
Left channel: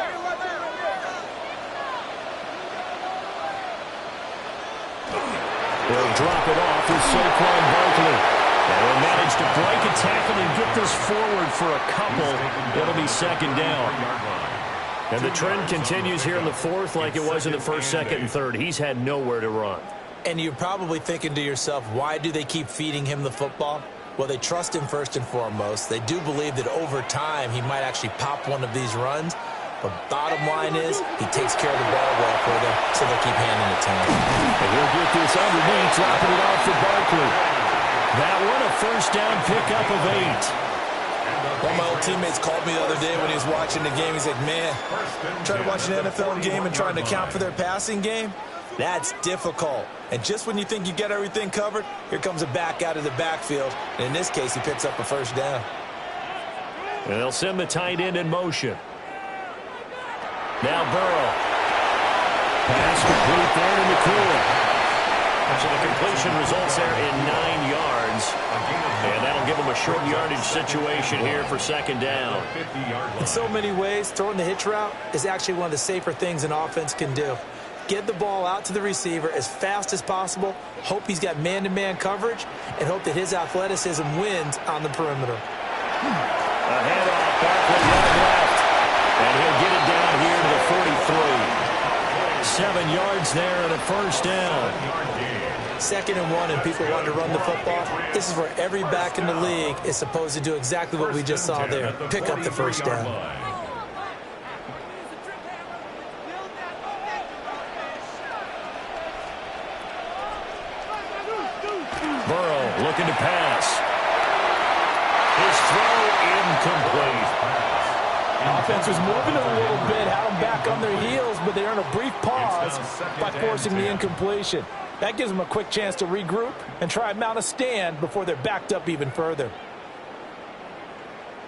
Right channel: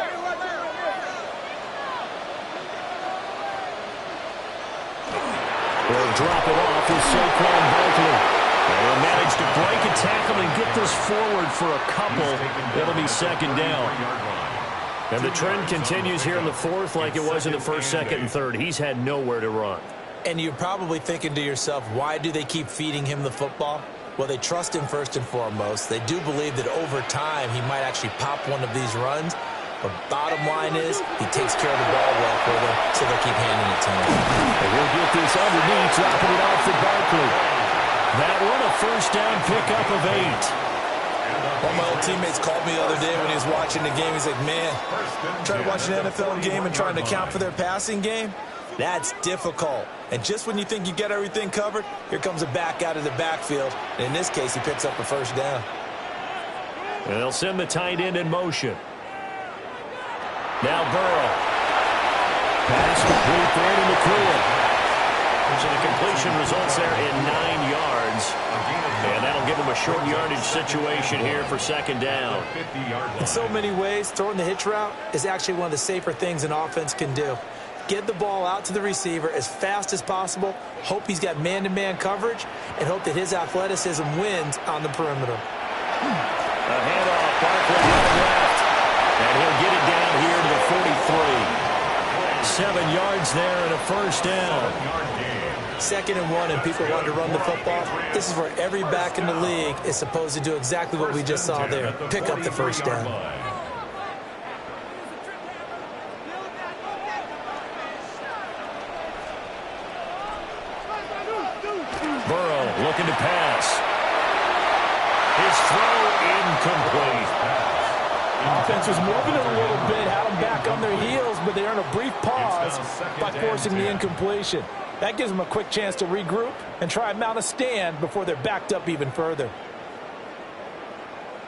They'll drop it off with Saquon Barkley. They'll manage to break a tackle and get this forward for a couple. It'll be second down. And the trend continues here in the fourth like it was in the first, second, and third. He's had nowhere to run. And you're probably thinking to yourself, why do they keep feeding him the football? Well, they trust him first and foremost. They do believe that over time he might actually pop one of these runs. But bottom line is he takes care of the ball well for them, so they'll keep handing it to him. And he'll get this underneath, dropping it off for Barkley. That one a first down pickup of 8. One of my old teammates called me the other day when he was watching the game. He's like, man, trying to watch an NFL game and trying to account for their passing game? That's difficult. And just when you think you get everything covered, here comes a back out of the backfield. And in this case, he picks up a first down. And they'll send the tight end in motion. Now Burrow. Pass complete there to McCoy. So the completion results there in 9 yards. And that'll give them a short yardage situation here for second down. In so many ways, throwing the hitch route is actually one of the safer things an offense can do. Get the ball out to the receiver as fast as possible, hope he's got man-to-man coverage, and hope that his athleticism wins on the perimeter. A handoff, Barkley running left. And he'll get it down here to the 43. 7 yards there and a first down. 2nd and 1 and people want to run the football. This is where every back in the league is supposed to do exactly what we just saw there. Pick up the first down. Burrow looking to pass. His throw incomplete. Offense was moving it a little bit, had them back on their heels, but they earned a brief pause by forcing the incompletion. That gives them a quick chance to regroup and try and mount a stand before they're backed up even further.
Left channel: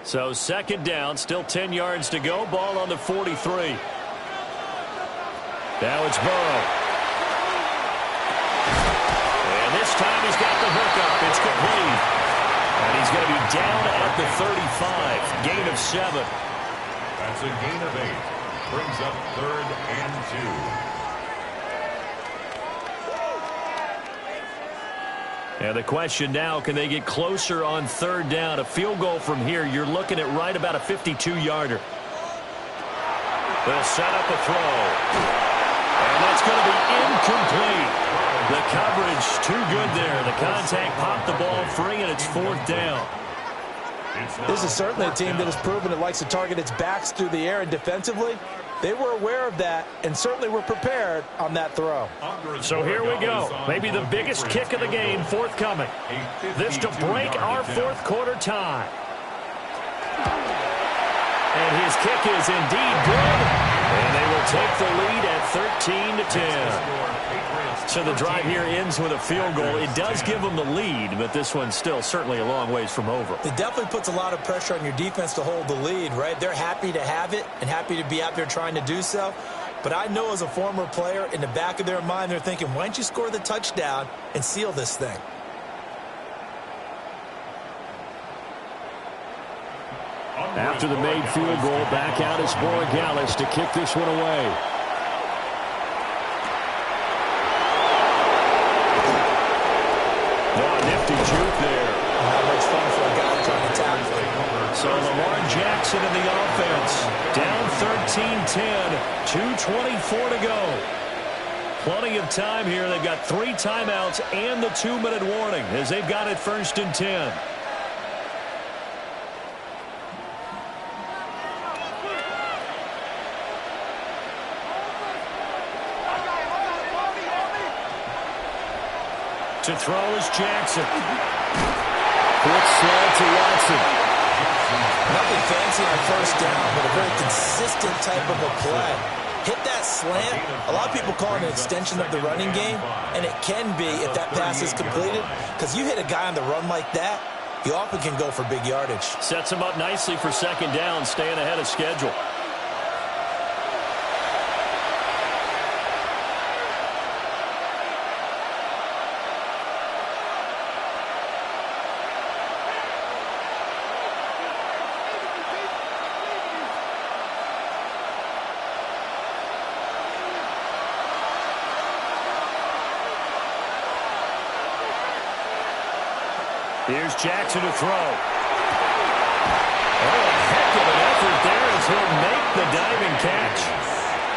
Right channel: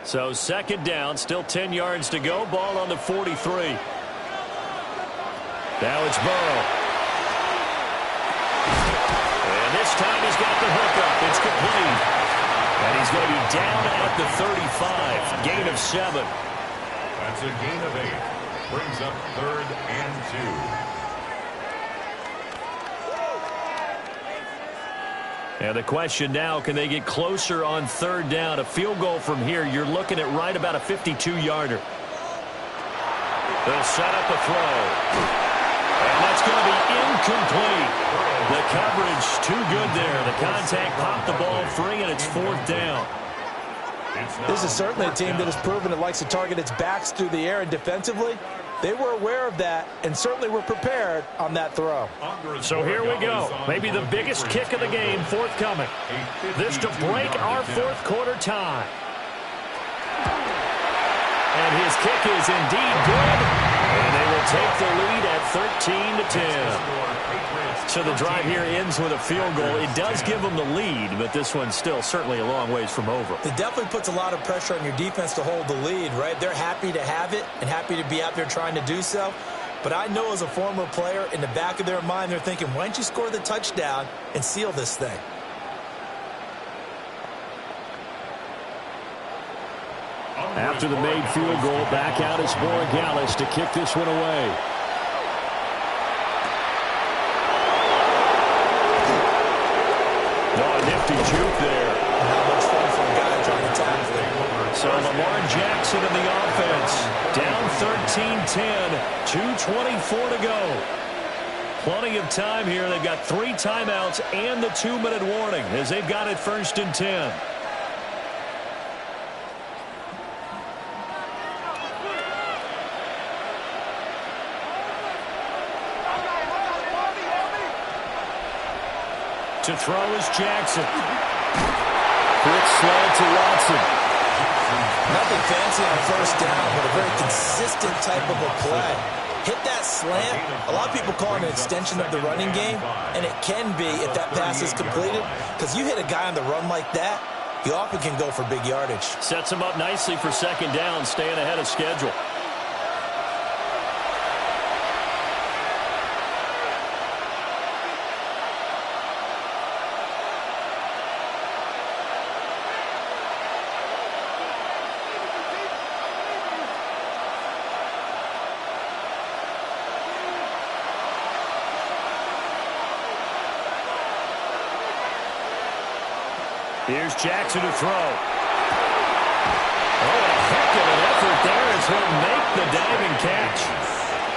So second down, still 10 yards to go. Ball on the 43. Now it's Burrow. And this time he's got the hookup. It's complete. And he's going to be down at the 35. Gain of 7. That's a gain of 8. Brings up 3rd and 2. And the question now, can they get closer on 3rd down? A field goal from here, you're looking at right about a 52-yarder. They'll set up a throw. And that's going to be incomplete. The coverage too good there. The contact popped the ball free, and it's 4th down. This is certainly a team that has proven it likes to target its backs through the air, and defensively, they were aware of that and certainly were prepared on that throw. So here we go. Maybe the biggest kick of the game forthcoming. This to break our fourth quarter tie. And his kick is indeed good. And they will take the lead at 13-10. So the drive here ends with a field goal. It does give them the lead, but this one's still certainly a long ways from over. It definitely puts a lot of pressure on your defense to hold the lead, right? They're happy to have it and happy to be out there trying to do so. But I know as a former player, in the back of their mind, they're thinking, why don't you score the touchdown and seal this thing? After the made field goal, back out is Borregales to kick this one away. No, a nifty juke there. Not much fun for a guy trying to tackle it. So Lamar Jackson in the offense. Down 13-10, 2:24 to go. Plenty of time here. They've got 3 timeouts and the 2-minute warning as they've got it 1st and 10. To throw is Jackson. Quick slant to Watson. Nothing fancy on 1st down, but a very consistent type of a play. Hit that slant. A lot of people call it an extension of the running game, and it can be if that pass is completed, because you hit a guy on the run like that, he often can go for big yardage. Sets him up nicely for second down, staying ahead of schedule. Here's Jackson to throw. Oh, a heck of an effort there as he'll make the diving catch.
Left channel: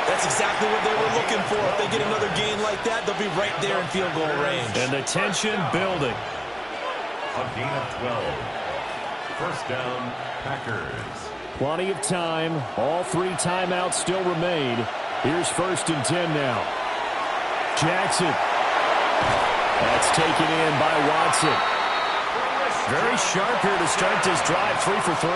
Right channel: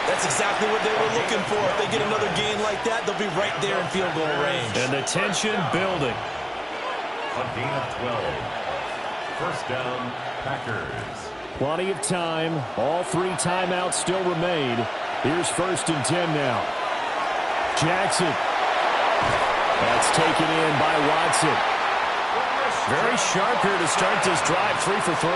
That's exactly what they were looking for. If they get another gain like that, they'll be right there in field goal range. And the tension building. A gain of 12. First down, Packers. Plenty of time. All 3 timeouts still remain. Here's 1st and 10 now. Jackson. That's taken in by Watson. Very sharp here to start this drive, 3 for 3.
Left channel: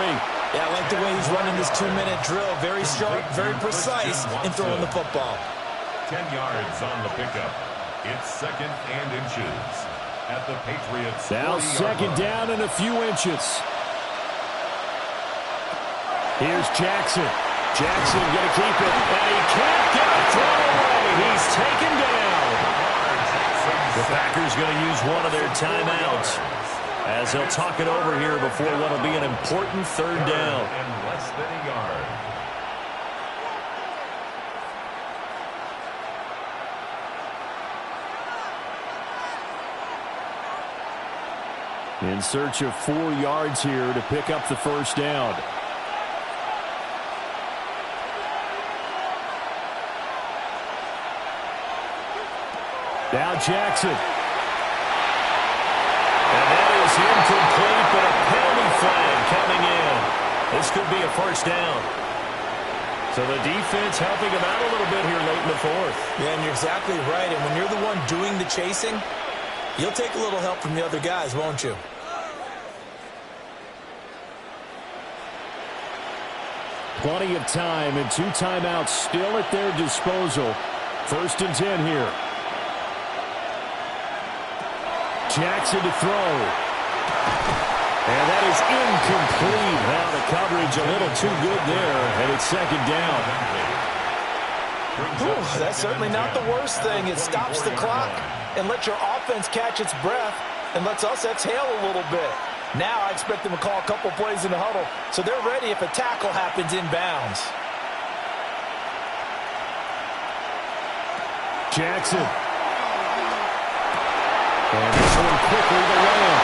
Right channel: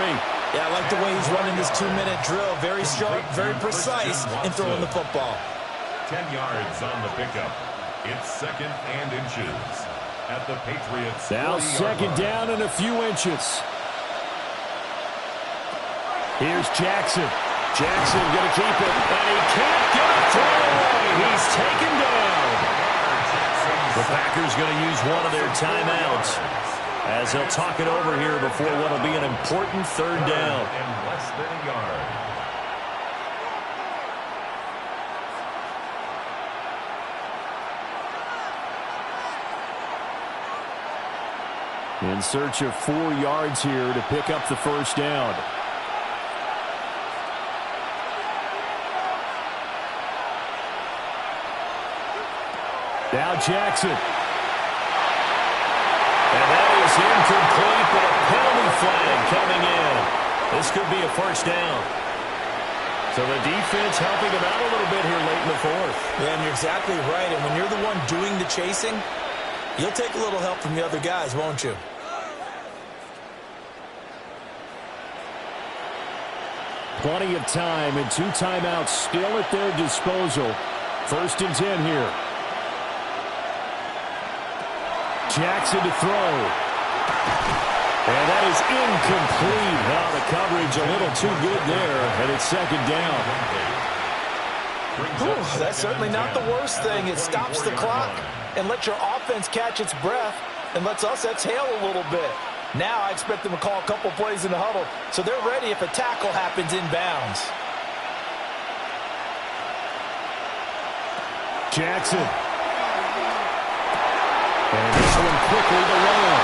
Yeah, I like the way he's running this 2-minute drill. Very sharp, very precise in throwing the football. 10 yards on the pickup. It's 2nd and inches at the Patriots. Now 2nd down and a few inches. Here's Jackson. Jackson going to keep it, and he can't get a throw away. He's taken down. The Packers going to use one of their timeouts as they'll talk it over here before what will be an important 3rd down. And less than a yard. In search of 4 yards here to pick up the 1st down. Now Jackson. And that is incomplete, but a penalty flag coming in. This could be a 1st down. So the defense helping him out a little bit here late in the 4th. Yeah, and you're exactly right. And when you're the one doing the chasing, you'll take a little help from the other guys, won't you? Plenty of time and 2 timeouts still at their disposal. 1st and 10 here. Jackson to throw. And that is incomplete. Now the coverage a little too good there, and it's 2nd down. Ooh, that's certainly not the worst thing. It stops the clock and lets your offense catch its breath and lets us exhale a little bit. Now I expect them to call a couple plays in the huddle, so they're ready if a tackle happens inbounds. Jackson. And this one quickly to Lamb.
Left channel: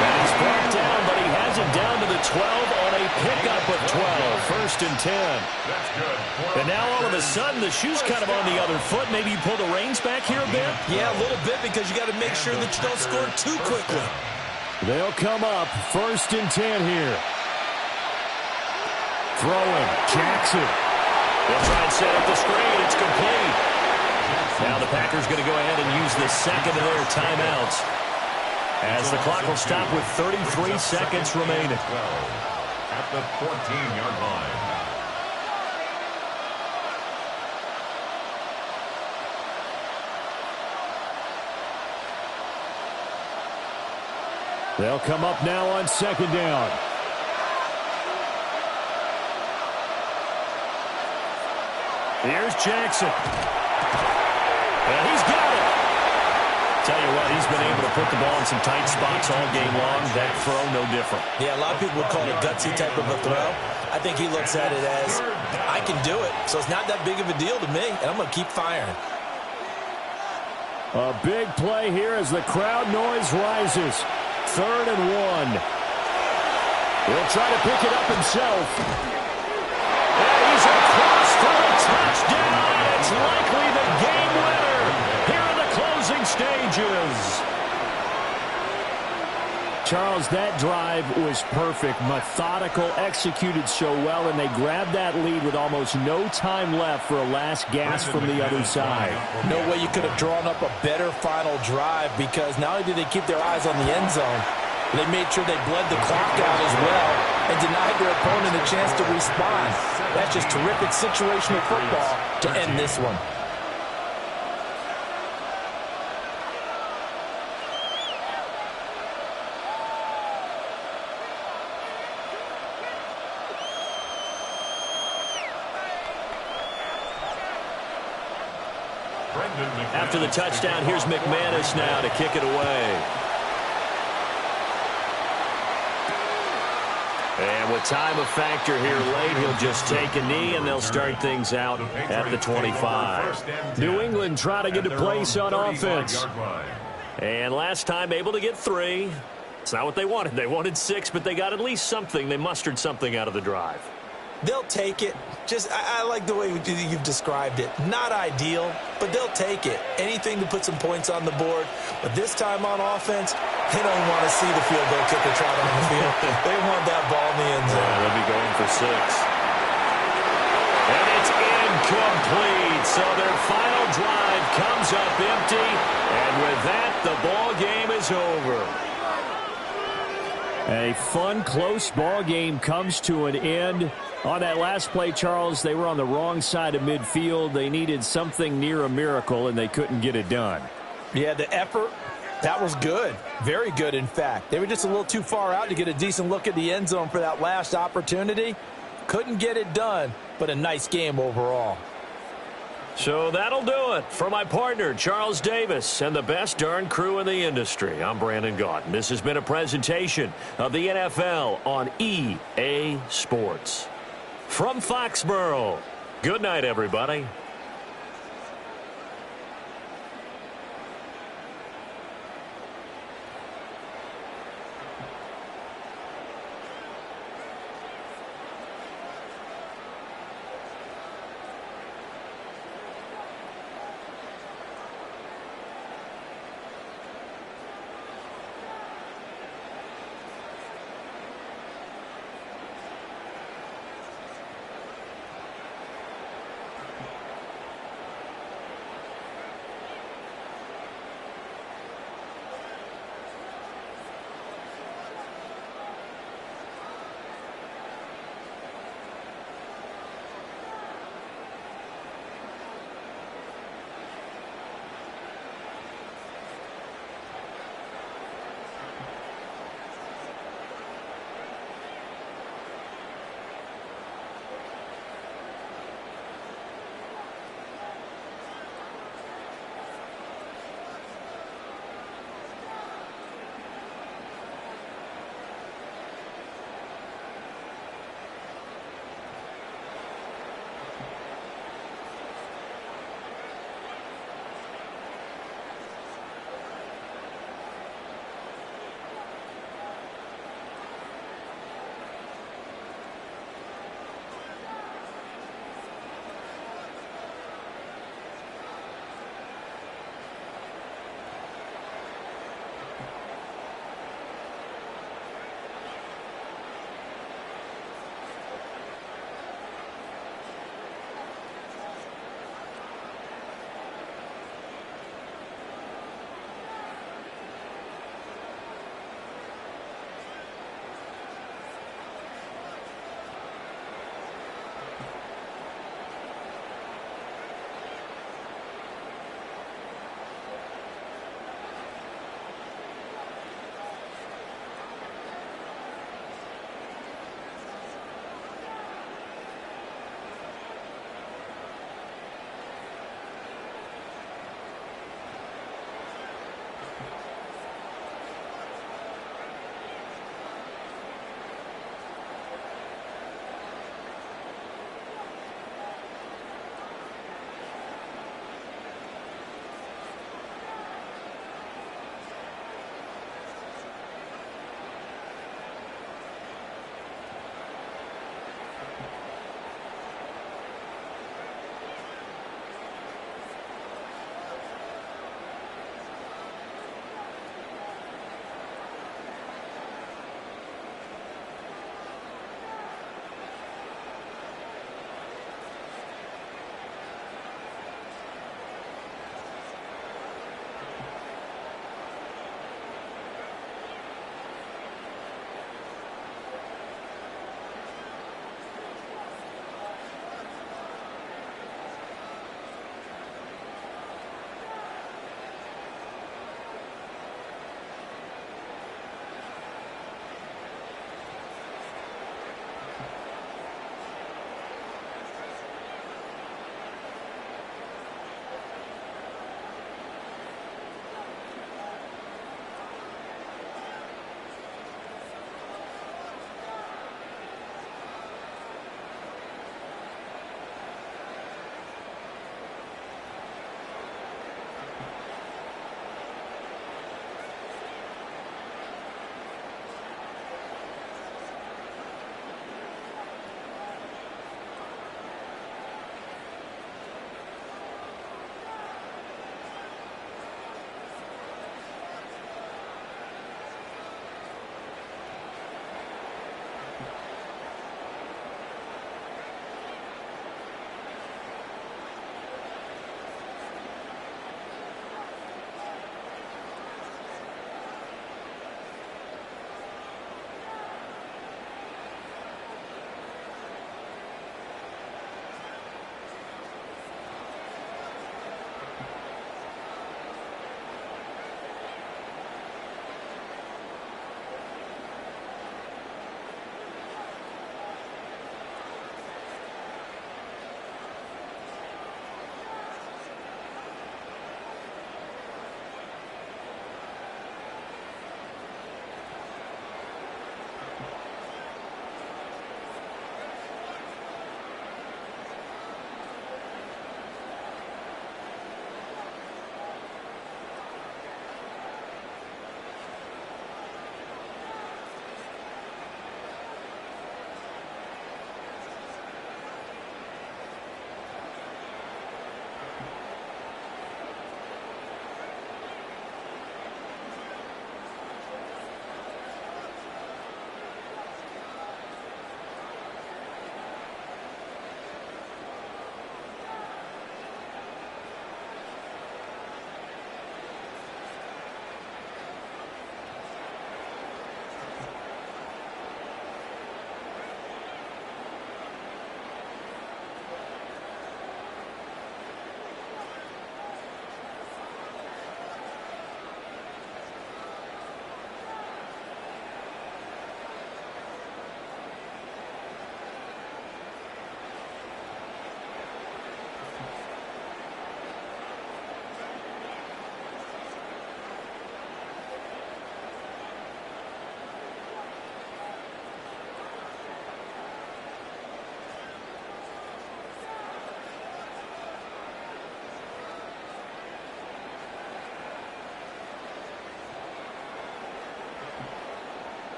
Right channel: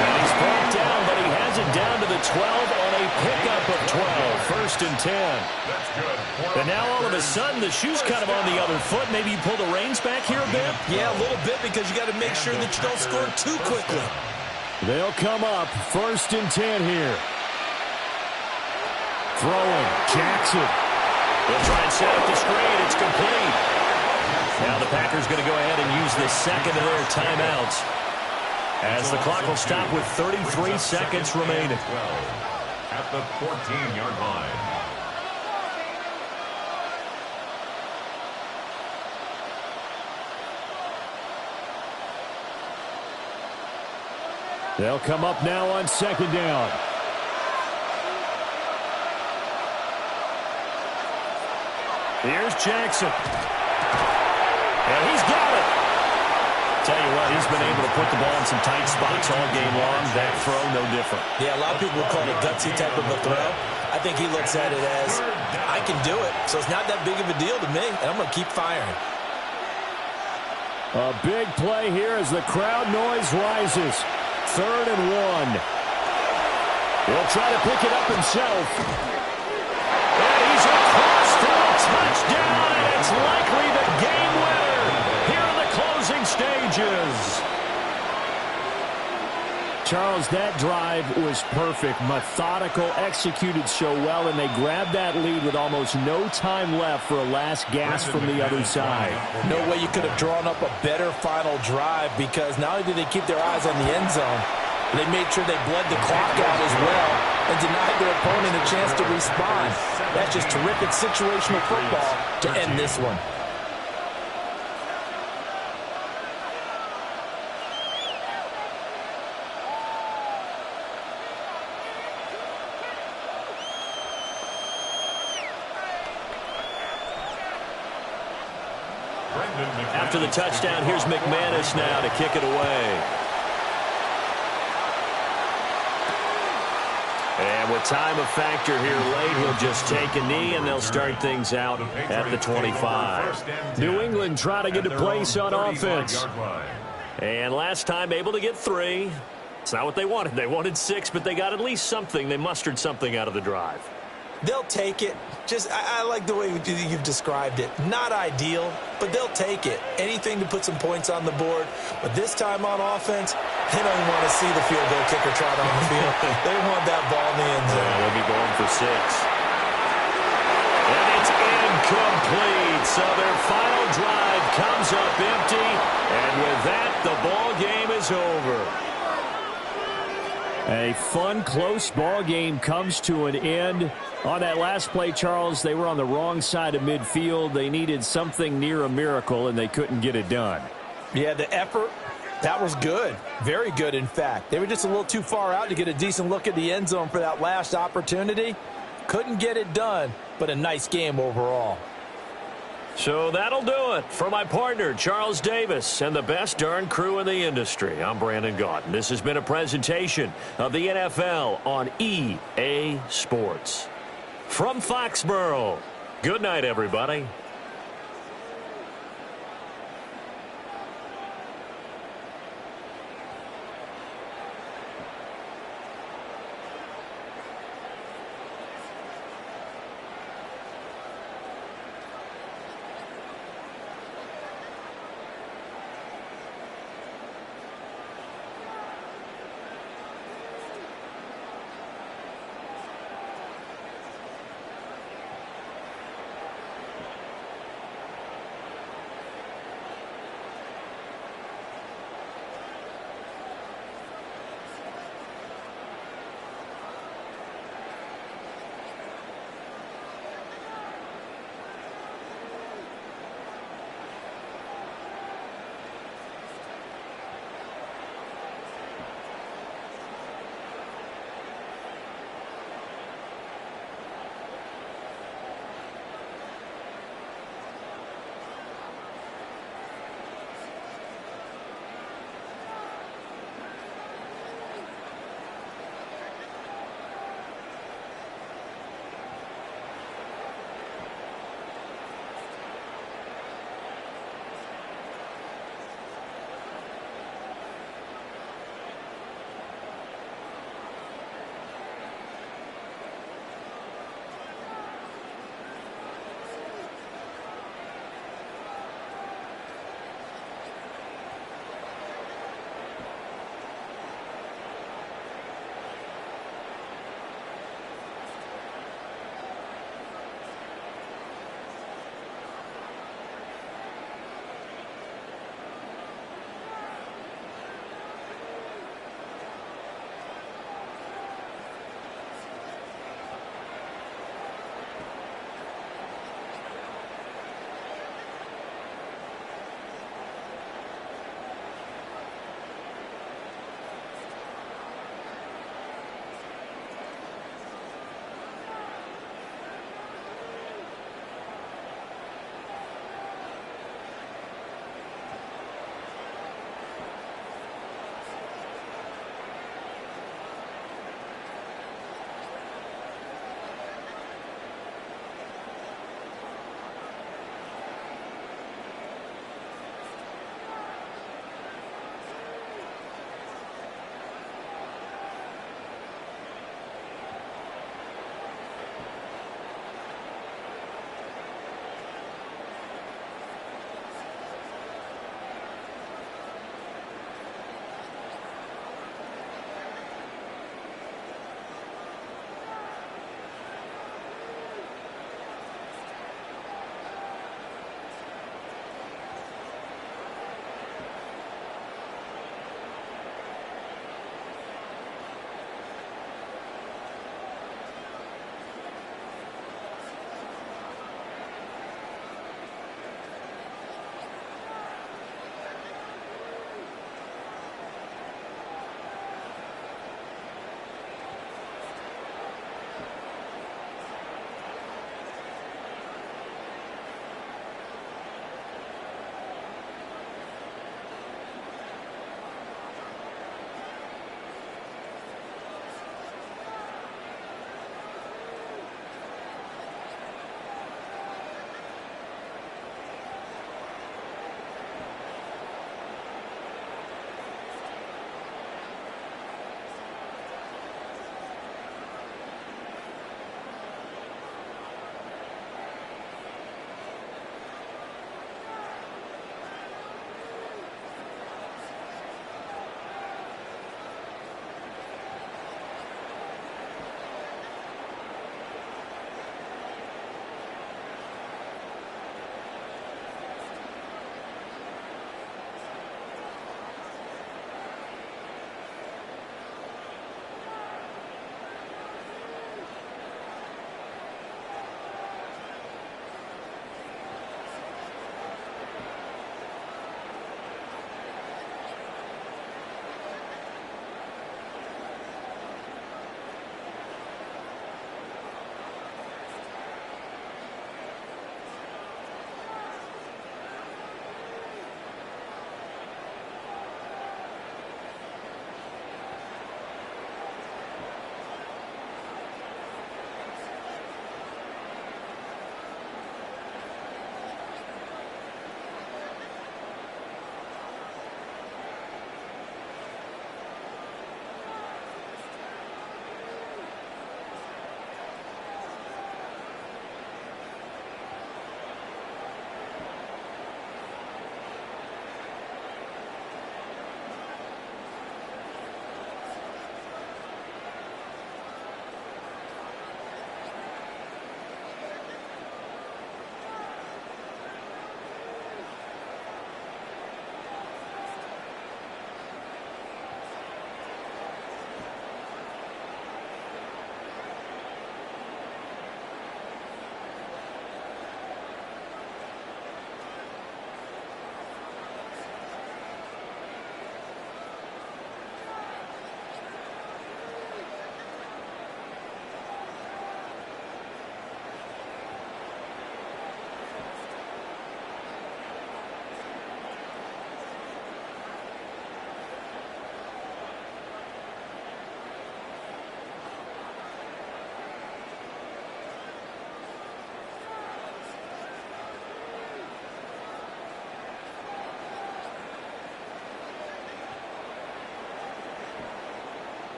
And he's brought down, but he has it down to the 12 on a pickup of 12. 1st and 10. That's good. And now all of a sudden the shoe's kind of on the other foot. Maybe you pull the reins back here a bit? Yeah, a little bit, because you got to make sure that you don't score too quickly. They'll come up 1st and 10 here. Throwing. Jackson. They'll try and set up the screen. It's complete. Now the Packers going to go ahead and use the 2nd of their timeouts, as the clock will stop with 33 seconds remaining. At the 14-yard line. They'll come up now on 2nd down. Here's Jackson. And he's got it. Tell you what, he's been able to put the ball in some tight spots all game long. That throw, no different. Yeah, a lot of people would call it a gutsy type of a throw. I think he looks at it as, I can do it, so it's not that big of a deal to me, and I'm going to keep firing. A big play here as the crowd noise rises. 3rd and 1. He'll try to pick it up himself. And he's across for a touchdown, and it's likely the game winner here in the closing stages. Charles, that drive was perfect, methodical, executed so well, and they grabbed that lead with almost no time left for a last gasp from the other side. No way you could have drawn up a better final drive, because not only did they keep their eyes on the end zone, they made sure they bled the clock out as well and denied their opponent a chance to respond. That's just terrific situational football to end this one. After the touchdown, here's McManus now to kick it away. And with time a factor here late, he'll just take a knee, and they'll start things out at the 25. New England trying to get a place on offense. And last time able to get 3. It's not what they wanted. They wanted 6, but they got at least something. They mustered something out of the drive. They'll take it. I like the way you've described it. Not ideal, but they'll take it. Anything to put some points on the board. But this time on offense, they don't want to see the field goal kicker trot on the field. They want that ball in the end zone. Yeah, they'll be going for 6. And it's incomplete. So their final drive comes up empty. And with that, the ball game is over. A fun, close ball game comes to an end. On that last play, Charles, they were on the wrong side of midfield. They needed something near a miracle, and they couldn't get it done. Yeah, the effort, that was good. Very good, in fact. They were just a little too far out to get a decent look at the end zone for that last opportunity. Couldn't get it done, but a nice game overall. So that'll do it for my partner, Charles Davis, and the best darn crew in the industry. I'm Brandon Gaudin. This has been a presentation of the NFL on EA Sports. From Foxborough, good night, everybody.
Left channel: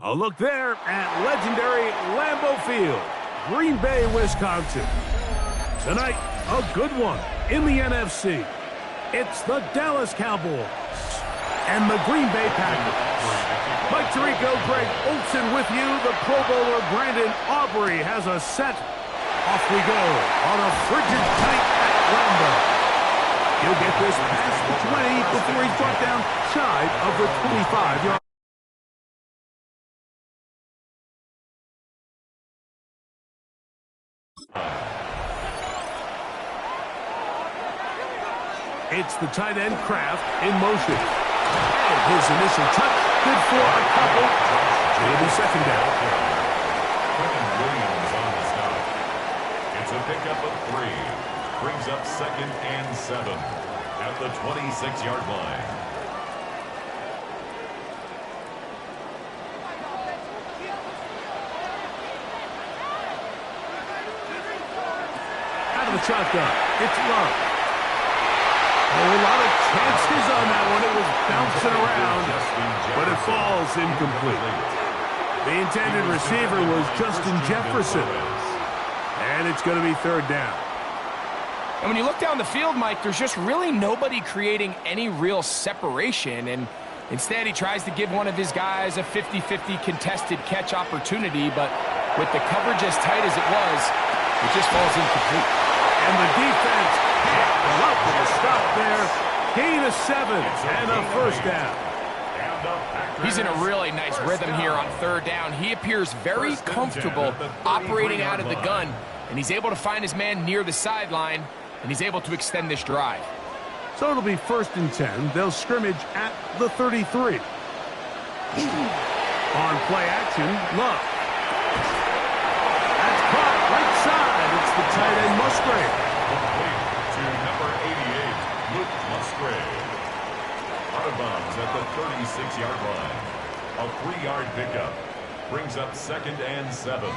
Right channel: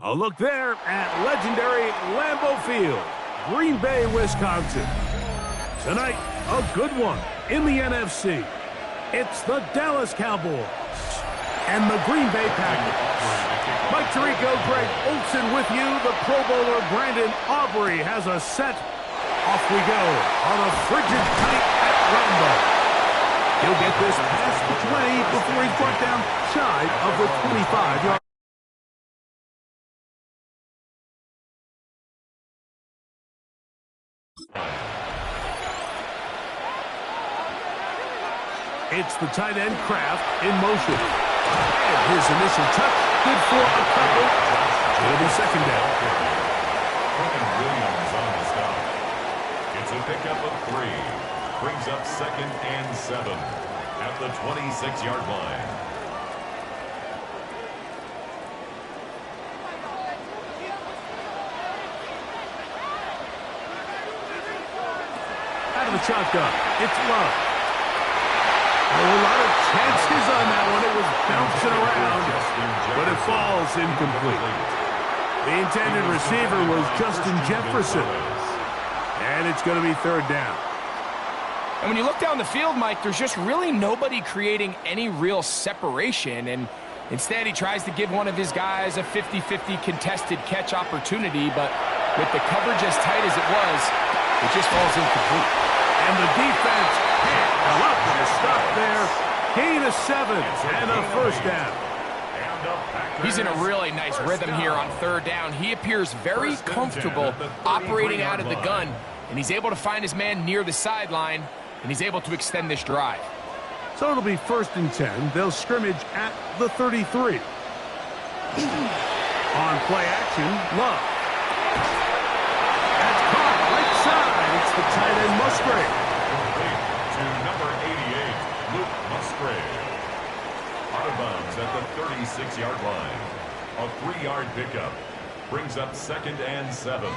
A look there at legendary Lambeau Field, Green Bay, Wisconsin. Tonight, a good one in the NFC. It's the Dallas Cowboys and the Green Bay Packers. Mike Tirico, Greg Olsen with you. The Pro Bowler Brandon Aubrey has a set. Off we go on a frigid night at Lambeau. He'll get this past the 20 before he's brought down shy of the 25-yard. It's the tight end Kraft in motion. And his initial touch, good for a couple. It'll be second down. Quinnen Williams on the stop. It's a pickup of 3. Brings up 2nd and 7 at the 26-yard line. Out of the shotgun, it's Love. Oh, a lot of chances on that one. It was bouncing around, but it falls incomplete. The intended receiver was Justin Jefferson. And it's going to be third down. And when you look down the field, Mike, there's just really nobody creating any real separation. And instead, he tries to give one of his guys a 50-50 contested catch opportunity. But with the coverage as tight as it was, it just falls incomplete. And the defense can't go out with a stop there. Gain of 7 and a first down. He's in a really nice rhythm here on third down. He appears very comfortable operating out of the gun, and he's able to find his man near the sideline, and he's able to extend this drive. So it'll be 1st and 10. They'll scrimmage at the 33. On play action, Love. That's caught right side. It's the tight end Musgrave. Complete to number 88, Luke Musgrave. Out of bounds at the 36-yard line. A 3-yard pickup. Brings up 2nd and 7.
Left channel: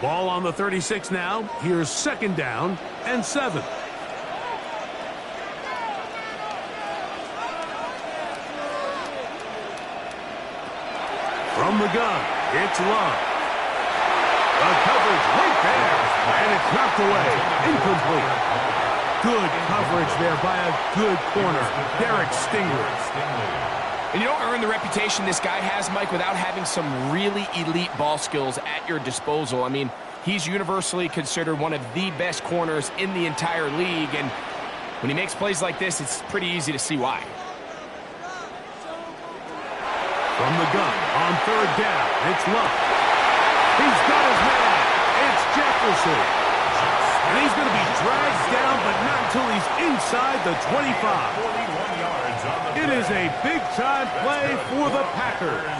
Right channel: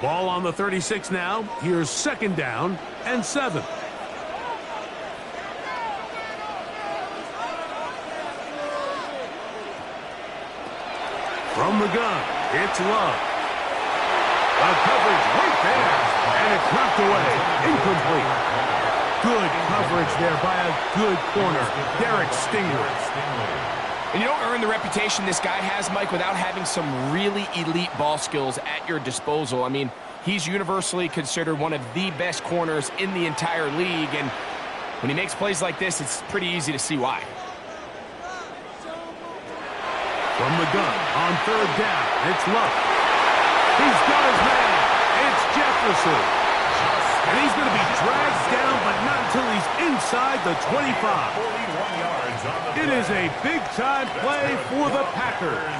Ball on the 36 now. Here's 2nd down and 7. From the gun, it's Love. The coverage right there, and it's knocked away. Incomplete. Good coverage there by a good corner, Derek Stingley. And you don't earn the reputation this guy has, Mike, without having some really elite ball skills at your disposal. I mean, he's universally considered one of the best corners in the entire league, and when he makes plays like this, it's pretty easy to see why. From the gun, on third down, it's Love. He's got his man. It's Jefferson. And he's going to be dragged down, but not until he's inside the 25. It is a big-time play for the Packers.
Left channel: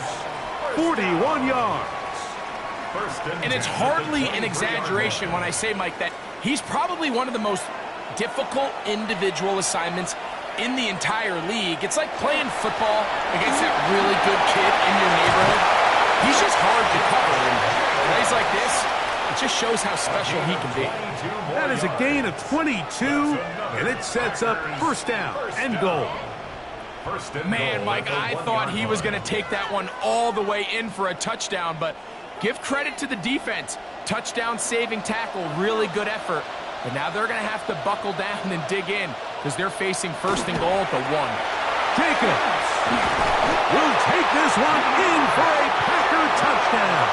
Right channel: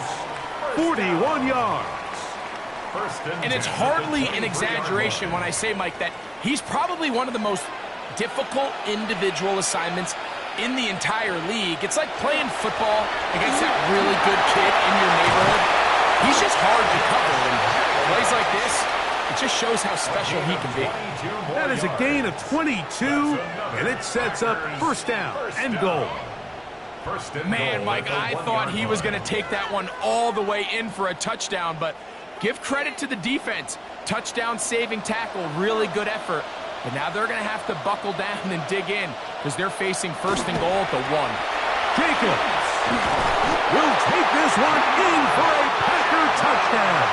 41 yards. And it's hardly an exaggeration when I say, Mike, that he's probably one of the most difficult individual assignments in the entire league. It's like playing football against that really good kid in your neighborhood. He's just hard to cover, and plays like this, it just shows how special he can be. That is a gain of 22, and it sets up first down and goal. Man, Mike, I thought he was going to take that one all the way in for a touchdown, but give credit to the defense. Touchdown saving tackle, really good effort. But now they're going to have to buckle down and dig in because they're facing 1st and goal at the 1. Jacobs will take this one in for a Packer touchdown.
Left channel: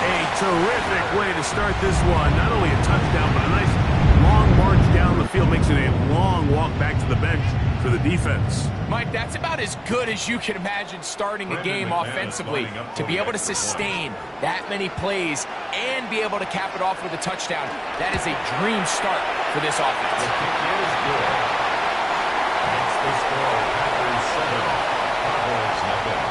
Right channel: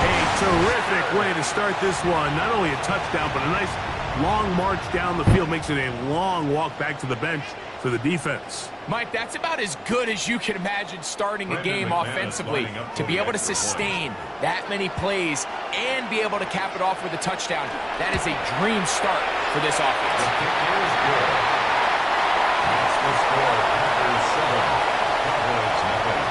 A Terrific way to start this one. Not only a touchdown, but a nice long march down the field. Makes it a long walk back to the bench for the defense. Mike, that's about as good as you can imagine starting a game offensively. To be able to sustain that many plays and be able to cap it off with a touchdown, that is a dream start for this offense. The kick is good. Makes the score Packers 7, Cowboys nothing.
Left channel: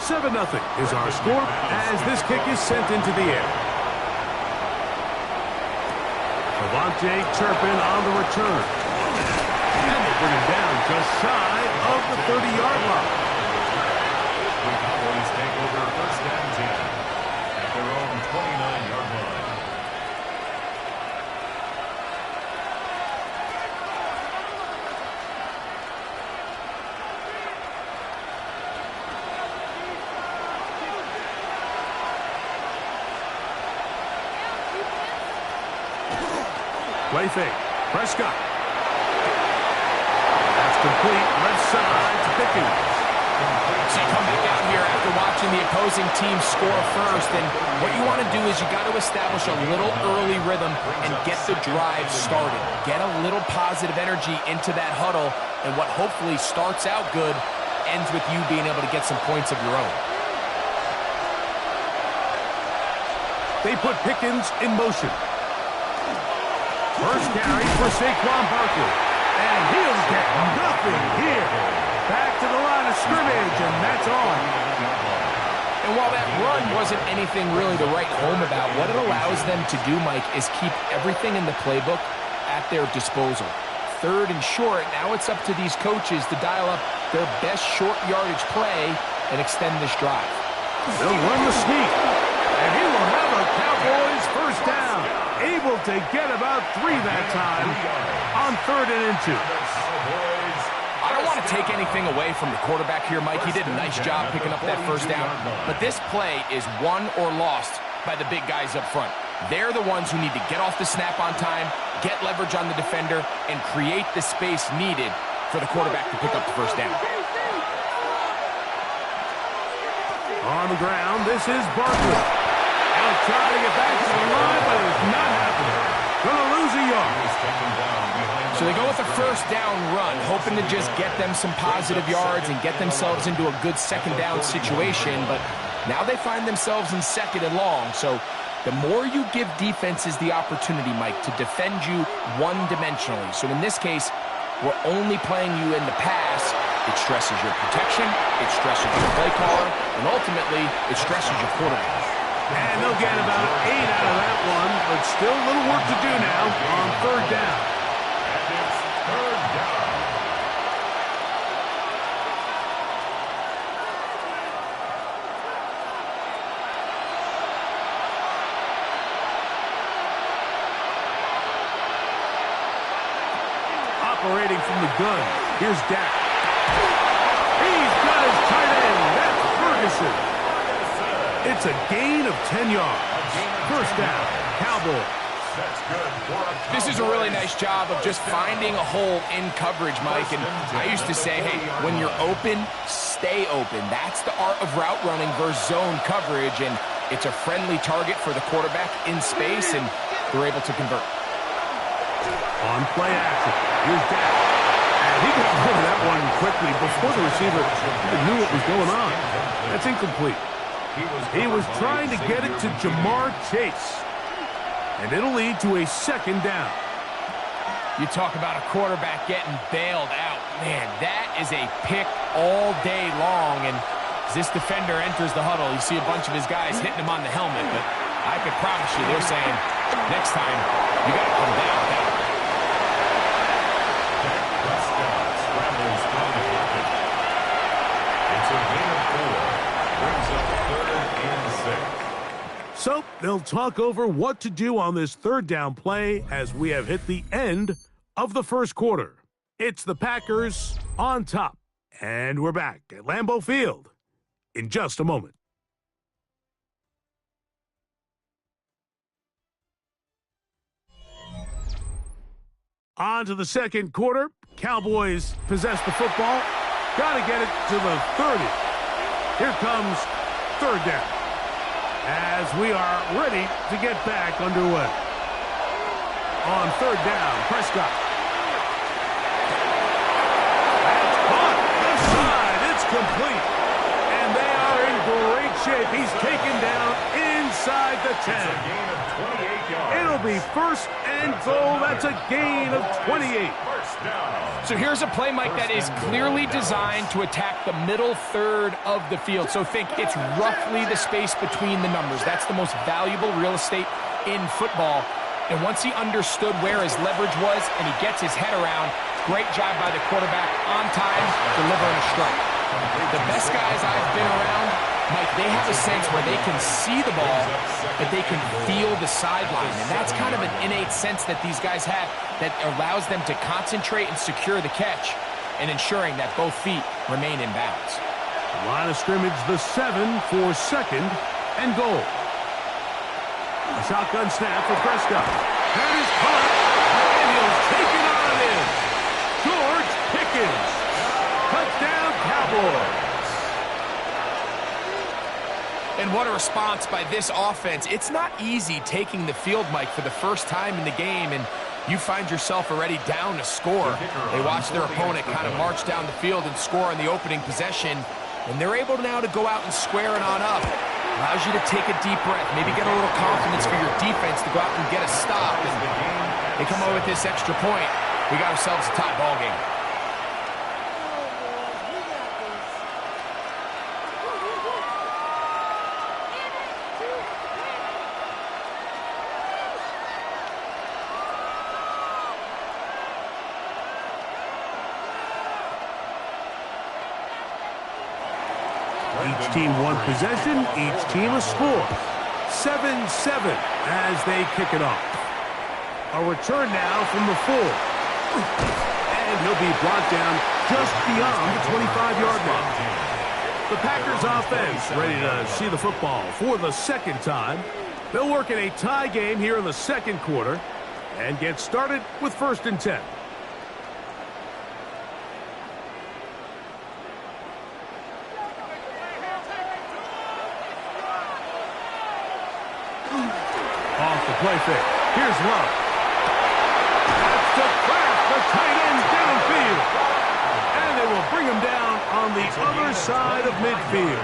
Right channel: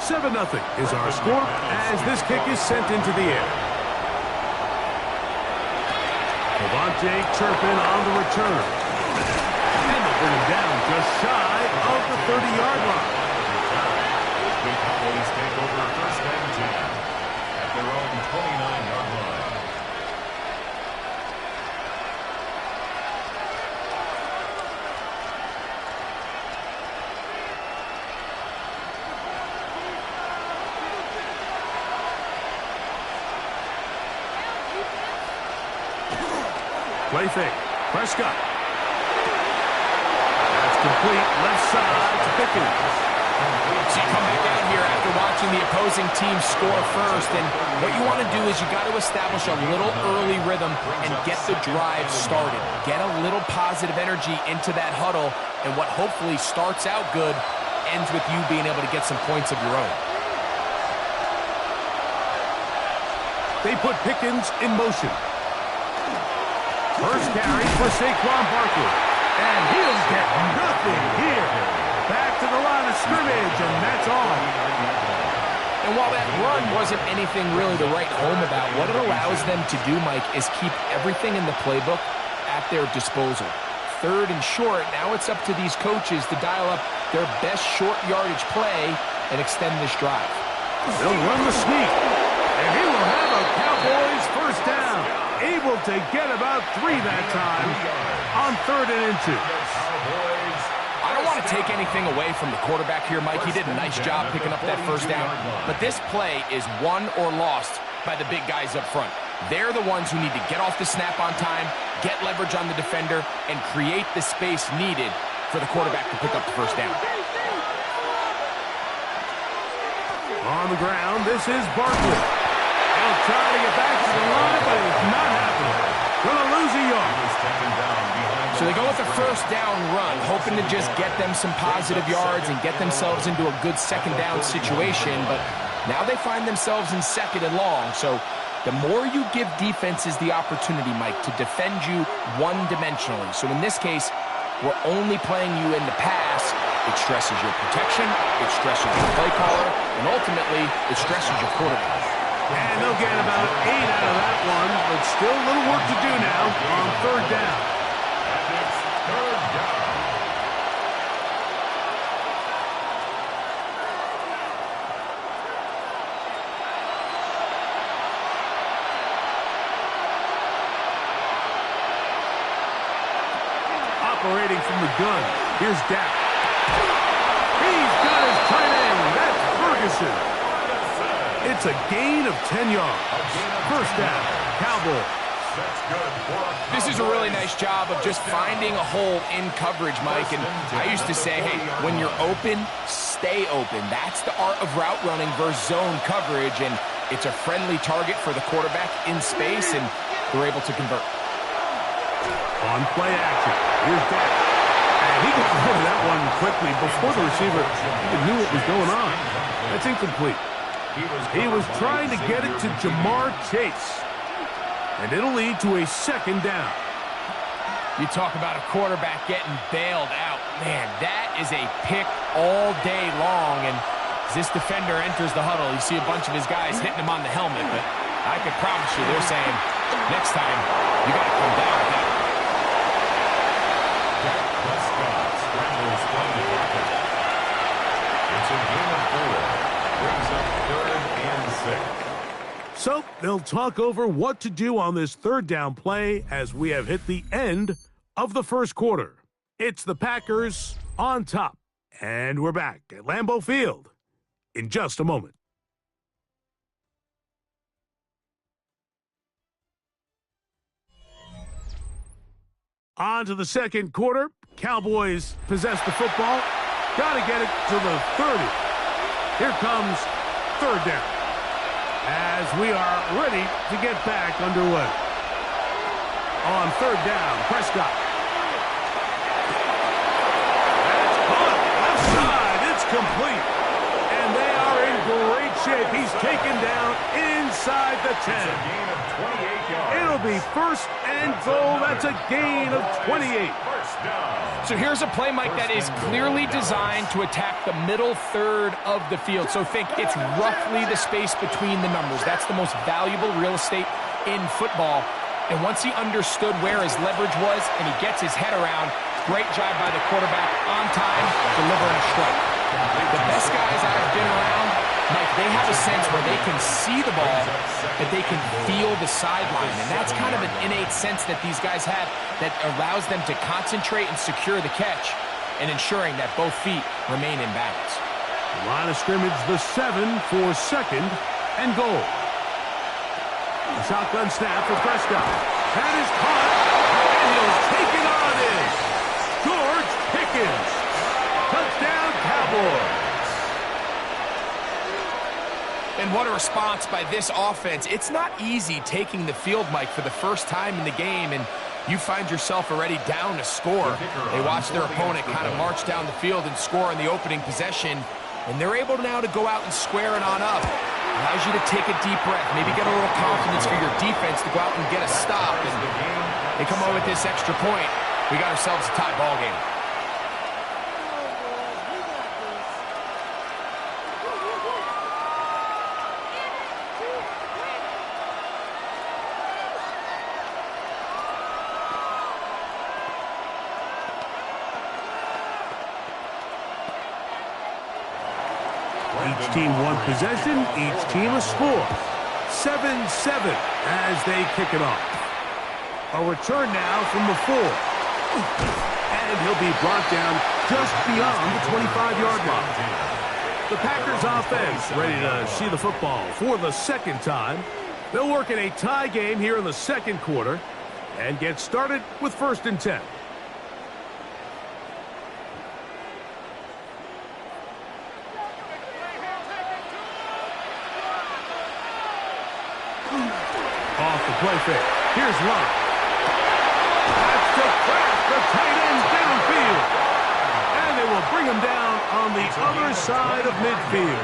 Seven 0 is our score as this kick is sent into the air. KaVontae Turpin on the return. And they bring him down just shy of the 30-yard line. The Cowboys take over 1st and 10 at their own 29-yard line. Play fake. Prescott. That's complete. Left side to Pickens. So you come back out here after watching the opposing team score first, and what you want to do is you got to establish a little early rhythm and get the drive started. Get a little positive energy into that huddle, and what hopefully starts out good ends with you being able to get some points of your own. They put Pickens in motion. First carry for Saquon Barkley. And he'll get nothing here. Back to the line of scrimmage, and that's on. And while that run wasn't anything really to write home about, what it allows them to do, Mike, is keep everything in the playbook at their disposal. 3rd and short, now it's up to these coaches to dial up their best short yardage play and extend this drive. They'll run the sneak. And he will have a Cowboys first down. Able to get about 3 that time on 3rd and 2. I don't want to take anything away from the quarterback here, Mike. He did a nice job picking up that first down. But this play is won or lost by the big guys up front. They're the ones who need to get off the snap on time, get leverage on the defender, and create the space needed for the quarterback to pick up the first down. On the ground, this is Barkley. He'll try to get back to the line, but it's not happening. Gonna lose a yard. So they go with the first down run, hoping to just get them some positive yards and get themselves into a good second down situation, but now they find themselves in 2nd and long. So the more you give defenses the opportunity, Mike, to defend you one-dimensionally. So in this case, we're only playing you in the pass. It stresses your protection, it stresses your play caller, and ultimately, it stresses your quarterback. And they'll get about 8 out of that one, but still a little work to do now on 3rd down. And it's 3rd down. Operating from the gun, here's Dak. He's got his tight end. That's Ferguson. It's a gain of 10 yards. First down, Cowboys. This is a really nice job of just finding a hole in coverage, Mike. And I used to say, hey, when you're open, stay open. That's the art of route running versus zone coverage. And it's a friendly target for the quarterback in space, and they're able to convert. On play action, here's Dak. And he got rid of that one quickly before the receiver even knew what was going on. That's incomplete. He was trying to get it to Jamar Chase. And it'll lead to a 2nd down. You talk about a quarterback getting bailed out. Man, that is a pick all day long. And as this defender enters the huddle, you see a bunch of his guys hitting him on the helmet. But I can promise you they're saying, next time, you got to come down with that one. Dak Prescott scrambles from the pocket. It's a gain of 4. Brings up 3rd and 6. So they'll talk over what to do on this 3rd down play as we have hit the end of the first quarter. It's the Packers on top. And we're back at Lambeau Field in just a moment. On to the second quarter. Cowboys possess the football. Got to get it to the 30. Here comes third down. As we are ready to get back underway. On third down, Prescott. That's caught. Left side. It's complete. And they are in great shape. He's taken down inside the 10. It's a gain of 28 yards. It'll be first and goal. That's a gain of 28. First down. So here's a play, Mike, that is clearly designed to attack the middle third of the field. So think it's roughly the space between the numbers. That's the most valuable real estate in football. And once he understood where his leverage was and he gets his head around, great job by the quarterback on time, delivering a strike. The best guys I've been around, Mike, they have a sense where they can see the ball, but they can feel the sideline. And that's kind of an innate sense that these guys have that allows them to concentrate and secure the catch and ensuring that both feet remain in bounds. Line of scrimmage, the 7 for second and goal. A shotgun snap for Prescott. That is caught, and he'll take it on in. George Pickens. Touchdown, Cowboys. And what a response by this offense. It's not easy taking the field, Mike, for the first time in the game, and you find yourself already down to score. They watch their opponent kind of march down the field and score in the opening possession, and they're able now to go out and square it on up. Allows you to take a deep breath, maybe get a little confidence for your defense to go out and get a stop. And they come away with this extra point. We got ourselves a tie ball game. Each team one possession, each team a score. 7-7 as they kick it off. A return now from the 4. And he'll be brought down just beyond the 25-yard line. The Packers offense ready to see the football for the second time. They'll work in a tie game here in the second quarter and get started with 1st and 10. Off the play fake. Here's Love. That's to Kraft, the tight end downfield. And they will bring him down on the other side of midfield.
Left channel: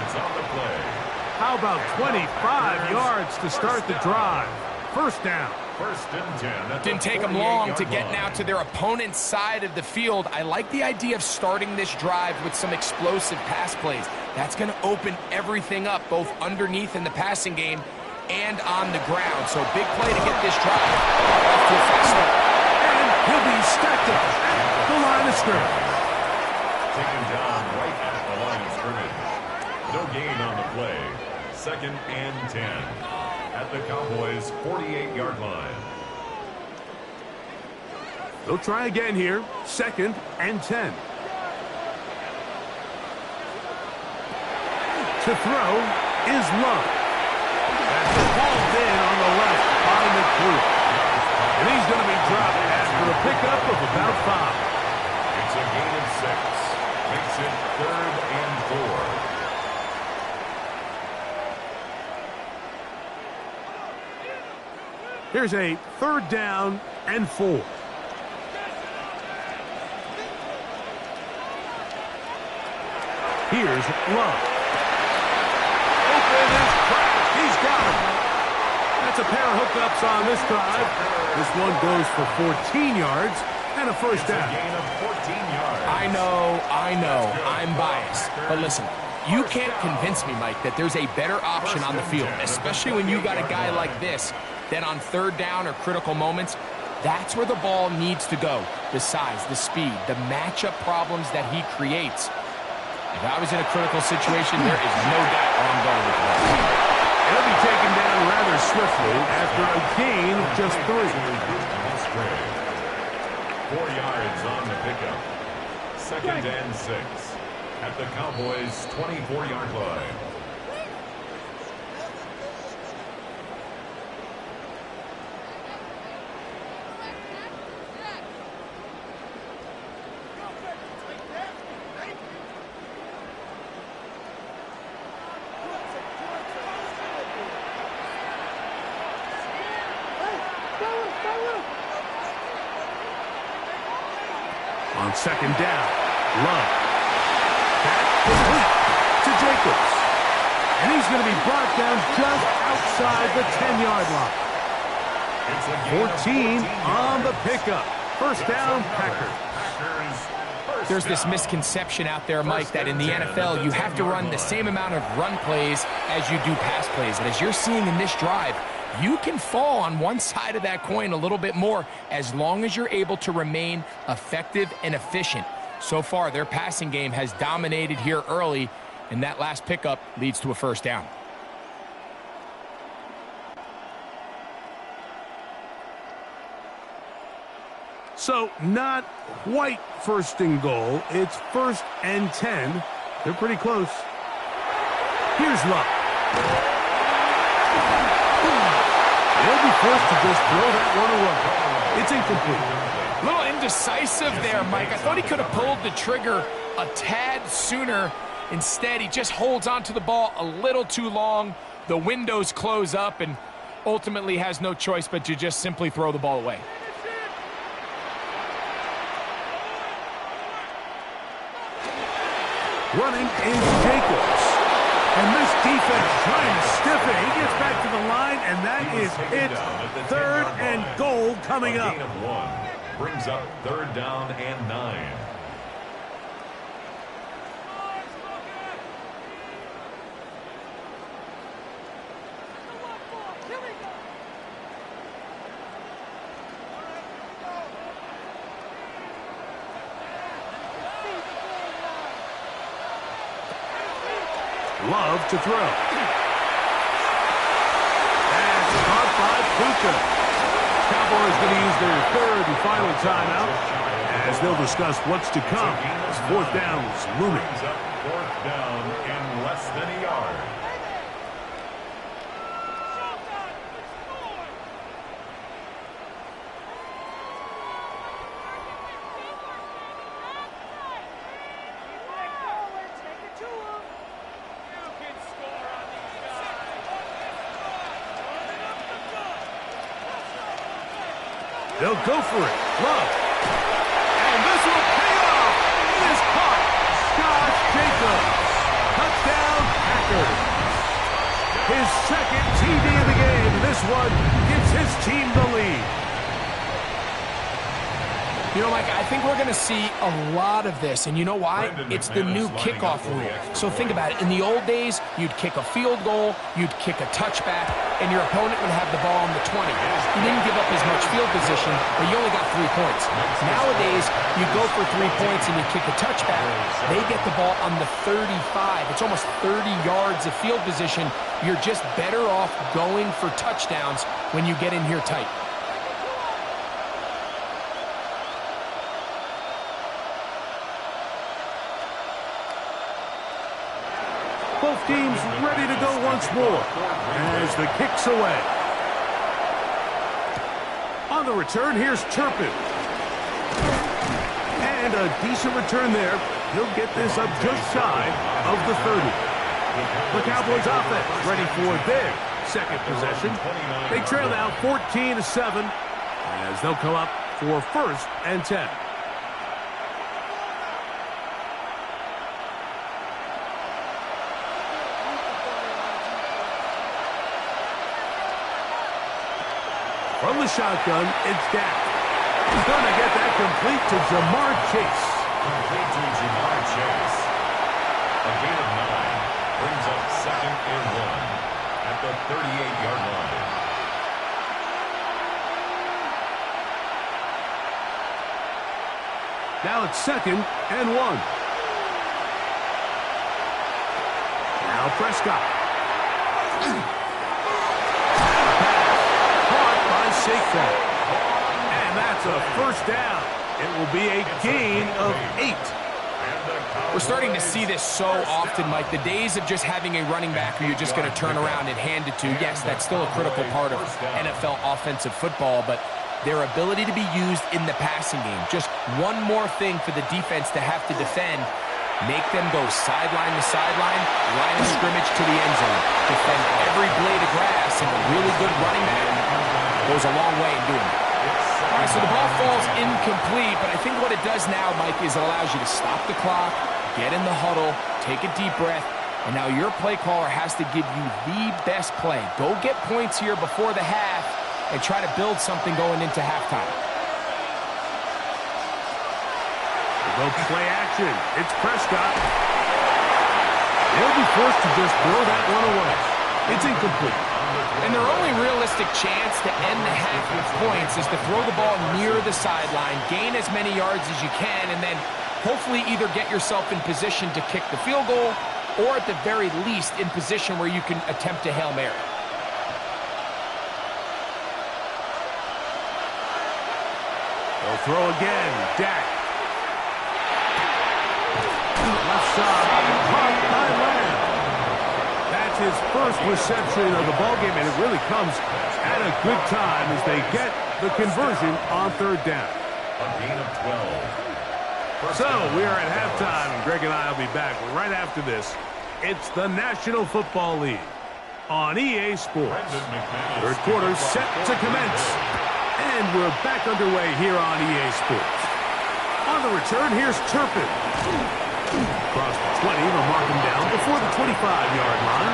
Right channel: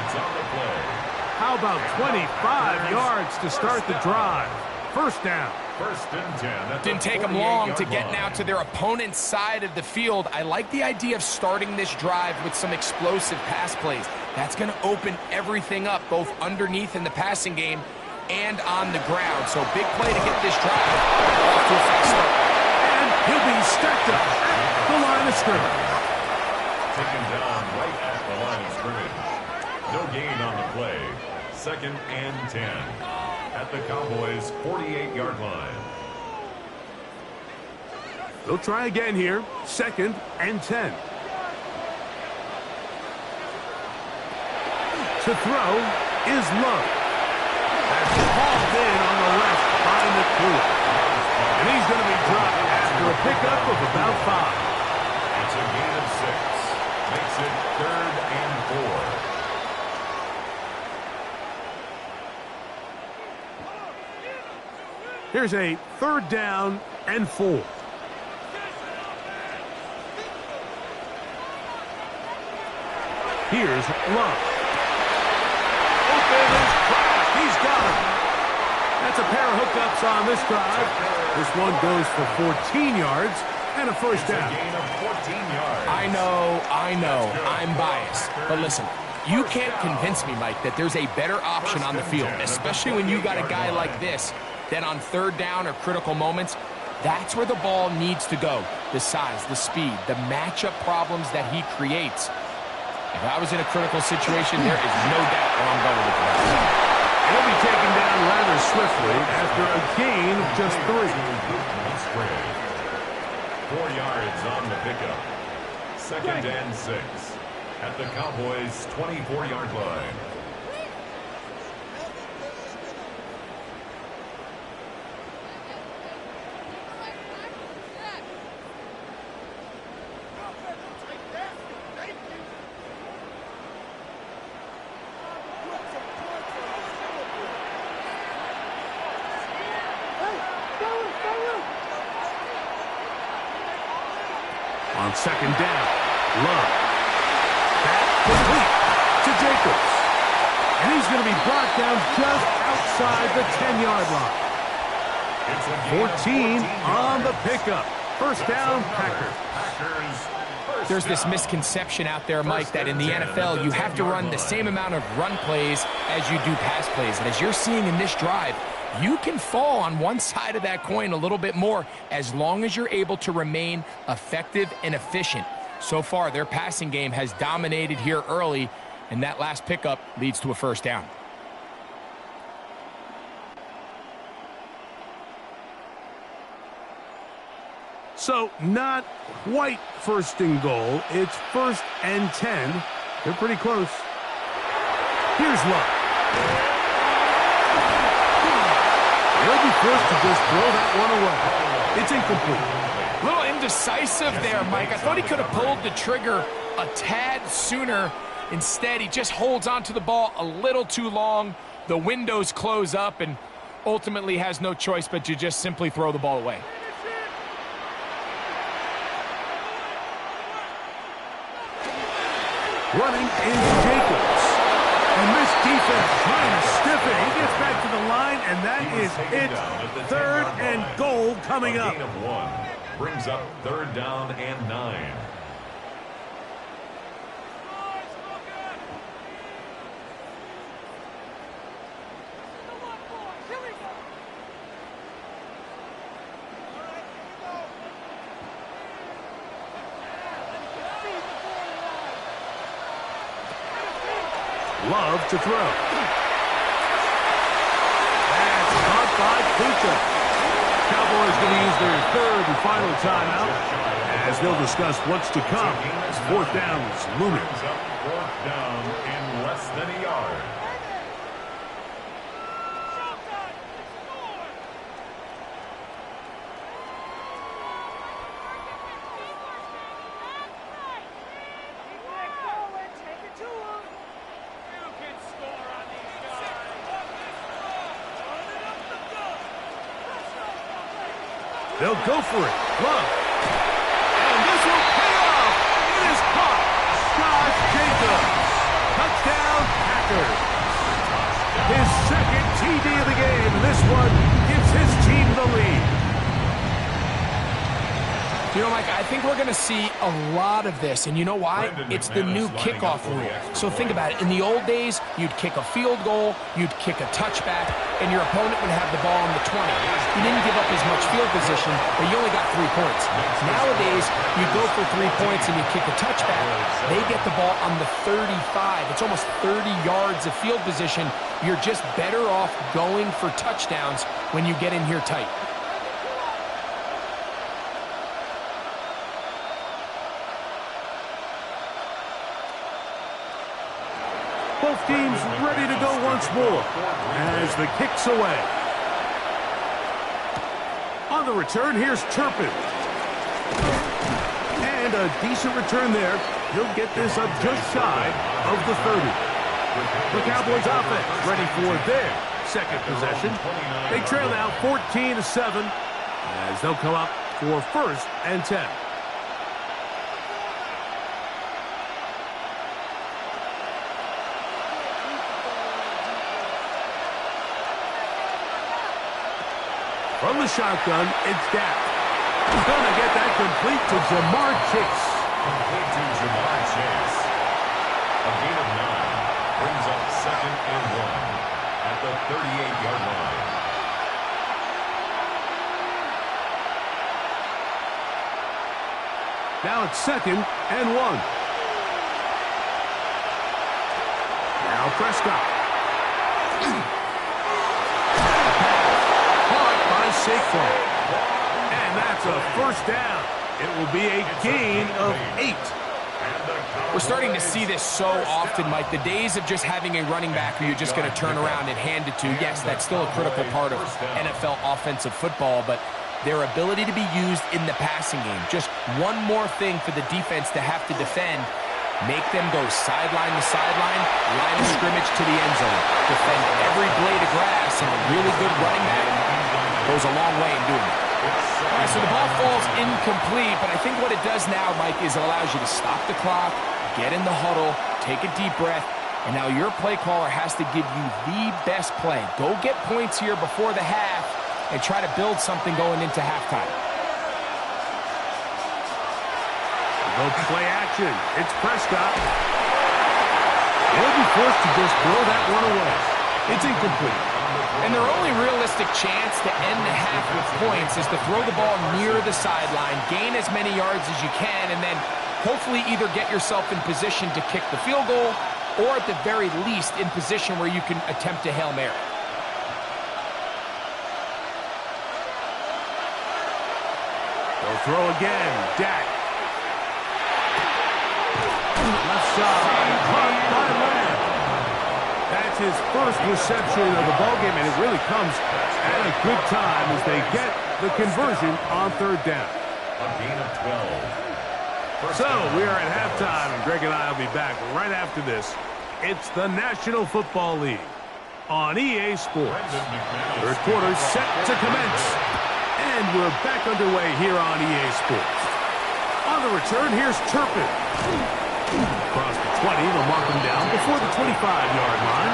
How about 25 yards to start the drive? First down. 1st and 10. Didn't take them long to get now to their opponent's side of the field. I like the idea of starting this drive with some explosive pass plays. That's going to open everything up, both underneath in the passing game and on the ground. So big play to get this drive off to a fast start. And he'll be stacked up at the line of scrimmage. Taken down right at the line of scrimmage. No gain on the play. 2nd and 10 at the Cowboys' 48-yard line. They'll try again here. 2nd and 10. To throw is Love. That's hauled in on the left by McCool. And he's going to be dropped after a pickup of about 5. It's a gain of 6. Makes it 3rd and 4. Here's a 3rd down and 4. Here's Love. Open is Kraft. He's got him. That's a pair of hookups on this drive. This one goes for 14 yards and a first down. It's a gain of 14 yards. I know, I'm biased. But listen, you can't convince me, Mike, that there's a better option on the field, especially when you got a guy like this, that on 3rd down or critical moments, that's where the ball needs to go. The size, the speed, the matchup problems that he creates. If I was in a critical situation, there is no doubt where I'm going with that. He'll be taken down rather swiftly after a gain of just 3. Musgrave. 4 yards on the pickup. 2nd and 6 at the Cowboys' 24-yard line. On second down, Love. That complete to Jacobs. And he's going to be brought down just outside the 10-yard line. 14 on the pickup. First down, Packers. There's this misconception out there, Mike, that in the NFL you have to run the same amount of run plays as you do pass plays. And as you're seeing in this drive, you can fall on one side of that coin a little bit more as long as you're able to remain effective and efficient. So far, their passing game has dominated here early, and that last pickup leads to a first down. So, not quite first and goal. It's 1st and 10. They're pretty close. Here's Love. They'll be forced to just throw that one away. It's incomplete. A little indecisive there, Mike. I thought he could have pulled the trigger a tad sooner. Instead, he just holds onto the ball a little too long. The windows close up and ultimately has no choice but to just simply throw the ball away. Running is Jacobs. And this defense trying to stiff it. He gets back to the line, and that is it. 3rd and goal coming up. Gain of 1 brings up 3rd down and 9. Love to throw. That's caught by Puka. Cowboys going to use their 3rd and final timeout as they'll discuss what's to come as 4th down is looming. Brings up 4th down and less than a yard. They'll go for it. Love. And this will pay off. It is caught. Josh Jacobs. Touchdown, Packers. His 2nd TD of the game. And this one gives his team the lead. You know, Mike, I think we're going to see a lot of this, and you know why? It's the new kickoff rule. So think about it. In the old days, you'd kick a field goal, you'd kick a touchback, and your opponent would have the ball on the 20. You didn't give up as much field position, but you only got 3 points. Nowadays, you go for 3 points and you kick a touchback. They get the ball on the 35. It's almost 30 yards of field position. You're just better off going for touchdowns when you get in here tight. Both teams ready to go once more as the kick's away. On the return, here's Turpin. And a decent return there. He'll get this up just shy of the 30. The Cowboys offense ready for their 2nd possession. They trail now 14-7 as they'll come up for 1st and 10. From the shotgun, it's Dak. He's going to get that complete to Jamar Chase. Complete to Jamar Chase. A gain of 9 brings up 2nd and 1 at the 38-yard line. Now it's 2nd and 1. Now Prescott. Saquon. And that's a first down. It will be a gain of 8. We're starting to see this so often, Mike. The days of just having a running back who you're just going to turn around and hand it to, yes, that's still a critical part of NFL offensive football, but their ability to be used in the passing game. Just one more thing for the defense to have to defend. Make them go sideline to sideline, line of scrimmage to the end zone. Defend every blade of grass, and a really good running back goes a long way in doing that. All right, so the ball falls incomplete, but I think what it does now, Mike, is it allows you to stop the clock, get in the huddle, take a deep breath, and now your play caller has to give you the best play. Go get points here before the half and try to build something going into halftime. Go play action. It's Prescott. He'll be forced to just throw that one away. It's incomplete. And their only realistic chance to end the half with points is to throw the ball near the sideline, gain as many yards as you can, and then hopefully either get yourself in position to kick the field goal or at the very least in position where you can attempt a Hail Mary. They'll throw again. Dak. Left side. Caught by Lamb. That's his first reception of the ballgame, and it really comes at a good time as they get the conversion on third down. A gain of 12. So we are at halftime, and Greg and I will be back right after this. It's the National Football League on EA Sports. Third quarter set to commence, and we're back underway here on EA Sports. On the return, here's Turpin. Across the 20, they'll mark him down before the 25-yard line.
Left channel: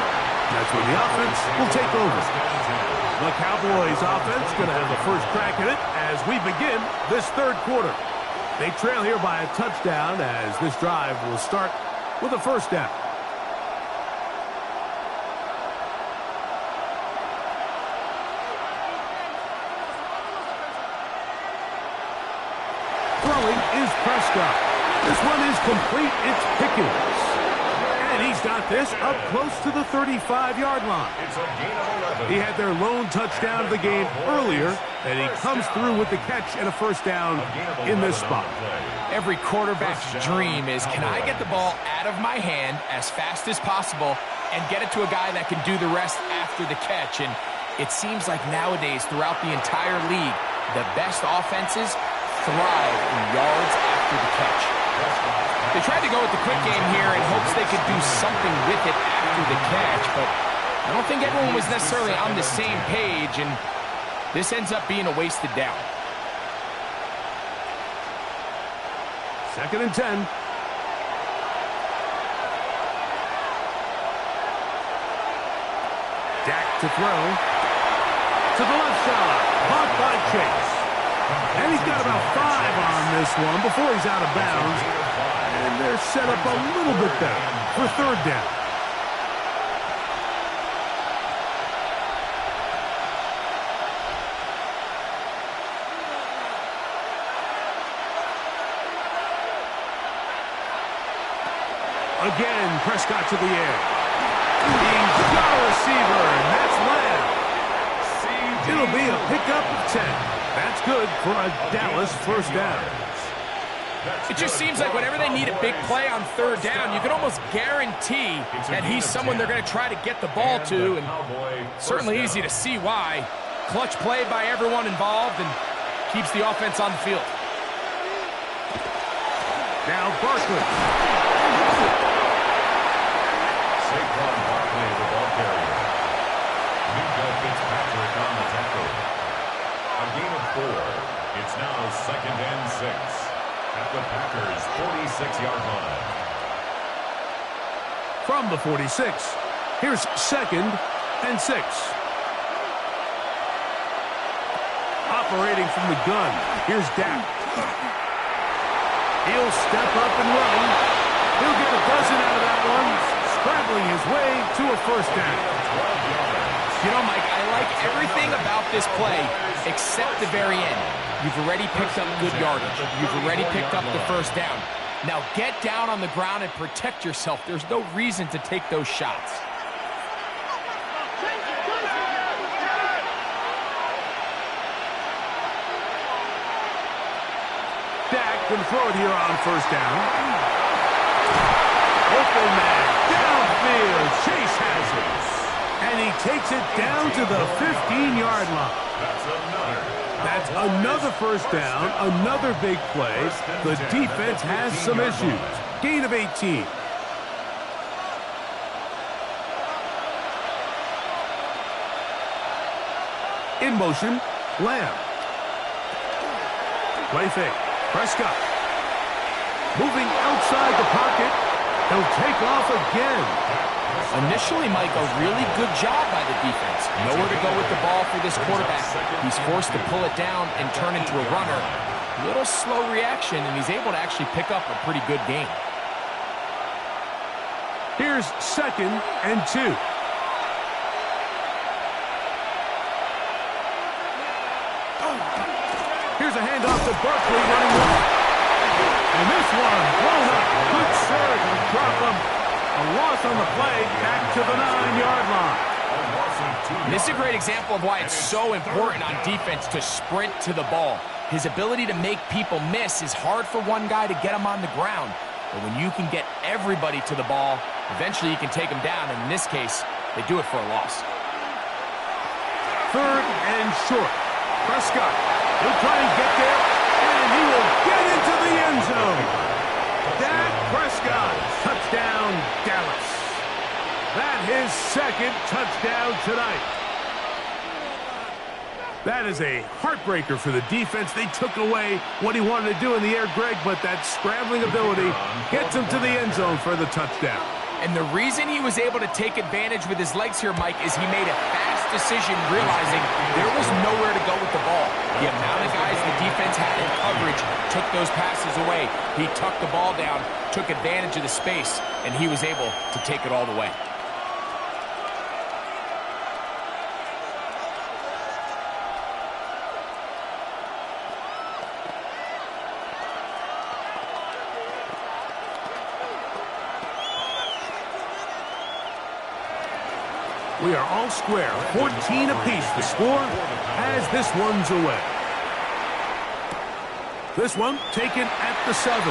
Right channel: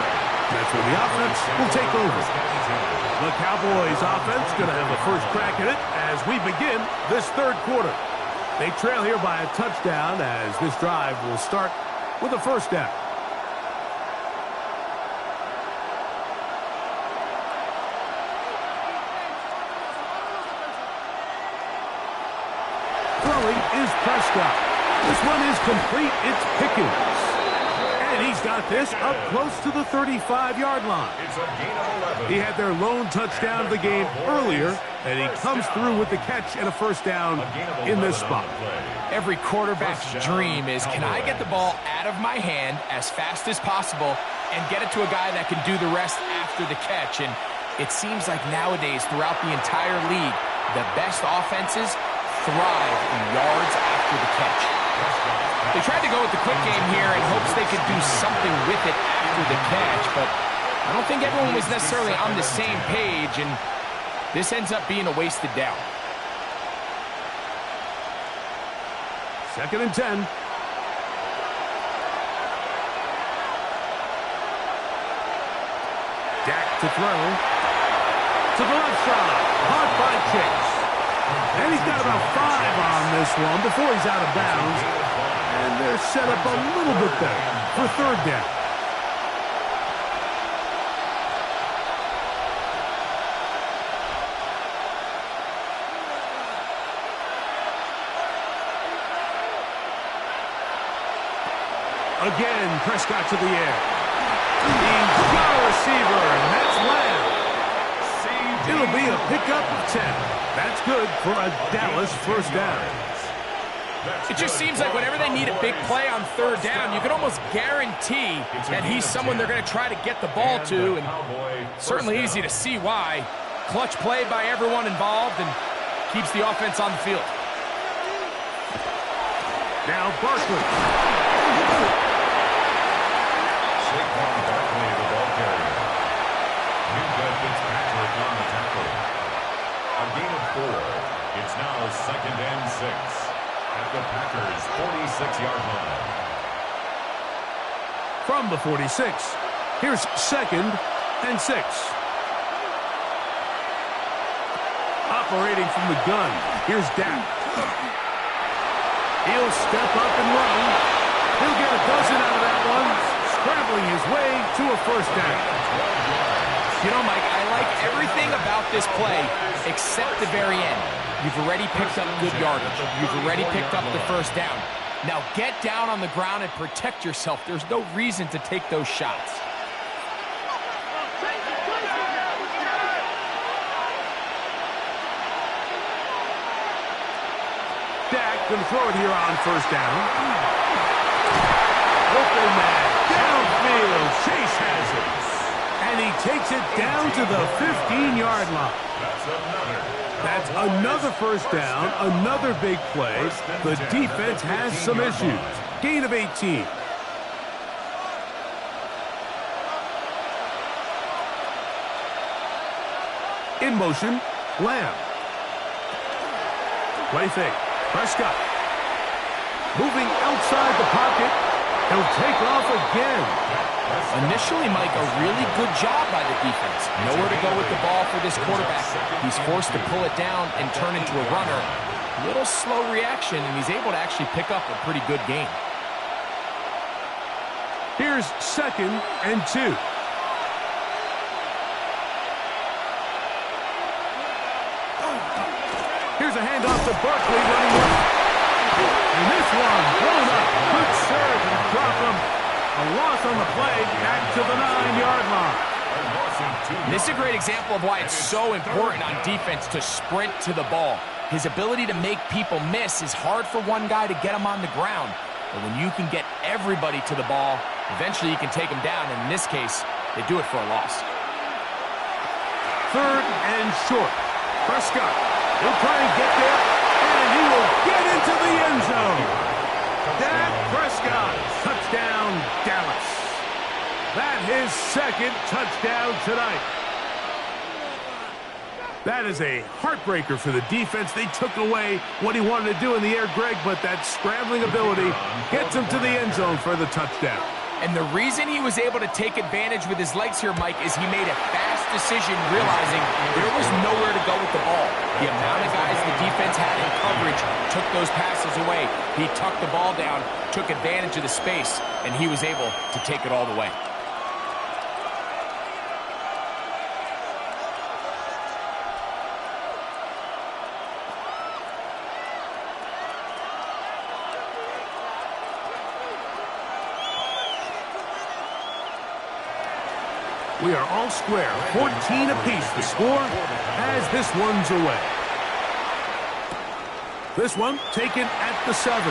That's when the offense will take over. The Cowboys offense going to have the first crack at it as we begin this third quarter. They trail here by a touchdown as this drive will start with a first down. Throwing is Prescott. This one is complete. It's Pickens. And he's got this up close to the 35-yard line. It's a gain of 11. He had their lone touchdown of the game earlier, and he comes through with the catch and a first down in this spot. Every quarterback's dream is, can I get the ball out of my hand as fast as possible and get it to a guy that can do the rest after the catch? And it seems like nowadays, throughout the entire league, the best offenses thrive in yards after the catch. They tried to go with the quick game here in hopes they could do something with it after the catch, but I don't think everyone was necessarily on the same page, and this ends up being a wasted down. 2nd and 10. Dak to throw. To the left side. Caught by Chase. And he's got about 5 on this one before he's out of bounds. And they're set up a little bit better for third down. Again, Prescott to the air. He's got a receiver, and that's Lamb. It'll be a pickup of 10. That's good for a Dallas first down. It just seems like whenever they need a big play on third down, you can almost guarantee that he's someone they're going to try to get the ball to, and certainly easy to see why. Clutch play by everyone involved and keeps the offense on the field. Now Barkley. Saquon Barkley, the ball carrier. Minka Fitzpatrick on the tackle. A gain of 4. It's now 2nd and 6 at the Packers' 46-yard line. From the 46, here's 2nd and 6. Operating from the gun, here's Dak. He'll step up and run. He'll get a dozen out of that one, scrambling his way to a first down. You know, Mike, I like everything about this play except the very end. You've already picked up good yardage. You've already picked up the first down. Now get down on the ground and protect yourself. There's no reason to take those shots. Dak going to throw it here on first down. Open man, downfield. Chase has it. And he takes it down to the 15-yard line. That's another first down, another big play. The defense has some issues. Gain of 18. In motion, Lamb. Play fake. Prescott. Moving outside the pocket. He'll take off again. Initially, Mike, a really good job by the defense. Nowhere to go with the ball for this quarterback. He's forced to pull it down and turn into a runner. Little slow reaction, and he's able to actually pick up a pretty good gain. Here's 2nd and 2. Here's a handoff to Barkley running left. And this one blown up. Good surge and drop him. A loss on the play, back to the 9-yard line. And this is a great example of why it's so important on defense to sprint to the ball. His ability to make people miss is hard for one guy to get him on the ground. But when you can get everybody to the ball, eventually you can take him down. And in this case, they do it for a loss. 3rd and short. Prescott. He'll try and get there, and he will get into the end zone. Dak Prescott, touchdown, Dallas. That his 2nd touchdown tonight. That is a heartbreaker for the defense. They took away what he wanted to do in the air, Greg, but that scrambling ability gets him to the end zone for the touchdown. And the reason he was able to take advantage with his legs here, Mike, is he made a fast decision realizing there was nowhere to go with the ball. The amount of guys the defense had in coverage took those passes away. He tucked the ball down, took advantage of the space, and he was able to take it all the way. We are all square, 14 apiece the score as this one's away. This one taken at the 7.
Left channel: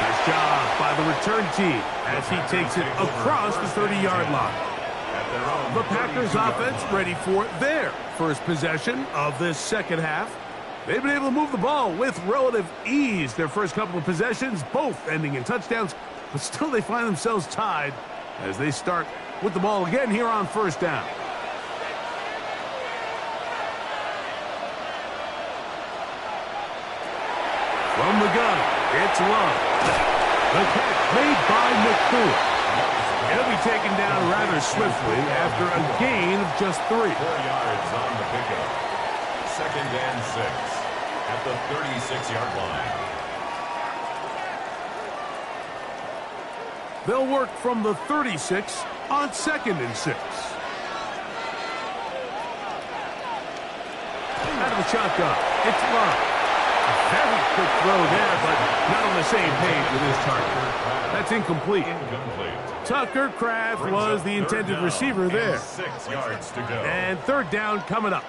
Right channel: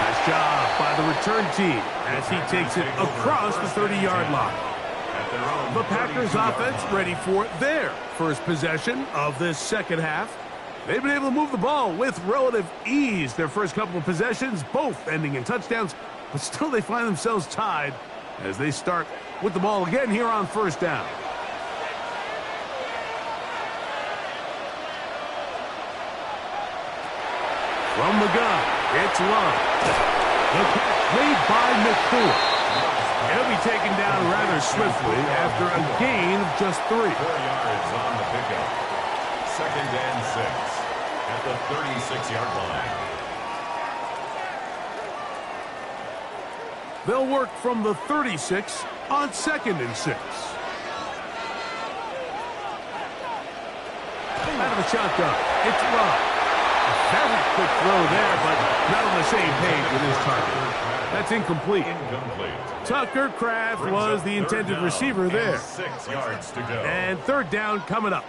Nice job by the return team as he takes it across the 30-yard line. The Packers offense ready for their first possession of this second half. They've been able to move the ball with relative ease. Their first couple of possessions, both ending in touchdowns, but still they find themselves tied as they start with the ball again here on 1st down. From the gun, it's Love. The catch made by Nakua. He'll be taken down rather swiftly after a gain of just 3. 4 yards on the pickup. 2nd and 6 at the 36-yard line. They'll work from the 36 on 2nd and 6. Out of the shotgun, it's Love. A very quick throw there, but not on the same page with his target. That's incomplete. Tucker Kraft was the intended receiver there. 6 yards to go. And 3rd down coming up.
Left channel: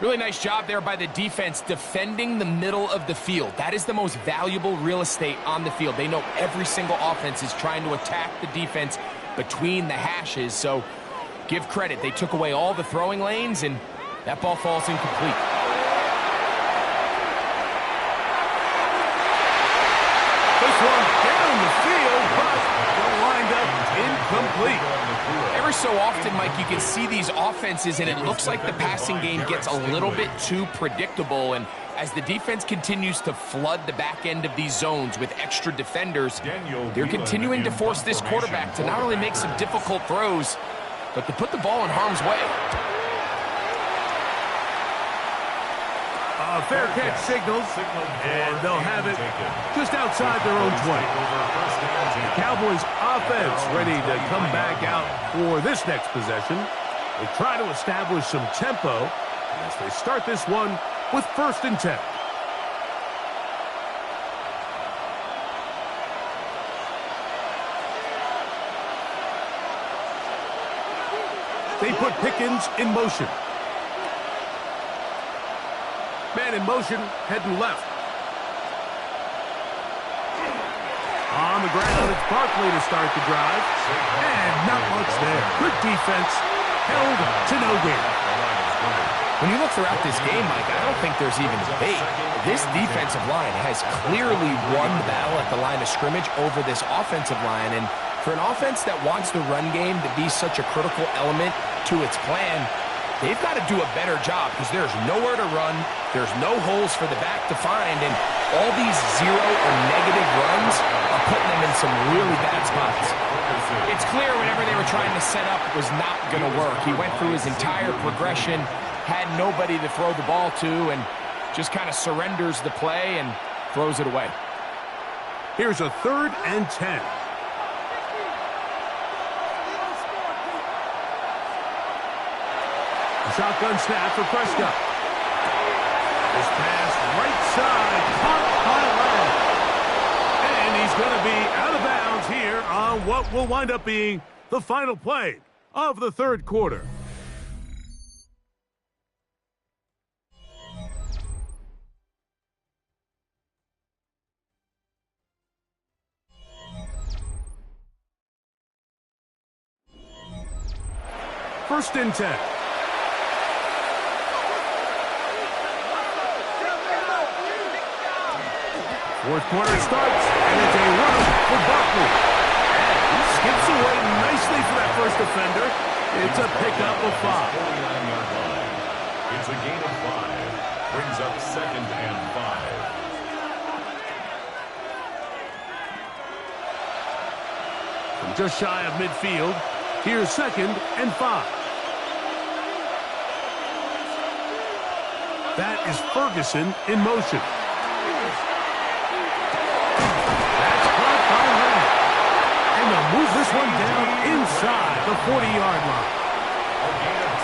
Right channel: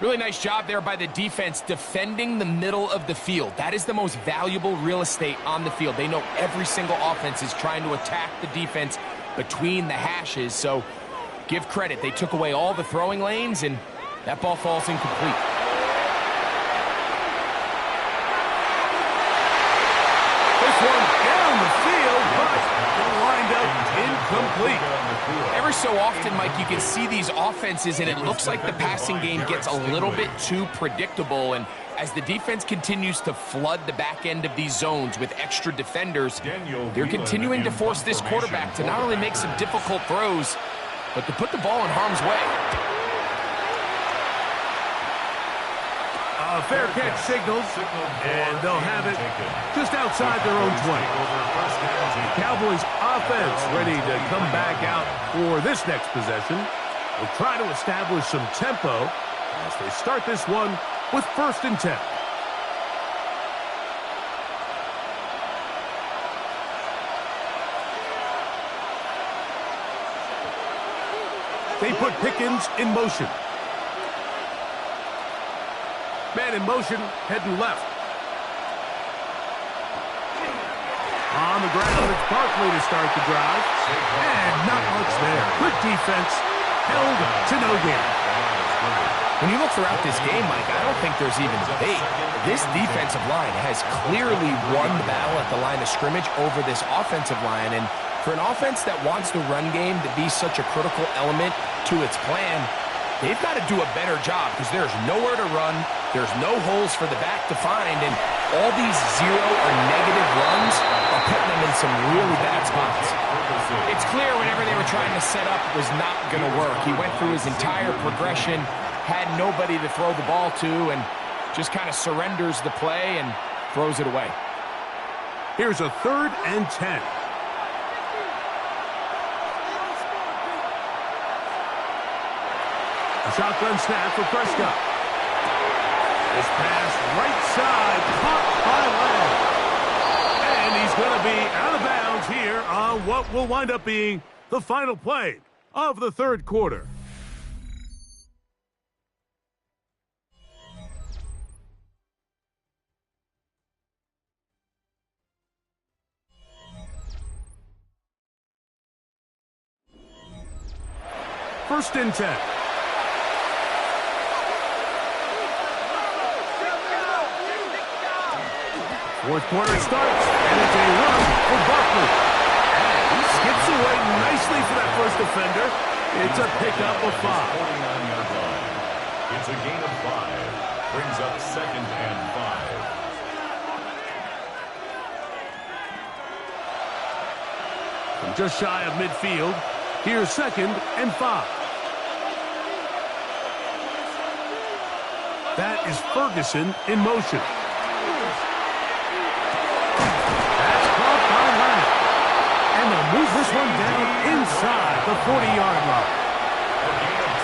Really nice job there by the defense defending the middle of the field. That is the most valuable real estate on the field. They know every single offense is trying to attack the defense between the hashes, so give credit. They took away all the throwing lanes, and that ball falls incomplete. This one down the field, but it'll wind up incomplete. Ever so often, Mike, you can see these offenses, and it looks like the passing game gets a little bit too predictable, and as the defense continues to flood the back end of these zones with extra defenders, they're continuing to force this quarterback to not only make some difficult throws, but to put the ball in harm's way. A fair catch signals, and they'll have it just outside their own 20. The Cowboys offense ready to come back out for this next possession. They'll try to establish some tempo as they start this one with 1st and 10. They put Pickens in motion. Man in motion, heading left. On the ground, it's Barkley to start the drive. And not much there. Good defense, held to no gain. When you look throughout this game, Mike, I don't think there's even debate. This defensive line has clearly won the battle at the line of scrimmage over this offensive line. And for an offense that wants the run game to be such a critical element to its plan, they've got to do a better job because there's nowhere to run, there's no holes for the back to find, and all these zero or negative runs are putting them in some really bad spots. It's clear whatever they were trying to set up was not going to work. He went through his entire progression, had nobody to throw the ball to, and just kind of surrenders the play and throws it away. Here's a 3rd and 10. A shotgun snap for Prescott. This pass right side, caught by Lamb. And he's going to be out of bounds here on what will wind up being the final play of the 3rd quarter. First and 10. Fourth quarter starts, and it's a run for Barkley. And he skips away nicely for that first defender. It's a pickup of 5. 49-yard line. It's a gain of 5. Brings up 2nd and 5. From just shy of midfield, here's 2nd and 5. That is Ferguson in motion. That's caught by Lamb. And they'll move this one down inside the 40-yard line.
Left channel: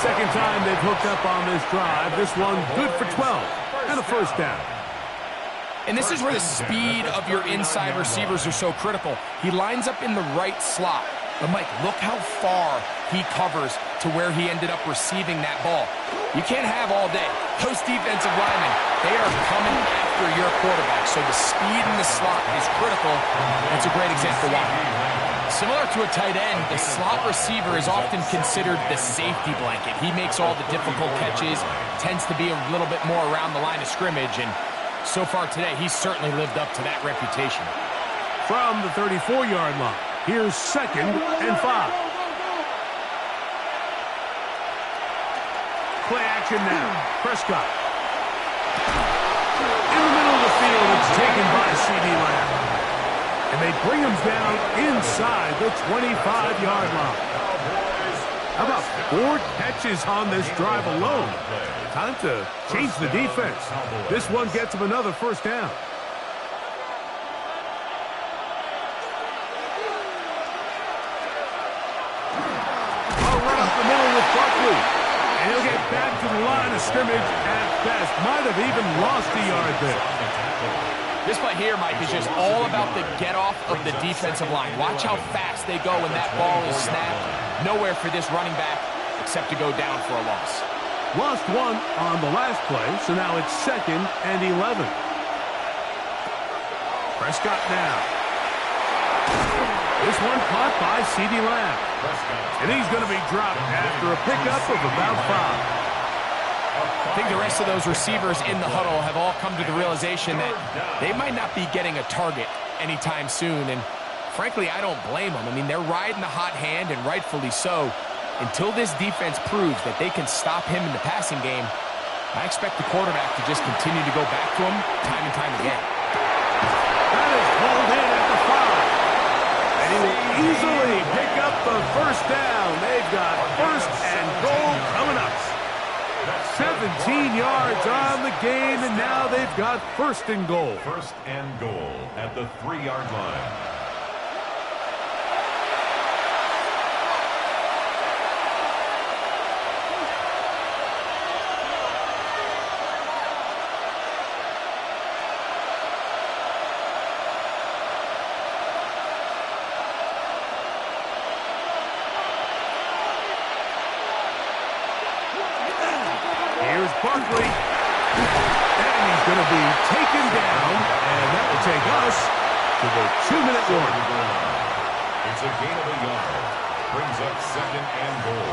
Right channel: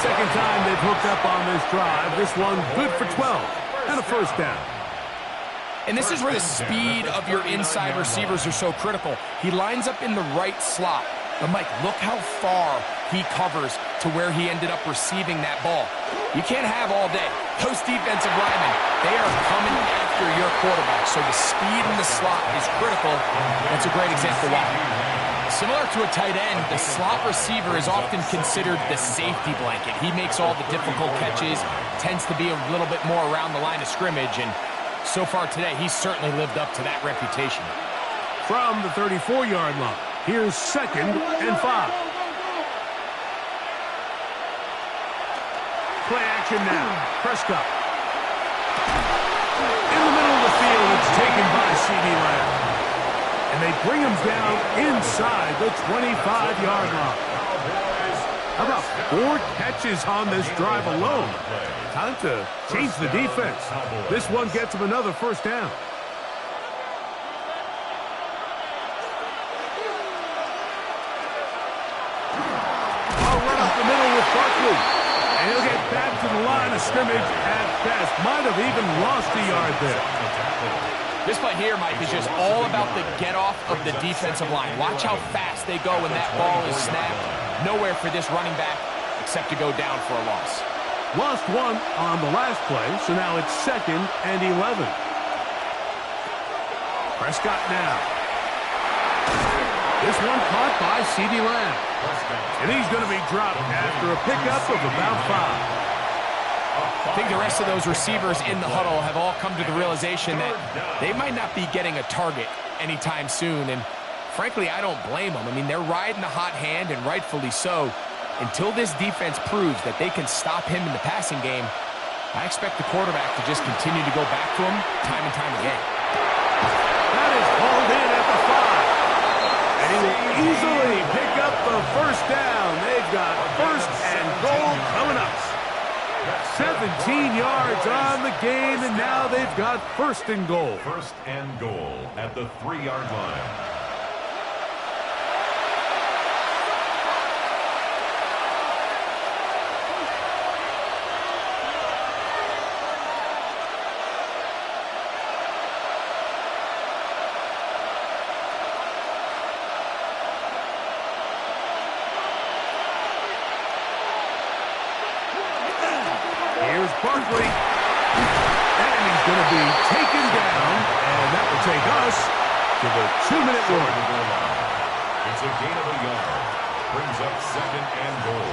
Second time they've hooked up on this drive. This one good for 12 and a first down. And this is where the speed of your inside receivers are so critical. He lines up in the right slot. But, Mike, look how far he covers to where he ended up receiving that ball. You can't have all day. Those defensive linemen, they are coming after your quarterback. So the speed in the slot is critical. That's a great example why. Similar to a tight end, the slot receiver is often considered the safety blanket. He makes all the difficult catches, tends to be a little bit more around the line of scrimmage, and so far today, he's certainly lived up to that reputation. From the 34-yard line, here's 2nd and 5. Play action now. Prescott. In the middle of the field, it's taken by C.D. Lamb. And they bring him down inside the 25-yard line. How about 4 catches on this drive alone? Time to change the defense. This one gets him another first down. I'll run up the middle with Barkley. And he'll get back to the line of scrimmage at best. Might have even lost a yard there. This play here, Mike, is just all about the get-off of the defensive line. Watch how fast they go when that ball is snapped. Nowhere for this running back except to go down for a loss. Lost 1 on the last play, so now it's 2nd and 11. Prescott now. This one caught by C.D. Lamb. And he's going to be dropped after a pickup of about 5. I think the rest of those receivers in the huddle have all come to the realization that they might not be getting a target anytime soon. And frankly, I don't blame them. I mean, they're riding the hot hand, and rightfully so. Until this defense proves that they can stop him in the passing game, I expect the quarterback to just continue to go back to him time and time again. That is hauled in at the 5. And he will easily pick up the first down. They've got 1st and goal coming up. 17 yards on the game, and now they've got 1st and goal. 1st and goal at the 3-yard line. Here's Barkley, and he's going to be taken down, and that will take us to the 2-minute warning. It's a gain of a yard. Brings up 2nd and goal.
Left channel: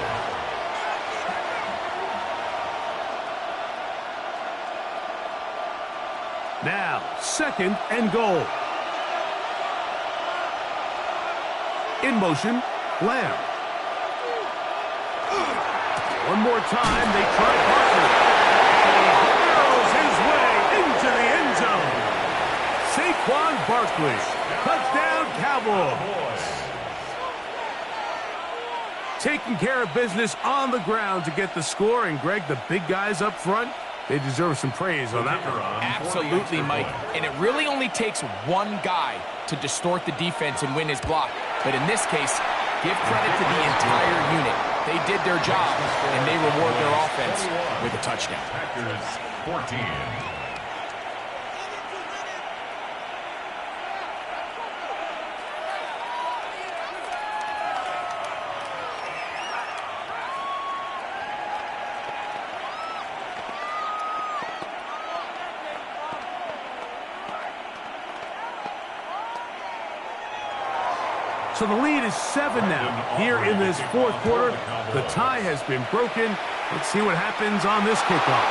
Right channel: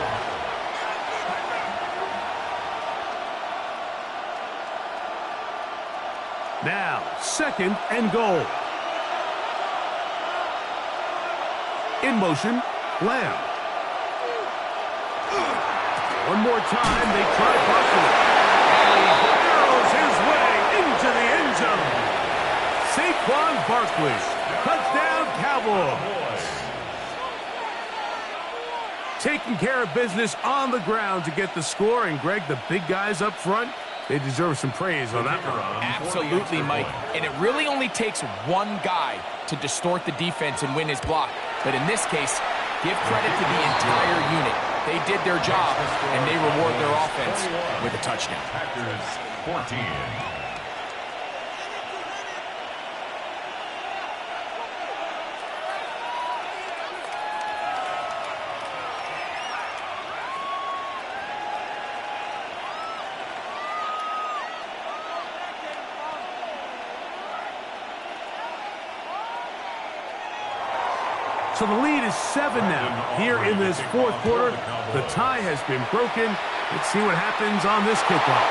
Now, 2nd and goal. In motion, Lamb. One more time, they try Barkley. And he arrows his way into the end zone. Saquon Barkley, touchdown Cowboys. Taking care of business on the ground to get the score. And, Greg, the big guys up front, they deserve some praise on that one. Absolutely, Mike. And it really only takes one guy to distort the defense and win his block. But in this case, give credit to the entire unit. They did their job, and they reward their offense with a touchdown. Packers 14. So the lead is 7 now. Here in this fourth quarter, the tie has been broken. Let's see what happens on this kickoff.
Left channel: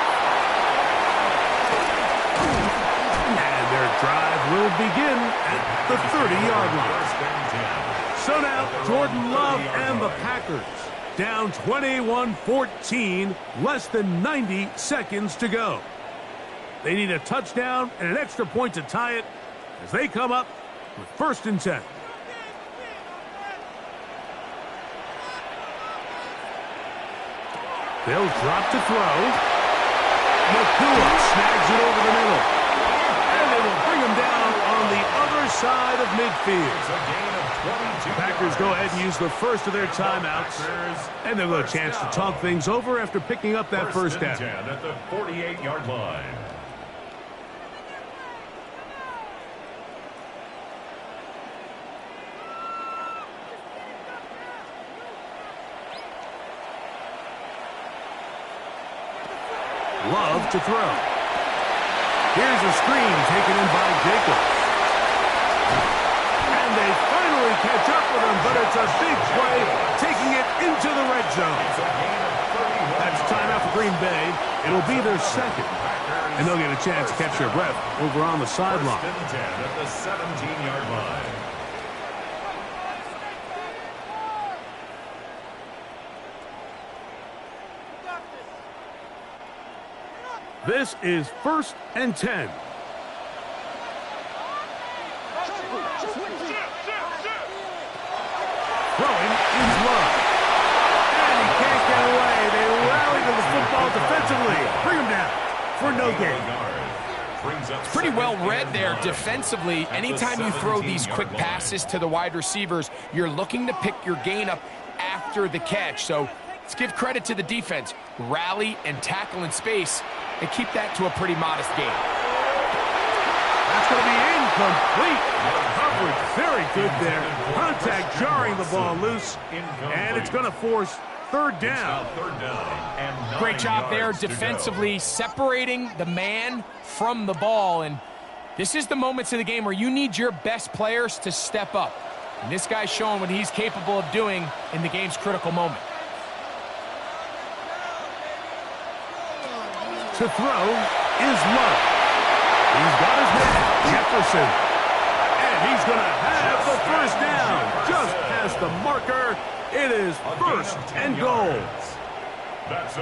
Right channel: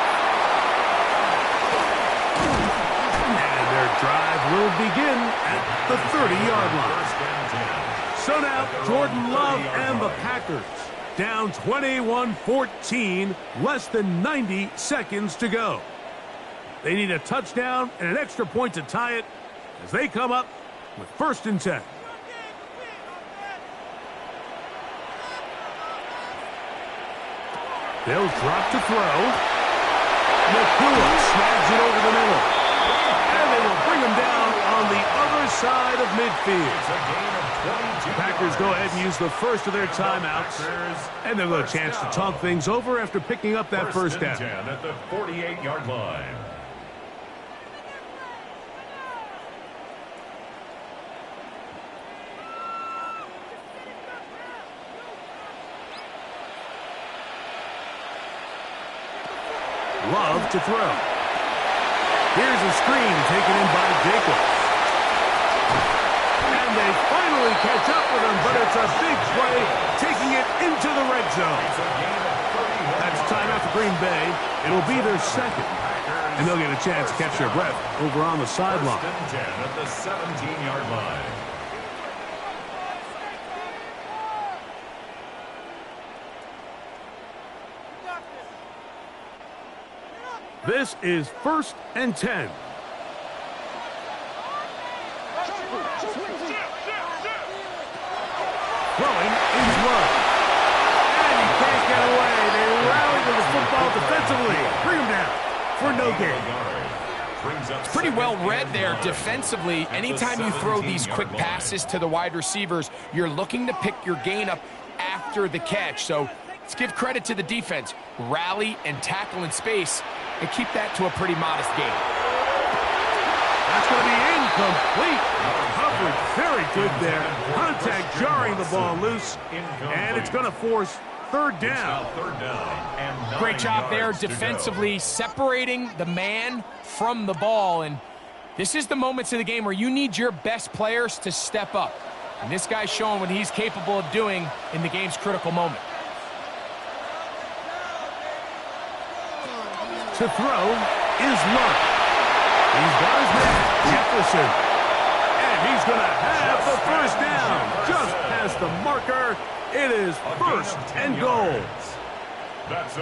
And their drive will begin at the 30-yard line. So now, Jordan Love and the Packers down 21-14, less than 90 seconds to go. They need a touchdown and an extra point to tie it as they come up with 1st and 10. They'll drop to throw. Nakua snags it over the middle. And they will bring him down on the other side of midfield. The Packers go ahead and use the first of their timeouts. And they'll have a chance to talk things over after picking up that first down. 10 at the 48-yard line. Love to throw. Here's a screen taken in by Jacobs. And they finally catch up with him, but it's a big play, taking it into the red zone. That's timeout for Green Bay. It'll be their second. And they'll get a chance to catch their breath over on the sideline. 1st and 10 at the 17-yard line. This is 1st and 10. Throwing is Love. And he can't get away. They rally to the football defensively. Bring him down for no gain. It's pretty well read there defensively. Anytime you throw these quick passes to the wide receivers, you're looking to pick your gain up after the catch. So let's give credit to the defense. Rally and tackle in space and keep that to a pretty modest gain. That's going to be incomplete. Coverage very good there. Contact jarring the ball loose. And it's going to force 3rd down. Great job there defensively, separating the man from the ball. And this is the moments of the game where you need your best players to step up. And this guy's showing what he's capable of doing in the game's critical moment. To throw is Love. He's got his man, Jefferson. And he's going to have the 1st down. Just past the marker. It is 1st and goal.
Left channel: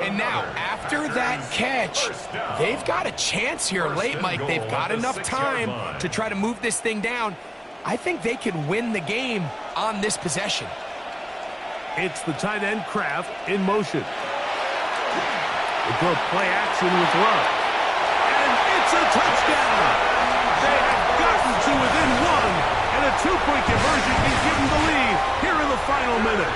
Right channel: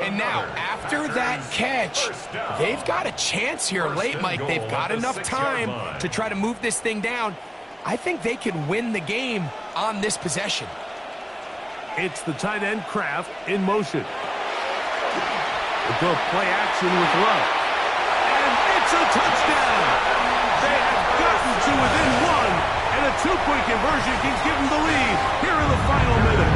And now, after that catch, they've got a chance here late, Mike. They've got enough time to try to move this thing down. I think they can win the game on this possession. It's the tight end Kraft in motion. We'll go play action with Love. And it's a touchdown. They have gotten to within 1, and a 2-point conversion can give them the lead here in the final minute.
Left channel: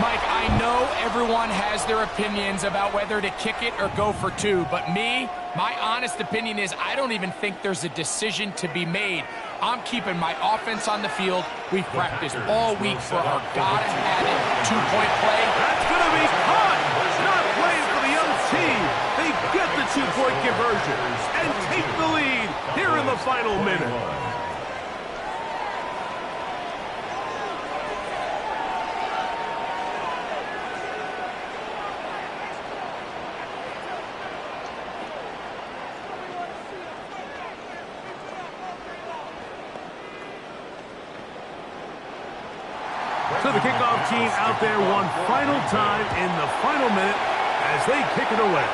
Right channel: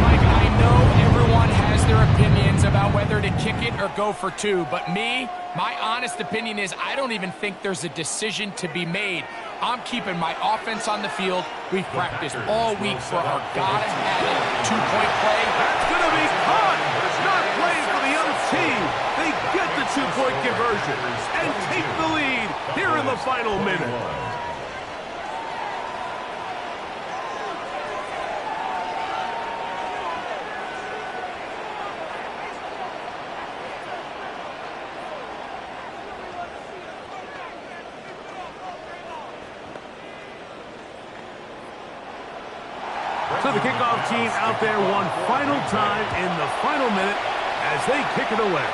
Mike, I know everyone has their opinions about whether to kick it or go for 2, but my honest opinion is I don't even think there's a decision to be made. I'm keeping my offense on the field. We've practiced all week for our gotta-have-it 2-point play. That's going to be caught. Not playing for the other team. They get the 2-point conversion and take the lead here in the final minute. So the kickoff team out there one final time in the final minute as they kick it away.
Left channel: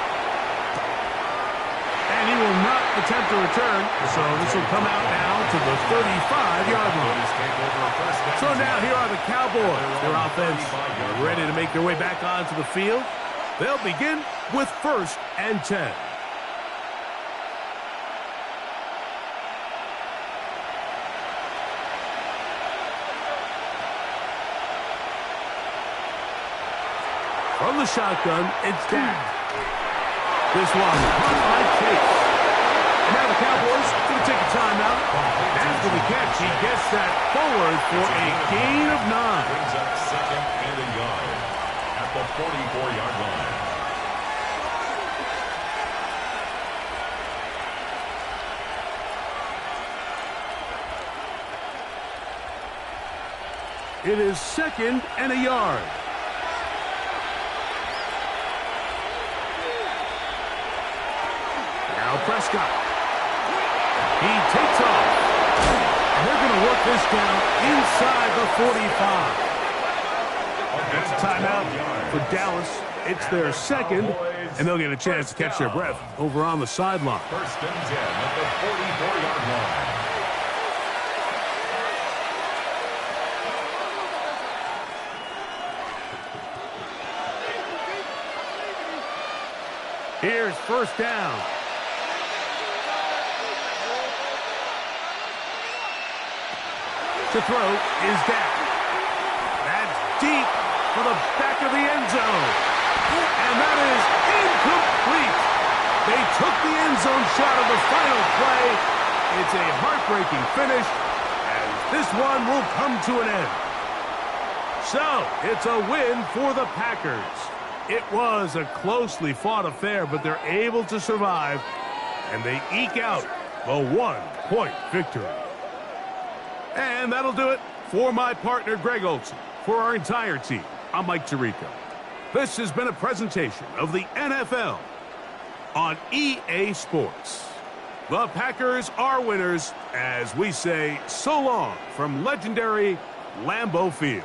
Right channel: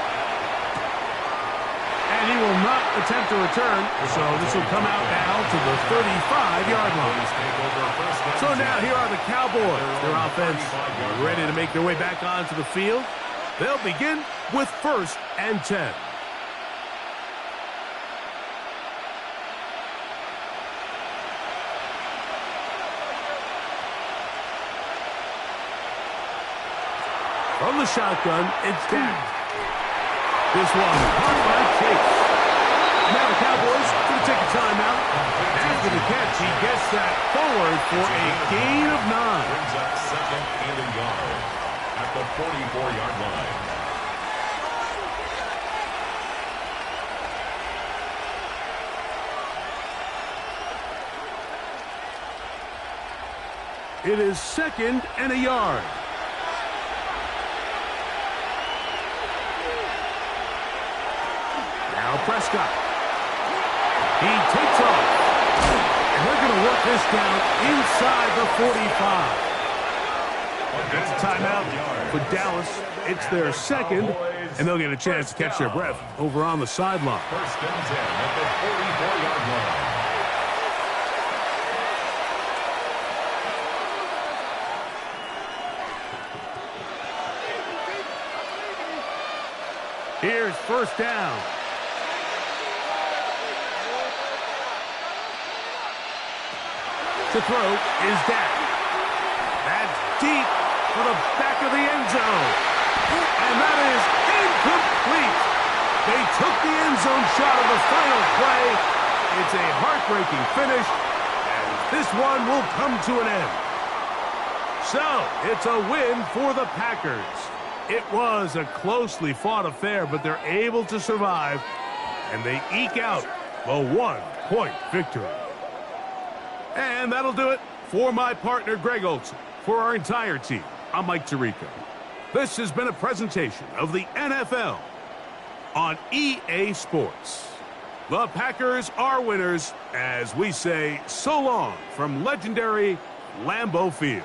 And he will not attempt to return, so this will come out now to the 35-yard line. So now here are the Cowboys. Their offense ready to make their way back onto the field. They'll begin with 1st and 10. From the shotgun, it's Dak. This one caught by Chase. And now the Cowboys going to take a timeout. After the catch, he gets that forward for a gain of 9. Brings up 2nd and a yard at the 44-yard line. It is 2nd and a yard. Now Prescott. He takes off. And they're going to work this down inside the 45. That's a timeout for Dallas. It's their 2nd, and they'll get a chance to catch their breath over on the sideline. 1st and 10 at the 44-yard line. Here's 1st down. To throw is Dak. That's deep for the back of the end zone. And that is incomplete. They took the end zone shot of the final play. It's a heartbreaking finish, and this one will come to an end. So, it's a win for the Packers. It was a closely fought affair, but they're able to survive, and they eke out a 1-point victory. And that'll do it for my partner, Greg Olson. For our entire team, I'm Mike Tirico. This has been a presentation of the NFL on EA Sports. The Packers are winners as we say so long from legendary Lambeau Field.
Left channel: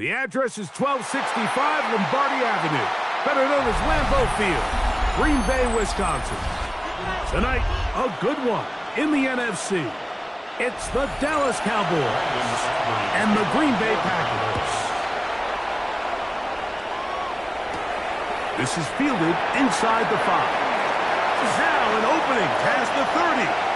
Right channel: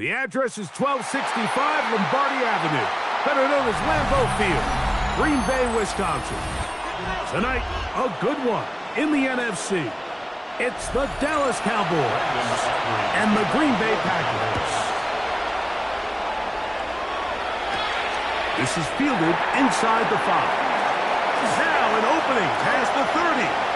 The address is 1265 Lombardi Avenue, better known as Lambeau Field, Green Bay, Wisconsin. Tonight, a good one in the NFC. It's the Dallas Cowboys and the Green Bay Packers. This is fielded inside the 5. Now an opening past the 30.